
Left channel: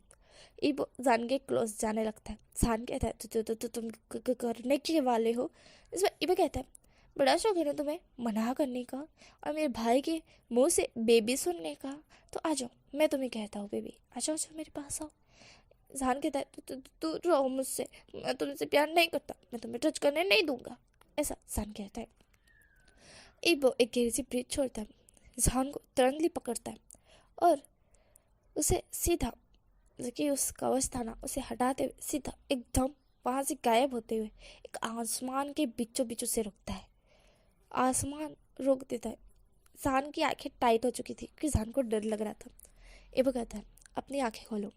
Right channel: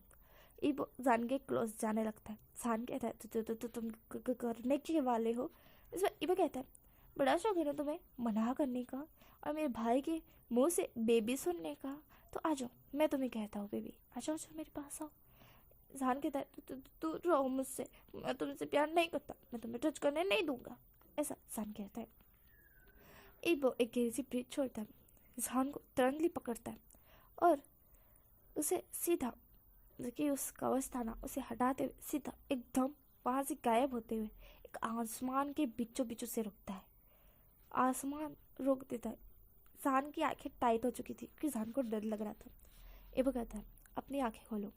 ईबो जान के क्लोज जाने लगता है। जान कहता है, तो तुम करने के वाले हो। इसमें ईबो कहता है, बड़ा शौक है ना तुम्हें मना करने का और मेरे भाई के मुंह से बेबी सुनने का, तो आ जाओ मैं तुम्हें कहता हूँ बेबी, आ जाओ मेरे पास आओ। जान कहता है, तू रहो मुझसे, मैं तुमसे प्यार नहीं करता, मैं तुम्हें टच करने नहीं दूंगा। ऐसा जान कहता है। इबो एक गहरी सी ब्रीथ छोड़ता है, जहान को तुरंतली पकड़ता है और उसे सीधा, जो कि उस कवच था ना, उसे हटाते हुए सीधा एकदम वहाँ से गायब होते हुए एक आसमान के बीचों बीचों से रुकता है। आसमान रोक देता है। जहान की आंखें टाइट हो चुकी थी क्योंकि जहान को डर लग रहा था। इबो कहता है, अपनी आंखें खोलो।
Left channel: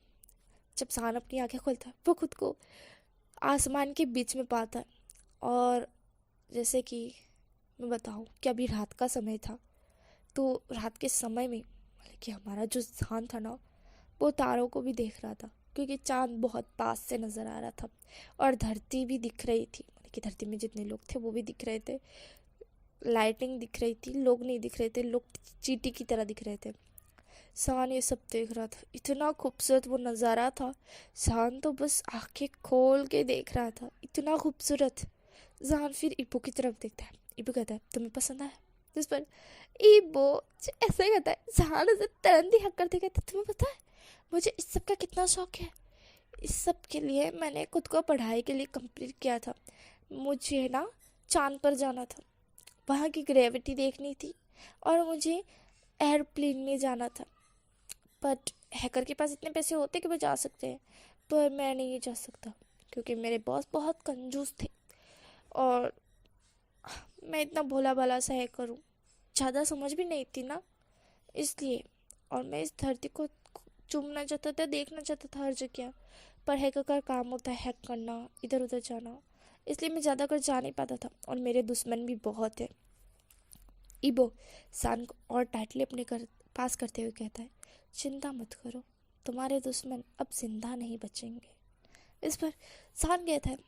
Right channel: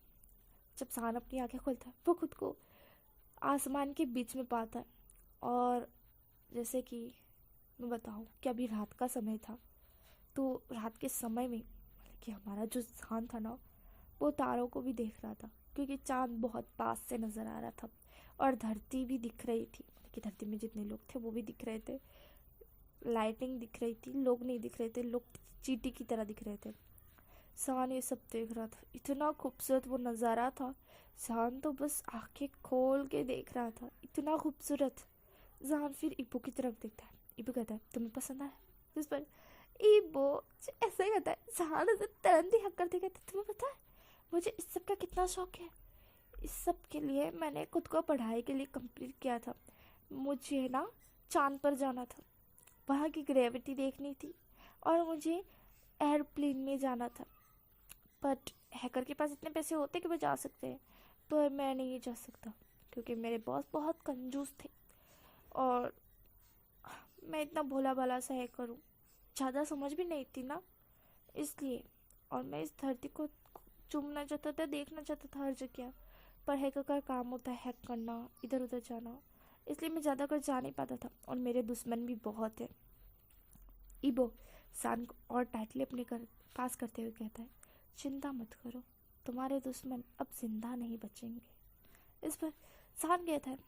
जब जहान अपनी आंखें खोलता है वो खुद को आसमान के बीच में पाता है, और जैसे कि मैं बताऊँ कि अभी रात का समय था, तो रात के समय में मतलब कि हमारा जो स्थान था ना, वो तारों को भी देख रहा था क्योंकि चांद बहुत पास से नज़र आ रहा था, और धरती भी दिख रही थी, मतलब कि धरती में जितने लोग थे वो भी दिख रहे थे। लाइटिंग दिख रही थी, लोग नहीं दिख रहे थे, लोग चींटी की तरह दिख रहे थे। शान ये सब देख रहा था, इतना खूबसूरत वो नज़ारा था। शान तो बस आंखें खोल के देख रहा था, इतना खूबसूरत। जान फिर इबो की तरफ देखता है। इबो कहता है, तुम्हें पसंद आया। जिस पर इबो ऐसे कहता है, जान उसे तुरंत ही हक करते कहता, तुम्हें पता है मुझे इस सब का कितना शौक है। इस सब के लिए मैंने खुद को पढ़ाई के लिए कंप्लीट किया था। मुझे ना चांद पर जाना था, वहाँ की ग्रेविटी देखनी थी, और मुझे एयरप्लेन में जाना था। बट हैकर के पास इतने पैसे होते कि वो जा सकते हैं, पर मैं नहीं जा सकता क्योंकि मेरे बॉस बहुत कंजूस थे। और मैं इतना भोला भाला सा है करूँ, ज़्यादा समझ भी नहीं थी ना, इसलिए। और मैं इस धरती को चूमना चाहता था, देखना चाहता था हर जगह, पर हैकर का काम होता है हैक करना, इधर उधर जाना, इसलिए मैं ज़्यादा कर जा नहीं पाता था। और मेरे दुश्मन भी बहुत है। इबो सान को और टाइटली अपने पास करते हुए कहता है, चिंता मत करो, तुम्हारे दुश्मन अब जिंदा नहीं बचेंगे। इस पर सान कहता है,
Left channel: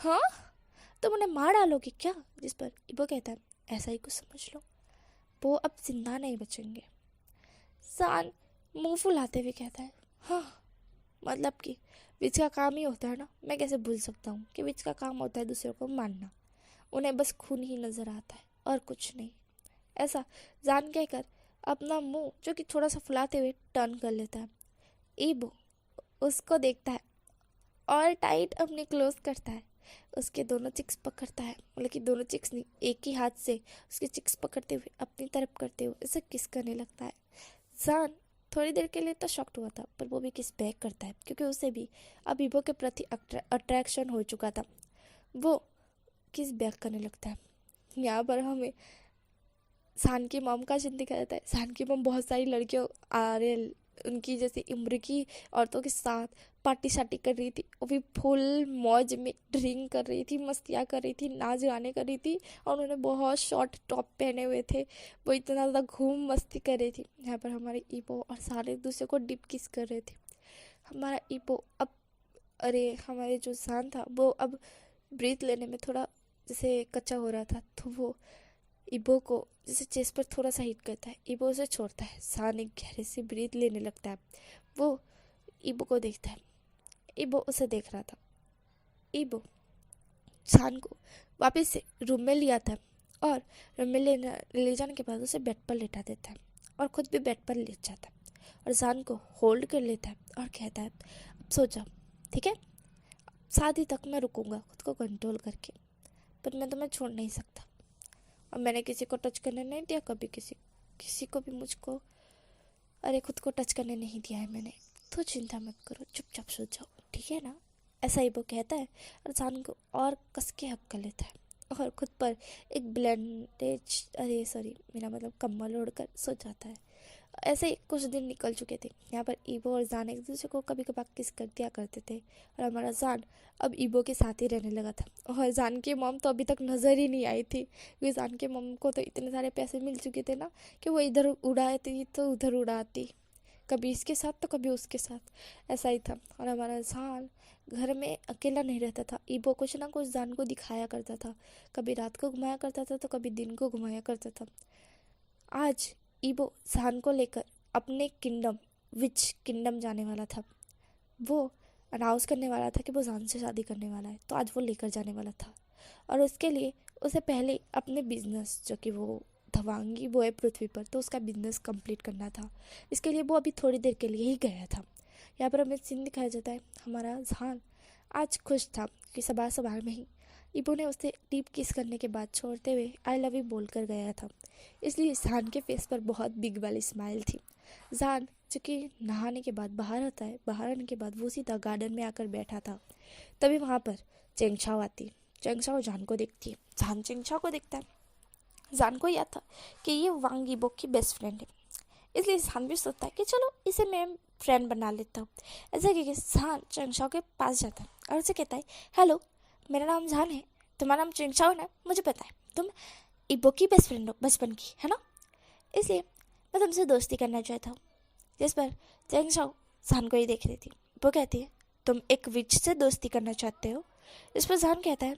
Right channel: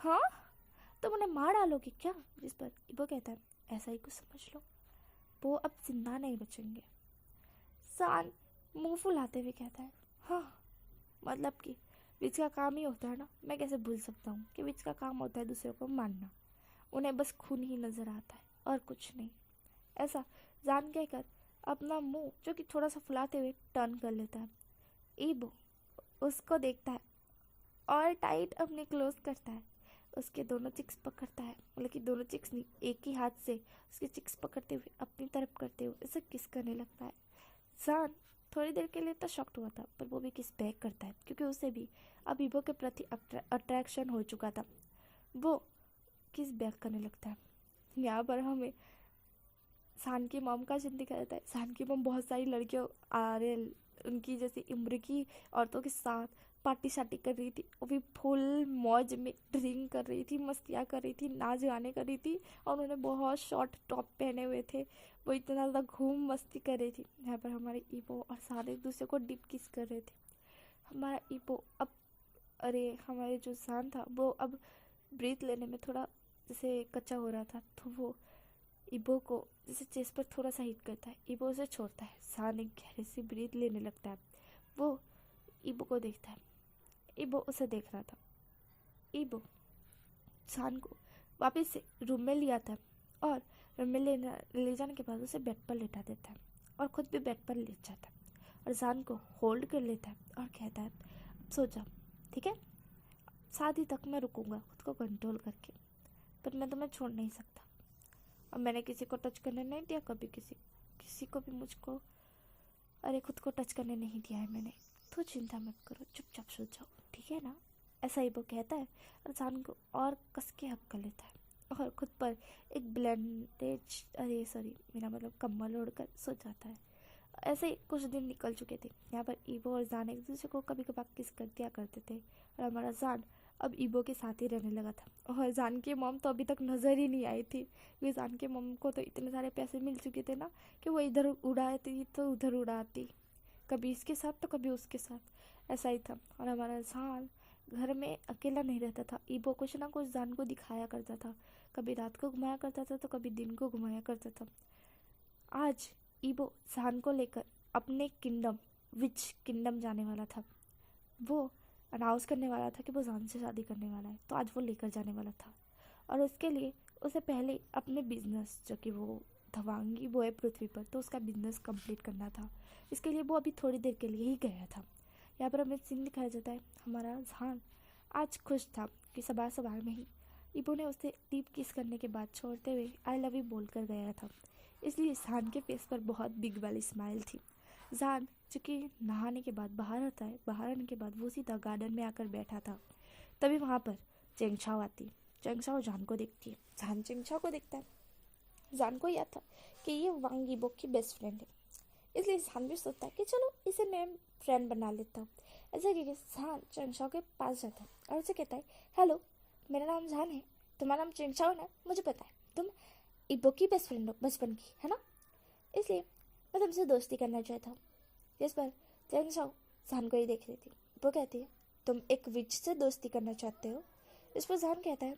हाँ, तुम उन्हें मार डालोगे क्या? जिस पर इबो कहता है, ऐसा ही कुछ समझ लो, वो अब जिंदा नहीं बचेंगे। सान मुंह फुलाते हुए कहता है, हाँ, मतलब कि विच का काम ही होता है ना, मैं कैसे भूल सकता हूँ कि विच का काम होता है दूसरों को मारना, उन्हें बस खून ही नजर आता है और कुछ नहीं। ऐसा जान कहकर अपना मुंह जो कि थोड़ा सा फुलाते हुए टर्न कर लेता है। ईबो उसको देखता है और टाइट अपनी क्लोज करता है, उसके दोनों चिक्स पकड़ता है, मतलब कि दोनों चिक्स नहीं, एक ही हाथ से उसके चिक्स पकड़ते हुए अपनी तरफ करते हुए उसे किस करने लगता है। जान थोड़ी देर के लिए तो शॉक्ड हुआ था, पर वो भी किस बैक करता है क्योंकि उसे भी अब ईबो के प्रति अट्रैक्शन हो चुका था। वो किस बैक करने लगता है। यहाँ पर हमें सान की मॉम का सीन दिखाया जाता है। सान की मॉम बहुत सारी लड़कियों आरे उनकी जैसी उम्र की औरतों के साथ पार्टी शार्टी कर रही थी, वो भी फुल मौज में ड्रिंक कर रही थी, मस्तियाँ कर रही थी, नाच गाने कर रही थी, और उन्होंने बहुत शॉर्ट टॉप पहने हुए थे, वो इतना ज़्यादा घूम मस्ती कर रही थी। यहाँ पर हमारे ईपो और सारे एक दूसरे को डिप किस कर रहे थे। हमारा ईपो अब, अरे हमारे जो सान था वो अब ब्रीथ लेने में थोड़ा जैसे कच्चा हो रहा था, तो वो इबो को जैसे चेस्ट पर थोड़ा सा हिट करता है, इबो उसे छोड़ता है, सान एक गहरे से ब्रीथ लेने लगता है। वो इबो को देखता है, इबो उसे देख रहा था। इबो सान को वापस से रूम में लिया था और रूम में ले जाने के बाद उसे बेड पर लेटा देता है और खुद भी बेड पर लेट जाता है और सान को होल्ड कर लेता है और कहता है, अब सो जाओ, ठीक है, शादी तक मैं रुकूंगा खुद को कंट्रोल करके, पर मैं तुम्हें छोड़ नहीं सकता। और मैंने किसी को टच करने नहीं दिया कभी, किसी को भी मुझको, अरे खुद को टच करने नहीं दिया है मैंने, तो चिंता मत करो, चुपचाप सो जाओ, ठीक है ना। ऐसा ही वो कहता है और जान को और कस के हक कर लेता है और खुद पर एक ब्लेंडेज, अरे सॉरी, मेरा मतलब कम्बल ओढ़कर सो जाता है। ऐसे ही कुछ दिन निकल चुके थे। यहाँ पर ईबो और जान एक दूसरे को कभी कभार किस कर दिया करते थे और हमारा जान अब ईबो के साथ ही रहने लगा था। और जान की मॉम तो अभी तक नज़र ही नहीं आई थी क्योंकि जान के मॉम को तो इतने सारे पैसे मिल चुके थे ना कि वो इधर उड़ाती तो उधर उड़ाती, कभी इसके साथ तो कभी उसके साथ, ऐसा ही था। और हमारा जान घर में अकेला नहीं रहता था, ईबो कुछ ना कुछ जान को दिखाया करता था, कभी रात को घुमाया करता था तो कभी दिन को घुमाया करता था। आज ईबो जान को लेकर अपने किंगडम, विच किंगडम जाने वाला था। वो अनाउंस करने वाला था कि वो जान से शादी करने वाला है, तो आज वो लेकर जाने वाला था। और उसके लिए उसे पहले अपने बिजनेस, जो कि वो धवांगी वो है पृथ्वी पर, तो उसका बिजनेस कंप्लीट करना था। इसके लिए वो अभी थोड़ी देर के लिए ही गया था। यहाँ पर हमें सीन दिखाया जाता है, हमारा जान आज खुश था कि सवार सवार में ही ईबो ने उसे डीप किस करने के बाद छोड़ते हुए आई लव यू बोल कर गया था, इसलिए जान के फेस पर बहुत बिग वाली स्माइल थी। जान जो कि नहाने के बाद बाहर आता है, बाहर आने के बाद वो सीधा गार्डन में आकर बैठा था। तभी वहाँ पर चेंगछाओ आती, चेंगछाओ जान को देखती है, जान चेंगछाओ को देखता है। जान को याद था कि ये वांग यीबो की बेस्ट फ्रेंड है, इसलिए जान भी सोचता है कि चलो इसे मैं फ्रेंड बना लेता हूँ। ऐसा कि जान चेंगछाओ के पास जाता है और उसे कहता है, हेलो, मेरा नाम जान है, तुम्हारा नाम चेंगछाओ है ना, मुझे पता है तुम इबो की बेस्ट फ्रेंड हो बचपन की, है ना, इसलिए मैं तुमसे दोस्ती करना चाहता हूँ। जिस पर चेंगछाओ जान को ही देख रही थी। वो कहती है, तुम एक विच से दोस्ती करना चाहते हो? इस पर जान कहता है,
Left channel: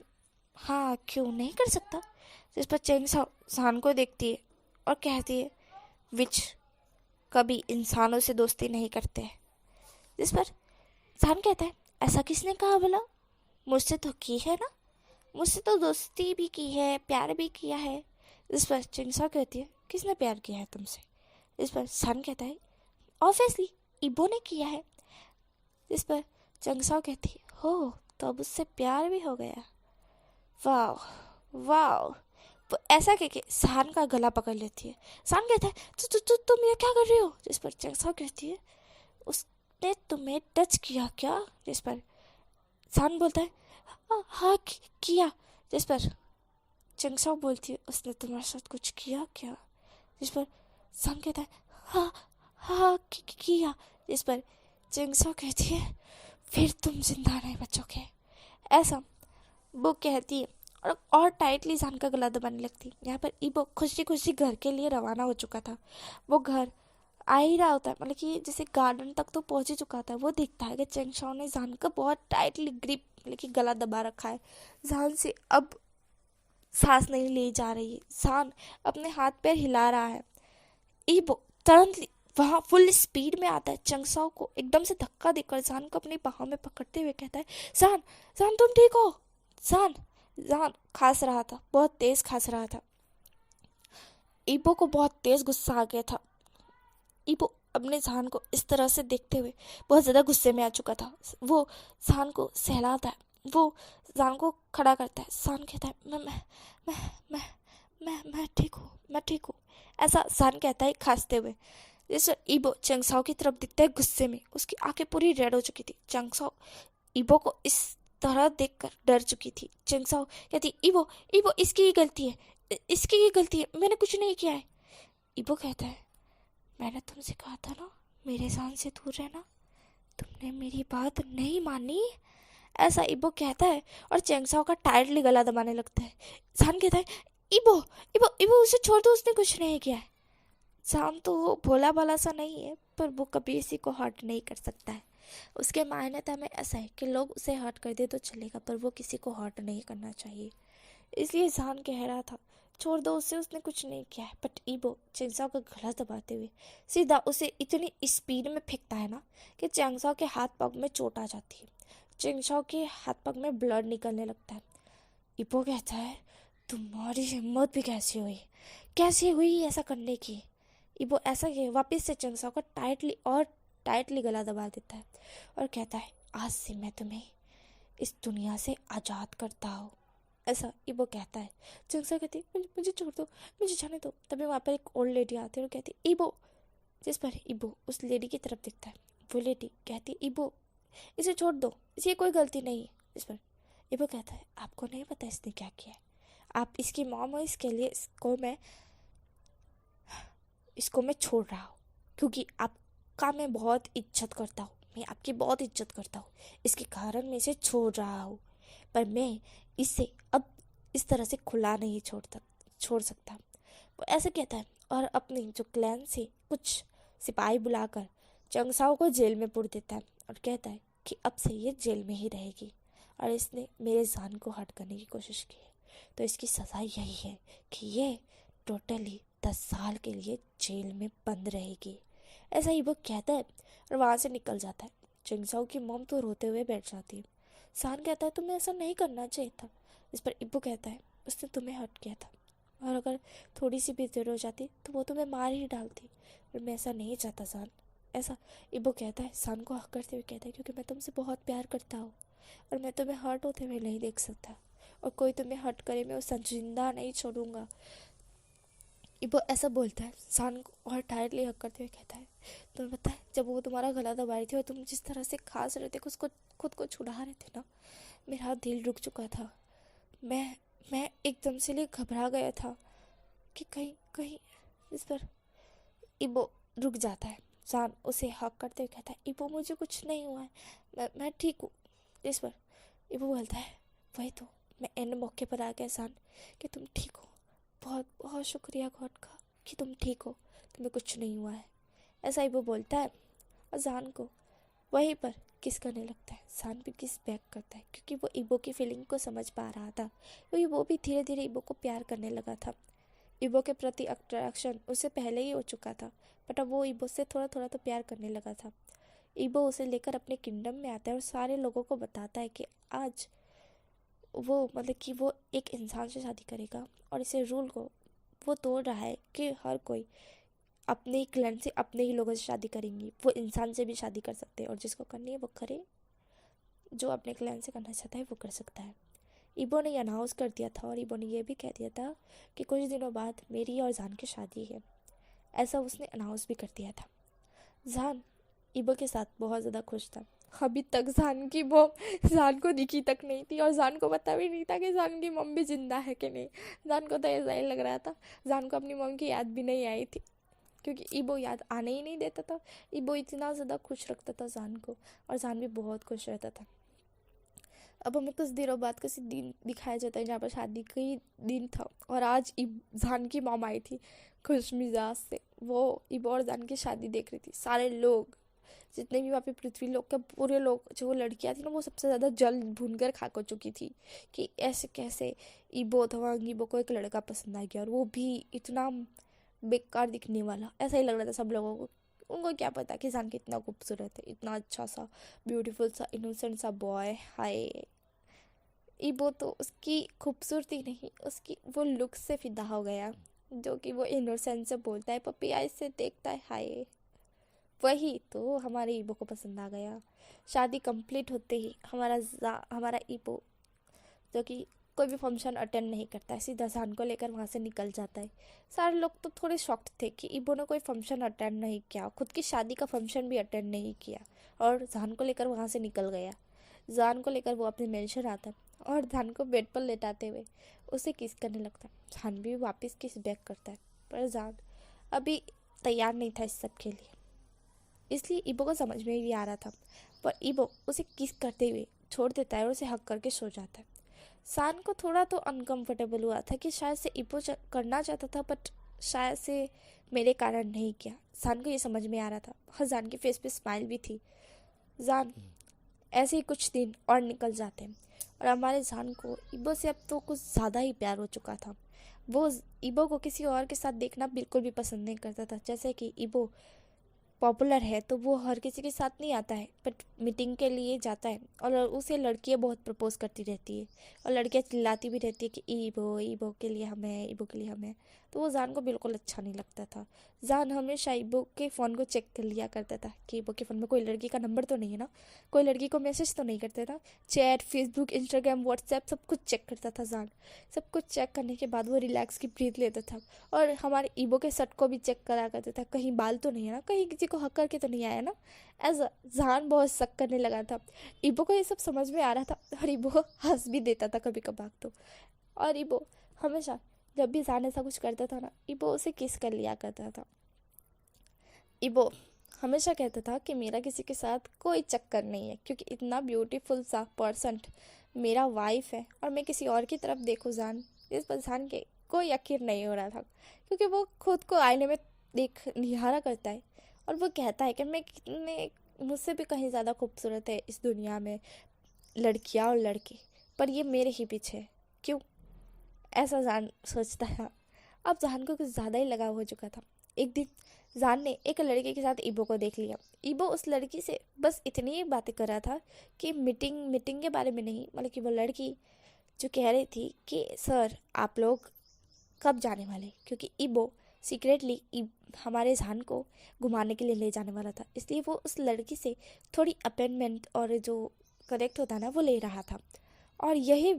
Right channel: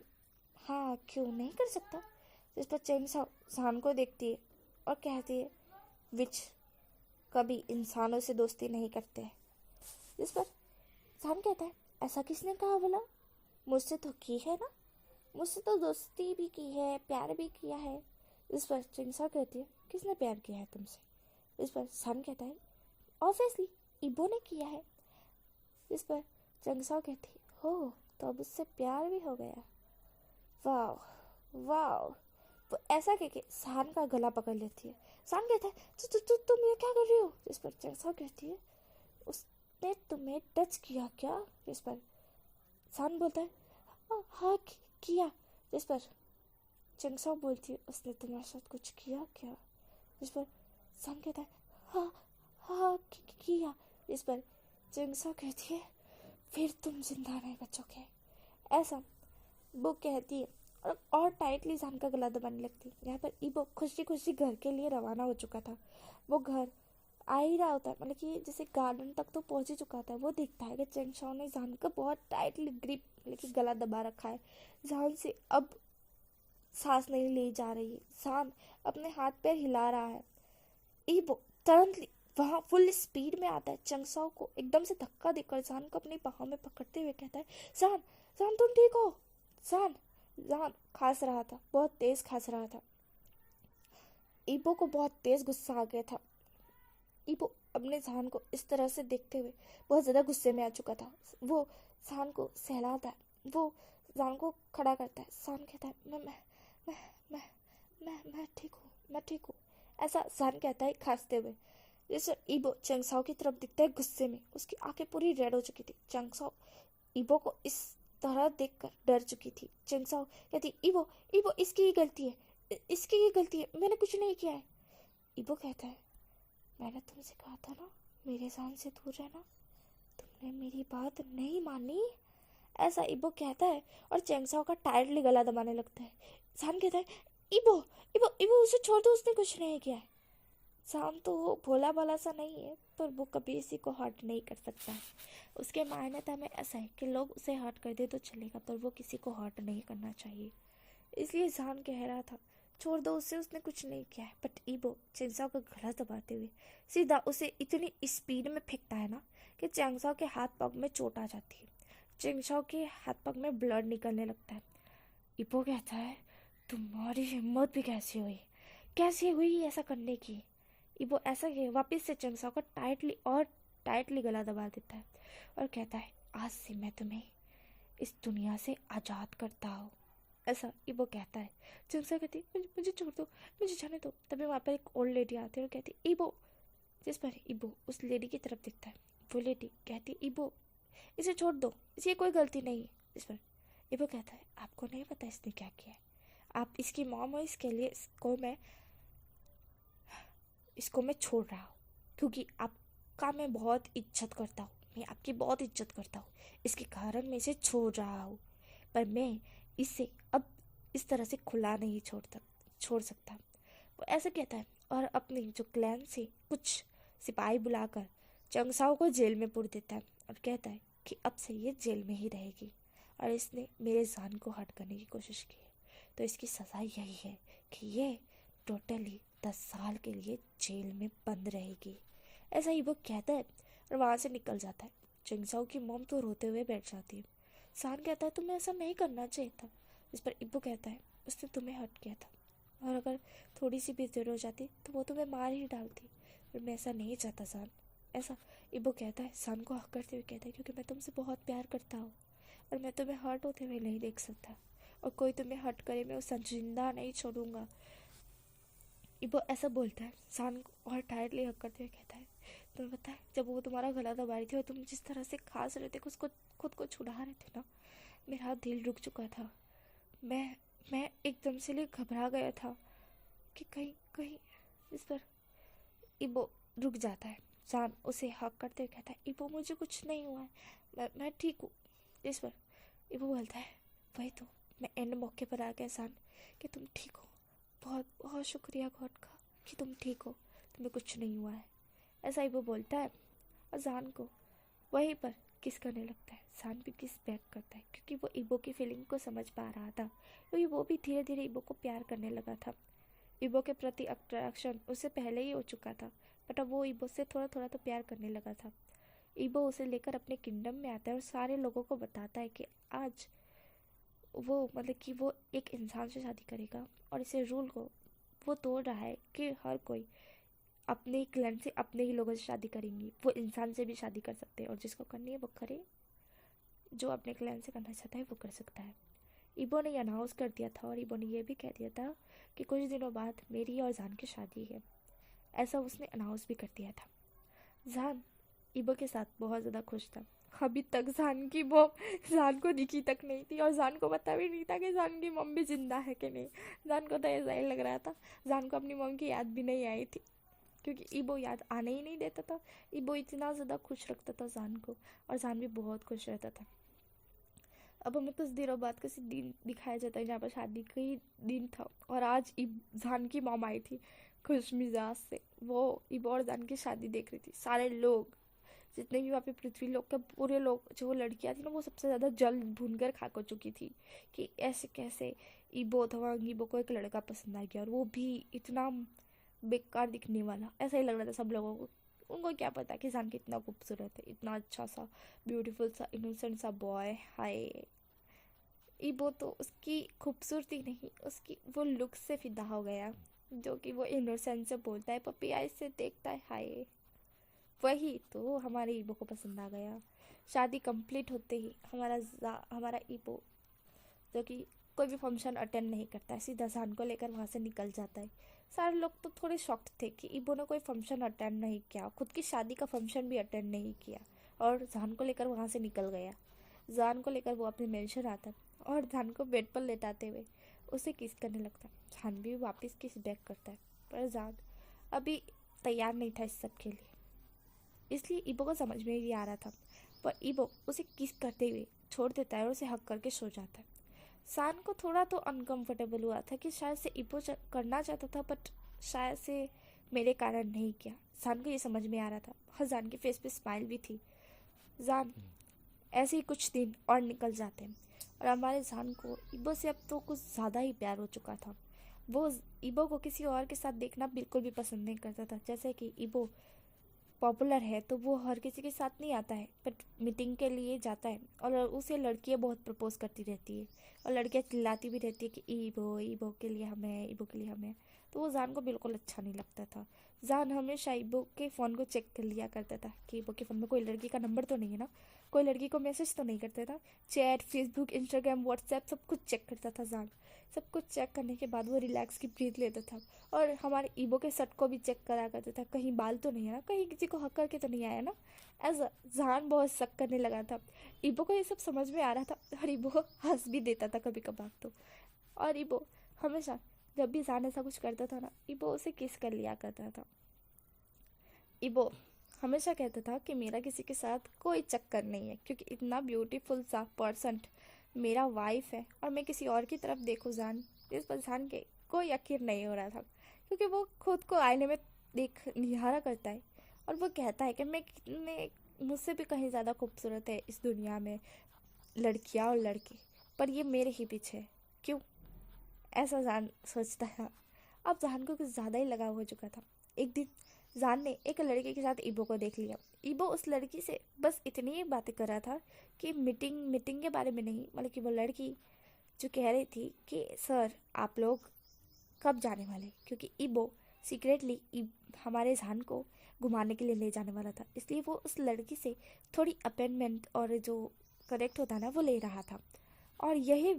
हाँ, क्यों नहीं कर सकता। जिस पर चेंगछाओ जान को देखती है और कहती है, विच कभी इंसानों से दोस्ती नहीं करते हैं। जिस पर जान कहता है, ऐसा किसने कहा भला, मुझसे तो की है ना, मुझसे तो दोस्ती भी की है, प्यार भी किया है। इस पर चेंगछाओ कहती है, किसने प्यार किया है तुमसे? इस पर सान कहता है, ऑब्वियसली इबो ने किया है। इस पर चेंगछाओ कहती है, हो, तो अब उससे प्यार भी हो गया, वाह वाह। वो ऐसा कह के सान का गला पकड़ लेती है। सान कहता है, तुम ये क्या कर रही हो? जिस पर चेंगछाओ कहती है, उसने तुम्हें टच किया क्या? जिस पर सान बोलता है, हाँ किया। जिस पर चंगसाओ बोलती है उसने तुम्हारे साथ कुछ किया क्या? जिस पर सान कहता है हाँ हाँ किया। जिस पर चंगसाओ कहती है फिर तुम जिंदा नहीं बचोगे, ऐसा वो कहती है और टाइटली जान का गला दबाने लगती है। यहाँ पर ईबो खुशी खुशी घर के लिए रवाना हो चुका था। वो घर आ ही रहा होता है, मतलब कि जैसे गार्डन तक तो पहुंच ही चुका था। वो देखता है कि चेंगशाओ ने जान का बहुत टाइटली ग्रिप, मतलब कि गला दबा रखा है। जान से अब सांस नहीं ली जा रही है। जान अपने हाथ पैर हिला रहा है। ईबो तुरंत वहाँ फुल स्पीड में आता है। चंगसाओ को एकदम से धक्का देकर जान को अपनी बाहों में पकड़ते हुए कहता है जान जान तुम ठीक हो? जान जान खांस रहा था, बहुत तेज खांस रहा था। ईबो को बहुत तेज गुस्सा आ गया था। ईबो अपने जान को इस तरह से देखते हुए बहुत ज़्यादा गुस्से में आ चुका था। वो जान को सहलाता है, वो जान को खड़ा करता है। जान कहता है मैं मैं मैं ठीक हूँ, मैं ठीक हूँ, ऐसा जान कहता है खांसते हुए। जैसे ईबो चंगसाओ की तरफ दिखता है गुस्से में। उसकी आंखें पूरी रेड हो चुकी थी। चंगसाओ ईबो को इस तरह देखकर डर चुकी थी। चंगसाओ कहती ईबो ईबो इसकी ही गलती है, इसकी ही गलती है, मैंने कुछ नहीं किया है। ईबो कहता है मैंने तुमसे कहा था ना मेरे जान से दूर रहना, तुमने मेरी बात नहीं मानी, ऐसा ईबो कहता है और चेंगसाओ का टाइटली गला दबाने लगता है। जान कहता है ईबो ईबो ईबो उसे छोड़ दो, उसने कुछ नहीं किया है। जान तो वो भोला भाला सा नहीं है, पर वो कभी इसी को हर्ट नहीं कर सकता है। उसके मान्यता में ऐसा है कि लोग उसे हर्ट कर दे तो चलेगा, पर वो किसी को हर्ट नहीं करना चाहिए। इसलिए जान कह रहा था छोड़ दो उसे, उसने कुछ नहीं किया है। बट ईबो चेंगसाओ का गला दबाते हुए सीधा उसे इतनी स्पीड में फेंकता है ना कि चेंगसाओ के हाथ पग में चोट आ जाती है। चेंगसाओ के हाथ पग में ब्लड निकलने लगता है। ईबो कहता है तुम्हारी हिम्मत भी कैसी हुई ऐसा करने की? ईबो ऐसा कि वापस से चेंगसाओ का टाइटली गला दबा देता है और कहता है आज से मैं तुम्हें इस दुनिया से आज़ाद करता हूँ, ऐसा ईबो कहता है। चंगसाओ कहती है मुझे छोड़ दो, मुझे जाने दो। तभी वहाँ पर एक ओल्ड लेडी आती है और कहती है ईबो। जिस पर ईबो उस लेडी की तरफ दिखता है। वो लेडी कहती है ईबो इसे छोड़ दो, इसकी कोई गलती नहीं है। इस पर ईबो कहता है आपको नहीं पता इसने क्या किया है, आप इसकी मॉम हो, इसके लिए इसको मैं छोड़ रहा हूँ क्योंकि आपका मैं बहुत इज्जत करता हूँ, मैं आपकी बहुत इज्जत करता हूँ, इसके कारण मैं इसे छोड़ रहा हूँ। पर मैं इसे अब इस तरह से खुला नहीं छोड़ सकता। वो ऐसे कहता है और अपने जो क्लैन से कुछ सिपाही बुलाकर चंगसाओ को जेल में पुर देता है और कहता है कि अब से ये जेल में ही रहेगी और इसने मेरे जान को हर्ट करने की कोशिश की है, तो इसकी सज़ा यही है कि ये टोटली 10 साल के लिए जेल में बंद रहेगी, ऐसा ही वो कहता है और वहाँ से निकल जाता है। चंगसाओ की मॉम तो रोते हुए बैठ जाती है। सान कहता है तुम्हें ऐसा नहीं करना चाहिए था। इस पर इब्बू कहता है उसने तुम्हें हर्ट किया था और अगर थोड़ी सी भी देर हो जाती तो वो तुम्हें मार ही डालती, पर मैं ऐसा नहीं चाहता सान, ऐसा इब्बू कहता है। सान को हक करते हुए कहता है क्योंकि मैं तुमसे बहुत प्यार करता हूँ और मैं तुम्हें हर्ट होते हुए नहीं देख सकता, और कोई तुम्हें हर्ट करे मैं उसे जिंदा नहीं छोड़ूंगा। इबो ऐसा बोलता है सान को और टायरली हक करते हुए कहता है तुम्हें पता है जब वो तुम्हारा गला दबा रही थी और तुम जिस तरह से खास रहे थे, उसको खुद को छुड़ा रहे थे ना, मेरा दिल रुक चुका था। मैं एकदम से लिए घबरा गया था कि कहीं कहीं इस पर इबो रुक जाता है। सान उसे हक करते हुए कहता है इबो मुझे कुछ नहीं हुआ है, मैं ठीक हूँ। इस पर इबो बोलता है वही तो मैं एंड मौके पर आ गया सान कि तुम ठीक हो, बहुत बहुत शुक्रिया गॉड का कि तुम ठीक हो, तुम्हें कुछ नहीं हुआ है, ऐसा ही वो बोलता है। और जान को वहीं पर किस करने लगता है। जान भी किस बैक करता है क्योंकि वो इबो की फीलिंग को समझ पा रहा था, क्योंकि वो भी धीरे धीरे इबो को प्यार करने लगा था। इबो के प्रति अट्रैक्शन उससे पहले ही हो चुका था, बट अब वो इबो से थोड़ा थोड़ा तो प्यार करने लगा था। इबो उसे लेकर अपने किंगडम में आता है और सारे लोगों को बताता है कि आज वो मतलब कि वो एक इंसान से शादी करेगा और इसे रूल को वो तोड़ रहा है कि हर कोई अपने ही क्लैन से अपने ही लोगों से शादी करेंगी। वो इंसान से भी शादी कर सकते हैं और जिसको करनी है वो करे, जो अपने क्लैन से करना चाहता है वो कर सकता है। इबो ने अनाउंस कर दिया था और इबो ने ये भी कह दिया था कि कुछ दिनों बाद मेरी और जान की शादी है, ऐसा उसने अनाउंस भी कर दिया था। जान इबो के साथ बहुत ज़्यादा खुश था, अभी तक जान की मॉम जान को दिखी तक नहीं थी, और जान को पता भी नहीं था कि जान की मॉम भी जिंदा है कि नहीं। जान को तो ऐसा ही लग रहा था, जान को अपनी मॉम की याद भी नहीं आई थी, क्योंकि ईबो याद आने ही नहीं देता था। ईबो इतना ज़्यादा खुश रखता था जान को, और जान भी बहुत खुश रहता था। अब हमें कुछ दिनों बाद किसी दिन दिखाया जाता है जहाँ पर शादी का ही दिन था, और आज जान की मॉम आई थी खुश मिजाज से। वो ईबो और जान की शादी देख रही थी। सारे लोग जितने भी वहाँ पे पृथ्वी लोग के पूरे लोग, जो वो लड़कियाँ थी ना, वो सबसे ज़्यादा जल भून कर खा चुकी थी कि ऐसे कैसे ईबो था, ईबो को एक लड़का पसंद आ गया, और वो भी इतना बेकार दिखने वाला। ऐसा ही लग रहा था सब लोगों को। उनको क्या पता कि जान कितना खूबसूरत है, इतना अच्छा सा ब्यूटीफुल सा इनोसेंट सा बॉय। हाय, ईबो तो उसकी खूबसूरती नहीं, उसकी वो लुक से फिदा हो गया, जो कि वो इनोसेंट से बोलता है, पपी आई से देखता है। हाय, वही तो हमारे ईबो को पसंद आ गया। शादी कंप्लीट होते ही हमारा ईबो, जो कि कोई भी फंक्शन अटेंड नहीं करता है, सीधा जान को लेकर वहाँ से निकल जाता है। सारे लोग तो थोड़े शॉक्ड थे कि ईबो ने कोई फंक्शन अटेंड नहीं किया, खुद की शादी का फंक्शन भी अटेंड नहीं किया, और जान को लेकर वहाँ से निकल गया। जान को लेकर वो अपने मेंशन आता, और जान को बेड पर लेटाते हुए उसे किस करने लगता। जान भी वापस किस बैक करता है, पर जान अभी तैयार नहीं था इस सब के लिए, इसलिए ईबो को समझ में भी आ रहा था। पर ईबो उसे किस करते हुए छोड़ देता है और उसे हक करके सो जाता है। सान को थोड़ा तो अनकंफर्टेबल हुआ था कि शायद से ईबो करना चाहता था, बट शायद से मेरे कारण नहीं किया। सान को ये समझ में आ रहा था, और जान के फेस पे स्माइल भी थी। जान ऐसे ही कुछ दिन और निकल जाते हैं, और हमारे जान को ईबो से अब तो कुछ ज़्यादा ही प्यार हो चुका था। वो ईबो को किसी और के साथ देखना बिल्कुल भी पसंद नहीं करता था। जैसे कि ईबो पॉपुलर है तो वो हर किसी के साथ नहीं आता है, बट मीटिंग के लिए जाता है, और उसे लड़कियां बहुत प्रपोज करती रहती है, और लड़कियां चिल्लाती भी रहती है कि ईबो ईबो के लिए हमें, ईबो के लिए हमें। तो वो जान को बिल्कुल अच्छा नहीं लगता था। जान हमेशा ईबो के फ़ोन को चेक कर लिया करता था कि ईबो के फ़ोन में कोई लड़की का नंबर तो नहीं है ना, कोई लड़की को मैसेज तो नहीं करते ना। चैट, फेसबुक, इंस्टाग्राम, व्हाट्सएप सब कुछ चेक करता था जान। सब कुछ चेक करने के बाद वो रिलैक्स की ब्रीथ लेता था, और हमारे ईबो के शर्ट को भी चेक करा करता था, कहीं बाल तो नहीं है ना, कहीं किसी को हक करके तो नहीं आया ना। ऐसा जान बहुत शक करने लगा था। ईबो को ये सब समझ में आ रहा था, और ईबो हंस भी देता था कभी कभार तो। और ईबो हमेशा जब भी जान ऐसा कुछ करता था ना, ईबो उसे किस कर लिया करता था। ईबो हमेशा कहता था कि मेरा किसी के साथ कोई चक्कर नहीं है, क्योंकि इतना ब्यूटीफुल सा पर्सन मेरा वाइफ है, और मैं किसी और की तरफ देखूँ जान, इस पर जान के कोई यकीन नहीं हो रहा था, क्योंकि वो खुद को आईने में देख निहारा करता है, और वो कहता है कि मैं कितने, मुझसे भी कहीं ज़्यादा खूबसूरत है इस दुनिया में लड़कियां और लड़के, पर ये मेरे ही पीछे है। क्यों? ऐसा जान सोचता था। अब जान को कुछ ज़्यादा ही लगाव हो चुका था। एक दिन जान ने एक लड़के के साथ ईबो को देख लिया। ईबो उस लड़की से बस इतनी ही बातें कर रहा था कि मीटिंग के बारे में नहीं, मतलब कि वो लड़की जो कह रही थी कि सर आप लोग कब जाने वाले, क्योंकि ईबो सीक्रेटली हमारे जान को घुमाने के लिए ले जाने वाला था, इसलिए वो उस लड़की से थोड़ी अपॉइंटमेंट और जो करेक्ट होता ना वो ले रहा था। और यही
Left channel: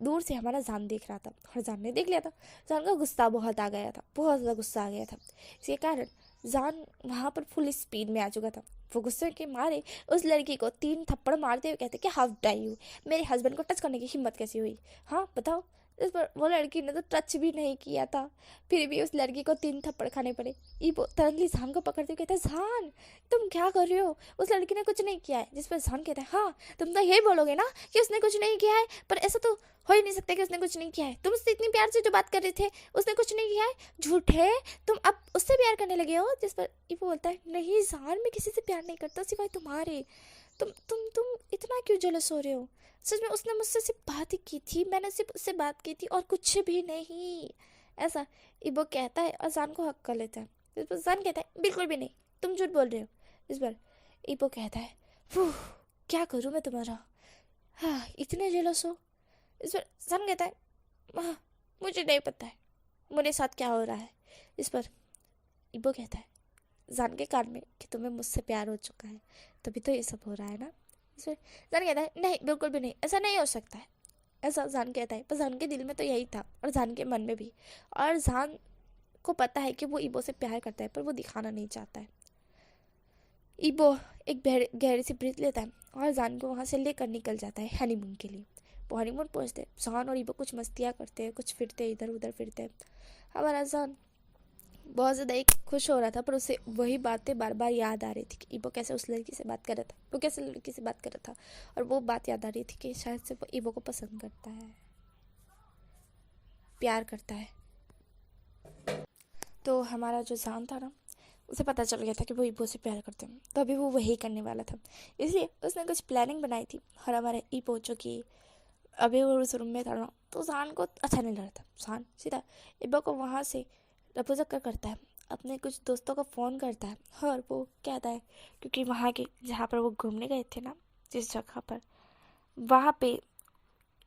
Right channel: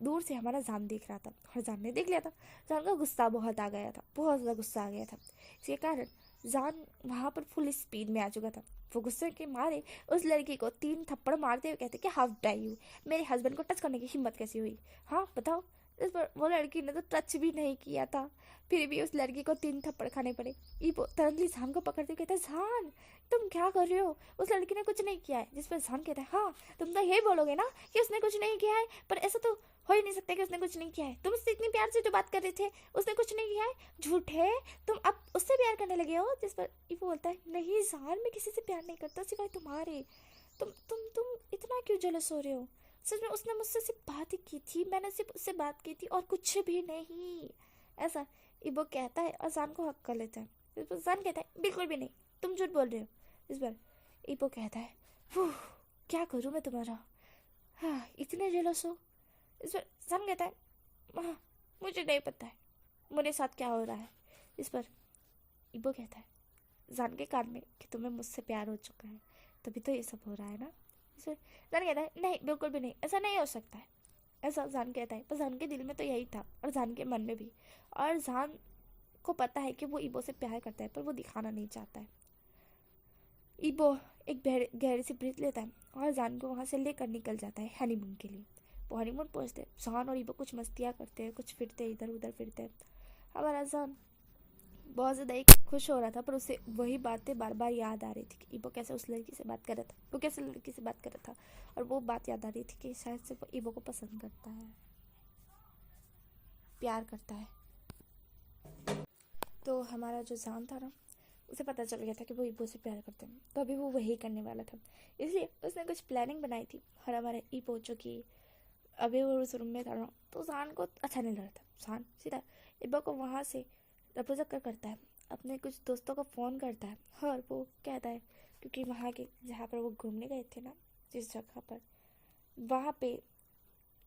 दूर से हमारा जान देख रहा था, और जान ने देख लिया था। जान का गुस्सा बहुत आ गया था, बहुत ज़्यादा गुस्सा आ गया था। इसके कारण जान वहाँ पर फुल स्पीड में आ चुका था। वो गुस्से के मारे उस लड़की को 3 थप्पड़ मारते हुए कहते कि हाउ डार यू, मेरे हस्बैंड को टच करने की हिम्मत कैसी हुई, हाँ बताओ। इस पर वो लड़की ने तो टच भी नहीं किया था, फिर भी उस लड़की को 3 थप्पड़ खाने पड़े। ईबो तुरंतली जान को पकड़ते हुए कहता है जान तुम क्या कर रहे हो, उस लड़की ने कुछ नहीं किया है। जिस पर जान कहता है हाँ तुम तो यही बोलोगे ना कि उसने कुछ नहीं किया है, पर ऐसा तो हो ही नहीं सकता कि उसने कुछ नहीं किया है। तुम उससे इतनी प्यार से जो बात कर रहे थे, उसने कुछ नहीं किया है, झूठे, तुम अब उससे प्यार करने लगे हो। जिस पर ईबो बोलता है नहीं जान मैं किसी से प्यार नहीं करता सिवाय तुम्हारे, तुम इतना क्यों जेलस हो रहे हो। सच में उसने मुझसे सिर्फ बात ही की थी, मैंने सिर्फ उससे बात की थी और कुछ भी नहीं, ऐसा ईबो कहता है, और जान को हक कर लेता है। इस पर जान कहता है बिल्कुल भी नहीं, तुम झूठ बोल रहे हो। इस पर ईबो कहता है क्या करूँ मैं तुम्हारा, हाँ इतने जेलस हो। इस पर जान कहता है हाँ, मुझे नहीं पता है मेरे साथ क्या हो रहा है। इस पर ईबो कहता है जान के कान में कि तुम्हें मुझसे प्यार हो चुका है, तभी तो ये सब हो रहा है ना। इस पर जान कहता है नहीं बिल्कुल भी नहीं, ऐसा नहीं हो सकता है, ऐसा जान कहता है। पर जान के दिल में तो यही था, और जान के मन में भी, और जान को पता है कि वो ईबो से प्यार करता है, पर वो दिखाना नहीं चाहता है। ईबो एक गहरी सी ब्रीथ लेता है और जान को वहाँ से लेकर निकल जाता है हनीमून के लिए। वो हनीमून पहुँचते हैं, जान और ईबो कुछ मस्तियाँ करते हैं, कुछ फिरते इधर उधर फिरते हैं। हमारा जान बहुत ज़्यादा एक खुश हो रहा था, पर उसे वही बातें बार बार याद आ रही थी कि ईबो कैसे उस लड़की से बात कर रहा था, वो कैसे लड़की से बात कर रहा था, और वो बात याद आ रही थी कि शायद से वो ईबो को पसंद करता है, प्यार करता है। तो हमारा जो जान था ना, उसे पता चल गया था कि वो ईबो से प्यार करते हैं, तो अभी वो वही करने वाला था। इसलिए उसने कुछ प्लानिंग बनाई थी, और हमारा ईबो जो कि अभी वो उस रूम में था ना, तो जान को अच्छा नहीं लग रहा था। जान सीधा ईबो को वहाँ से रफू करता है, अपने कुछ दोस्तों को फ़ोन करता है, और वो कहता है क्योंकि वहाँ के जहाँ पर वो घूमने गए थे ना, जिस जगह पर, वहाँ पे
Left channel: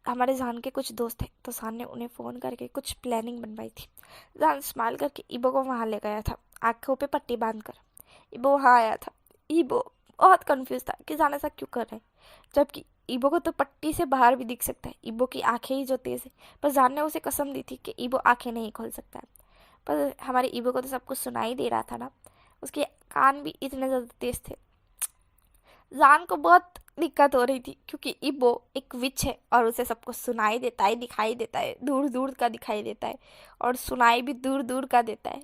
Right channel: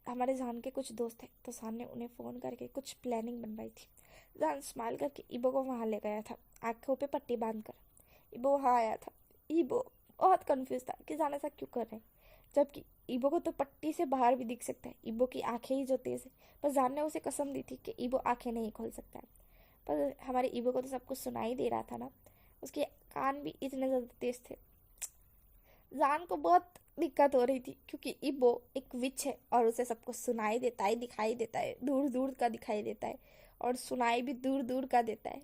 हमारे जान के कुछ दोस्त थे, तो जान ने उन्हें फ़ोन करके कुछ प्लानिंग बनवाई थी। जान स्माइल करके ईबो को वहाँ ले गया था, आँखों पे पट्टी बांध कर। ईबो वहाँ आया था। ईबो बहुत कंफ्यूज था कि जान ऐसा क्यों कर रहा है, जबकि ईबो को तो पट्टी से बाहर भी दिख सकता है, ईबो की आंखें ही जो तेज़ है। पर जान ने उसे कसम दी थी कि ईबो आंखें नहीं खोल सकता है। पर हमारे ईबो को तो सब कुछ सुनाई दे रहा था ना, उसके कान भी इतने ज़्यादा तेज थे। जान को बहुत दिक्कत हो रही थी क्योंकि ईबो एक विच है और उसे सब कुछ सुनाई देता है, दिखाई देता है, दूर दूर का दिखाई देता है, और सुनाई भी दूर दूर का देता है।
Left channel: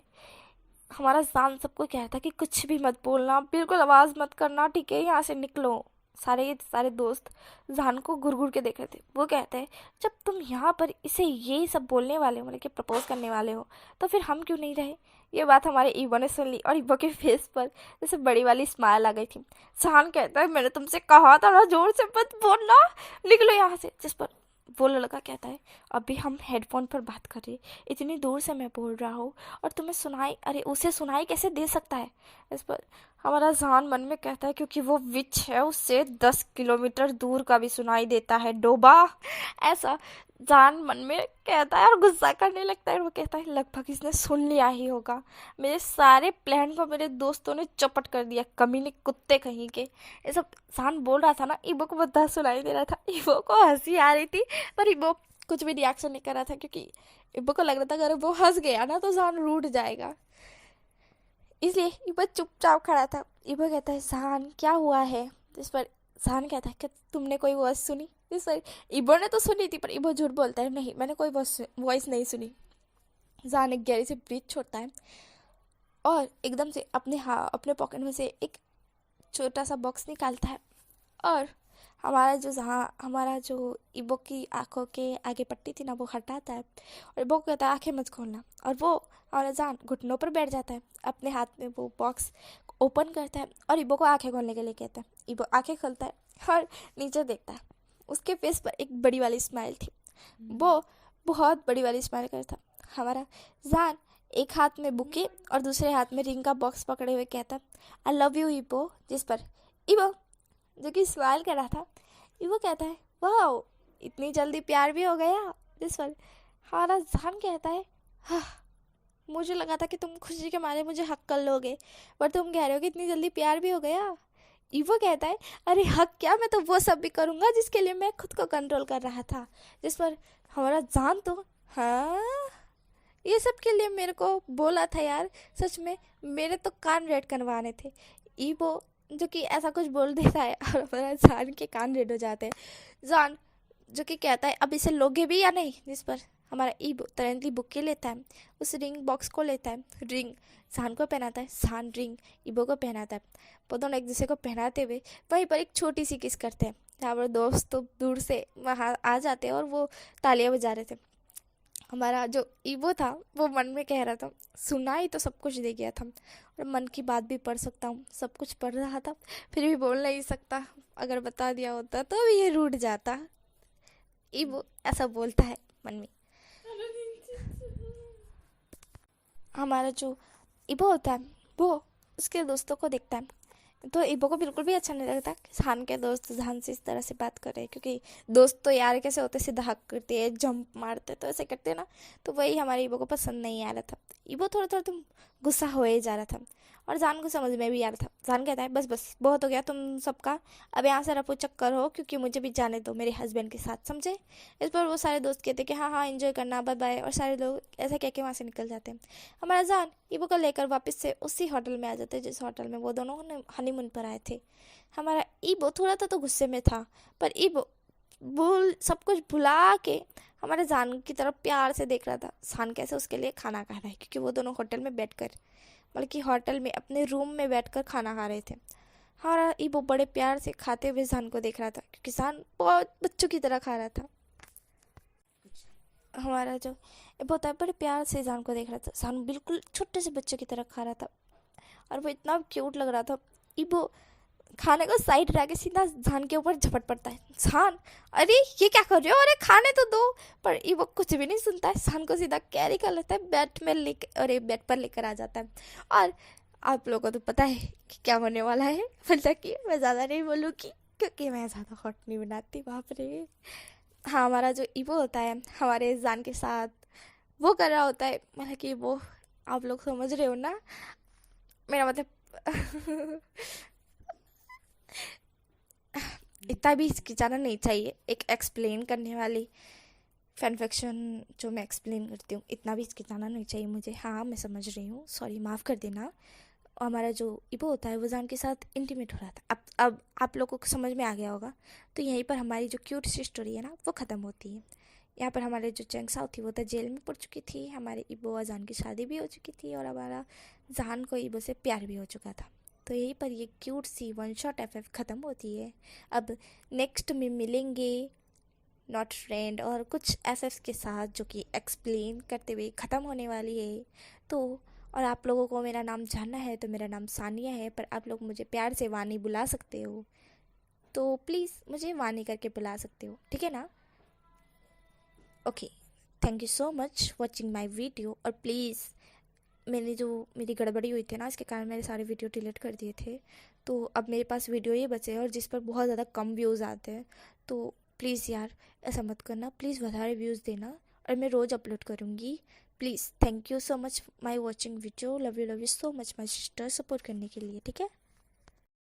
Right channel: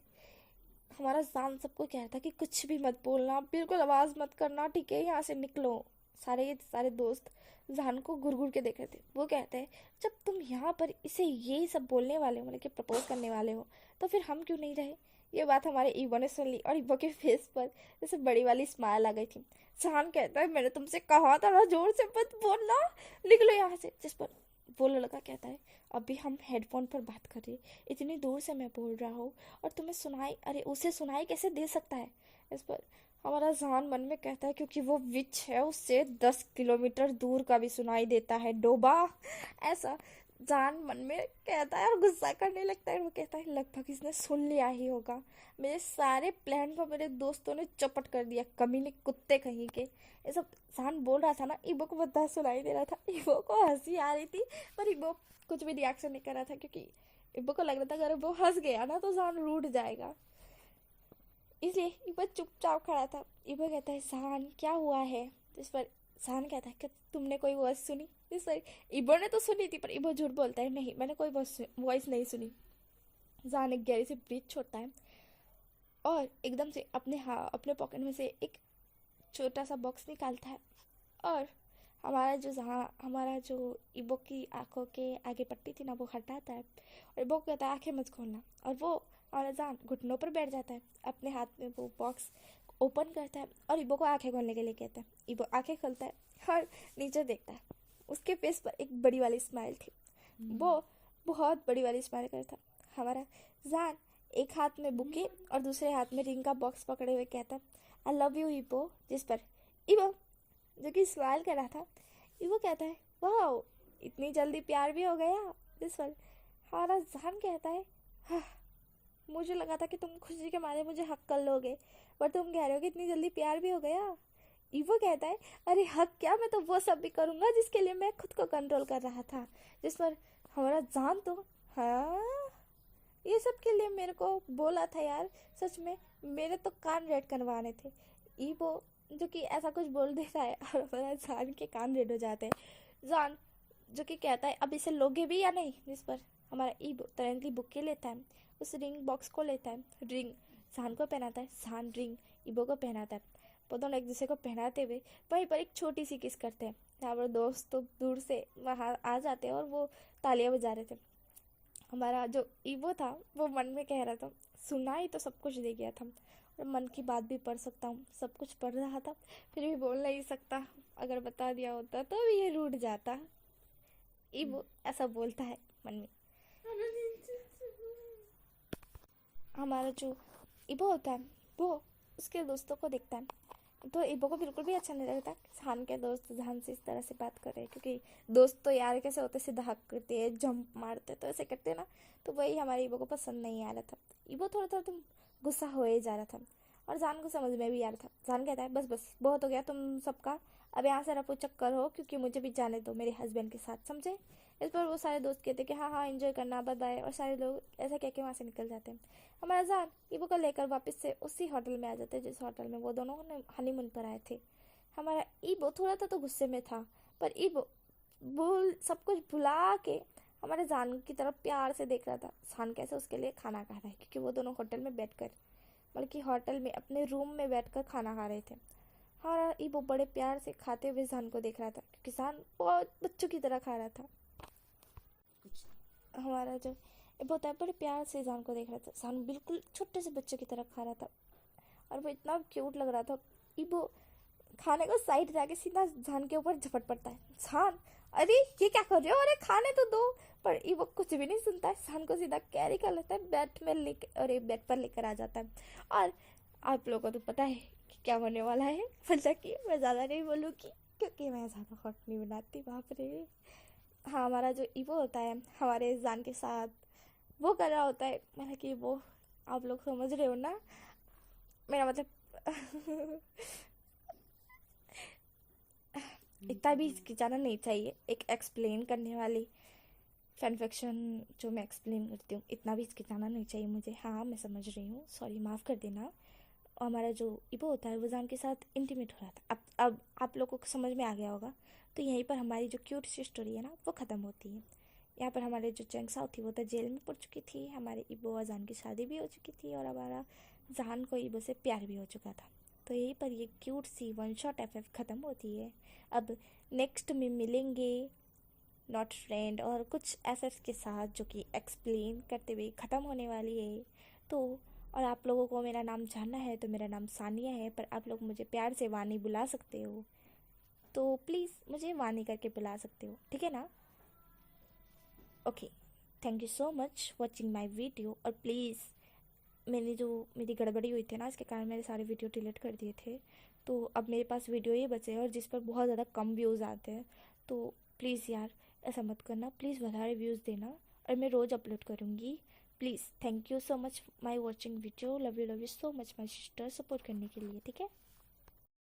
हमारा जान सबको कहता है कि कुछ भी मत बोलना, बिल्कुल आवाज़ मत करना, ठीक है, यहाँ से निकलो। सारे दोस्त जान को घुर घुर के देख रहे थे। वो कहते हैं जब तुम यहाँ पर इसे यही सब बोलने वाले हो, मतलब कि प्रपोज करने वाले हो, तो फिर हम क्यों नहीं रहे। ये बात हमारे ईबो ने सुन ली और ईबो के फेस पर जैसे बड़ी वाली स्माइल आ गई थी। जान कहता है मैंने तुमसे कहा था ना जोर से मत बोलना, निकलो यहाँ से। जिस पर वो लड़का कहता है अभी हम हेडफोन पर बात कर रहे, इतनी दूर से मैं बोल रहा हूँ और तुम्हें सुनाई, अरे उसे सुनाई कैसे दे सकता है। इस पर हमारा जान मन में कहता है क्योंकि वो विच है, उससे 10 किलोमीटर दूर का भी सुनाई देता है डोबा। ऐसा जान मन में कहता है और गुस्सा करने लगता है। वो कहता है लगभग इसने सुन लिया ही होगा, मेरे सारे प्लान को मेरे दोस्तों ने चौपट कर दिया, कमीने कुत्ते कहीं के। ये सब जान बोल रहा था ना, ईबो को बता सुनाई दे रहा था। ईबो को हंसी आ रही थी, पर ईबो कुछ भी रिएक्शन नहीं कर रहा था क्योंकि ईबो को लग रहा था अगर वो हंस गया ना तो जान रूठ जाएगा। इसलिए ईबो चुपचाप खड़ा था। ईबो कहता है जान क्या हुआ है। इस पर जान कहता है कि तुमने कोई वॉइस सुनी। इस पर ईबो ने तो सुनी थी, पर ईबो झूठ बोलता है नहीं मैंने कोई वॉइस नहीं सुनी। जान एक गहरी से ब्रीथ छोड़ता है और एकदम से अपने पॉकेट में से एक छोटा सा बॉक्स निकालता है, और हमारा जो ईबो की आंखों के आगे पट्टी थी ना, वो हटाता है और ईबो को कहता है आंखें मत खोलना। और वो और जान घुटनों पर बैठ जाता है, अपने हाथ में वो बॉक्स ओपन करता है और ईबो को आंखें खोलने के लिए कहता है। ईबो आंखें खोलता है और नीचे देखता है। उसके फेस पर एक बड़ी वाली स्माइल थी, वो बहुत बड़ी वाली स्माइल करता। हमारा जान एक हाथ में बुके और दूसरे हाथ में रिंग का बॉक्स पकड़े हुए कहता आई लव यू ईबो। जिस पर ईबो जो कि स्माइल कर रहा था, ईबो कहता है वाह इतनी जल्दी प्यार भी हो गया। जिस पर हमारा जान कहता है हाँ मुझे लगा था कि तुम खुशी के मारे मुझे हक कर लोगे, पर तुम कह रहे हो कि इतनी जल्दी प्यार भी हो गया। ईवो कहता है अरे हक क्या, मैं तो वो सब भी करूँगा जिसके लिए मैं खुद को कंट्रोल कर रहा था। जिस पर हमारा जान तो हाँ ये सब के लिए मेरे को बोला था यार, सच में मेरे तो कान रेड करवाने थे। ईवो जो कि ऐसा कुछ बोल देता है और हमारा जान के कान रेड हो जाते हैं। जान जो कि कहता है अब इसे लोगे भी या नहीं। जिस पर हमारा ईबो तुरंत बुक लेता है, उस रिंग बॉक्स को लेता है, रिंग जान को पहनाता है, जान रिंग ईबो को पहनाता है। वो दोनों एक दूसरे को पहनाते हुए वहीं पर एक छोटी सी किस करते हैं। जहाँ पर दोस्त तो दूर से वहाँ आ जाते हैं और वो तालियां बजा रहे थे। हमारा जो ईबो था वो मन में कह रहा था सुनाई तो सब कुछ दे गया था और मन की बात भी पढ़ सकता हूँ, सब कुछ पढ़ रहा था, फिर भी बोल नहीं सकता, अगर बता दिया होता तो भी ये रूठ जाता। ईबो ऐसा बोलता है मन में। हमारा जो ईबो होता है वो उसके दोस्तों को देखता है, तो ईबो को बिल्कुल भी अच्छा नहीं लगता कि जान के दोस्त जान से इस तरह से बात कर रहे हैं, क्योंकि दोस्त तो यार कैसे होते, सीधा हक करते हैं, जंप मारते, तो ऐसे करते हैं ना, तो वही हमारे ईबो को पसंद नहीं आ रहा था। इबो थोड़ा थोड़ा तुम गुस्सा हो ही जा रहा था और जान को समझ में भी आ रहा था। जान कहता है बस बस बहुत हो गया तुम सबका, अब यहाँ से रफू चक्कर हो क्योंकि मुझे भी जाने दो मेरे हस्बैंड के साथ, समझे। इस पर वो सारे दोस्त कहते कि हाँ हाँ एंजॉय करना, बाय बाय, और सारे लोग ऐसा कह के वहाँ से निकल जाते हैं। हमारा जान इबो को लेकर वापस से उसी होटल में आ जाते हैं जिस होटल में वो दोनों हनीमून पर आए थे। हमारा ईबो थोड़ा तो गुस्से में था, पर ईबो भूल सब कुछ भुला के हमारे जान की तरफ प्यार से देख रहा था। जान कैसे उसके लिए खाना खा रहा है, क्योंकि वो दोनों होटल में बैठकर, बल्कि होटल में अपने रूम में बैठकर खाना खा रहे थे। हमारा ईबो बड़े प्यार से खाते हुए जान को देख रहा था, क्योंकि जान बहुत बच्चों की तरह खा रहा था। हमारा जो ईबो होता है बड़े प्यार से जान को देख रहा था। जान बिल्कुल छोटे से बच्चों की तरह खा रहा था और वो इतना क्यूट लग रहा था। ईबो खाने को साइड रख के सीधा जान के ऊपर झपट पड़ता है। जान, अरे ये क्या कर रहे हो, अरे खाने तो दो। पर ये वो कुछ भी नहीं सुनता है, जान को सीधा कैरी कर लेता है, बेड में लेकर, अरे बेड पर लेकर आ जाता है। और आप लोगों को तो पता है कि क्या होने वाला है, मतलब कि मैं ज़्यादा नहीं बोलूँगी क्योंकि मैं ज़्यादा हॉट नहीं बनाती, बाप रे। हाँ, हमारा जो ईवो होता है हमारे जान के साथ वो कर रहा होता है, मतलब कि वो, आप लोग समझ रहे हो ना मेरा मतलब। इतना भी हिचकिचाना नहीं चाहिए एक एक्सप्लेन करने वाली फैन फिक्शन जो मैं एक्सप्लेन करती हूँ, इतना भी हिचकिचाना नहीं चाहिए मुझे। हाँ मैं समझ रही हूँ, सॉरी माफ़ कर देना। और हमारा जो इबो होता है वो जान के साथ इंटीमेट हो रहा था। अब आप लोगों को समझ में आ गया होगा। तो यहीं पर हमारी जो क्यूट सी स्टोरी है ना वो ख़त्म होती है। यहाँ पर हमारे जो चैंगसाओ थी वो तो जेल में पड़ चुकी थी, हमारे इबो और जान की शादी भी हो चुकी थी, और हमारा जान को इबो से प्यार भी हो चुका था। तो यहीं पर ये क्यूट सी वन शॉट एफ ख़त्म होती है। अब नेक्स्ट में मिलेंगे नॉट फ्रेंड और कुछ एफ के साथ जो कि एक्सप्लेन करते हुए ख़त्म होने वाली है। तो और आप लोगों को मेरा नाम जानना है तो मेरा नाम सानिया है, पर आप लोग मुझे प्यार से वानी बुला सकते हो, तो प्लीज़ मुझे वानी करके बुला सकते हो, ठीक है ना। Okay, thank you so much watching my video. और प्लीज़ मेरी गड़बड़ी हुई थी ना, इसके कारण मैंने सारे वीडियो डिलीट कर दिए थे, तो अब मेरे पास वीडियो ही बचे हैं और जिस पर बहुत ज़्यादा कम व्यूज़ आते हैं। तो प्लीज़ यार ऐसा मत करना, प्लीज़ વધારે व्यूज़ देना, और मैं रोज़ अपलोड करूँगी। Please, thank you so much my watching video, love you so much my sister, support करने के लिए, ठीक है।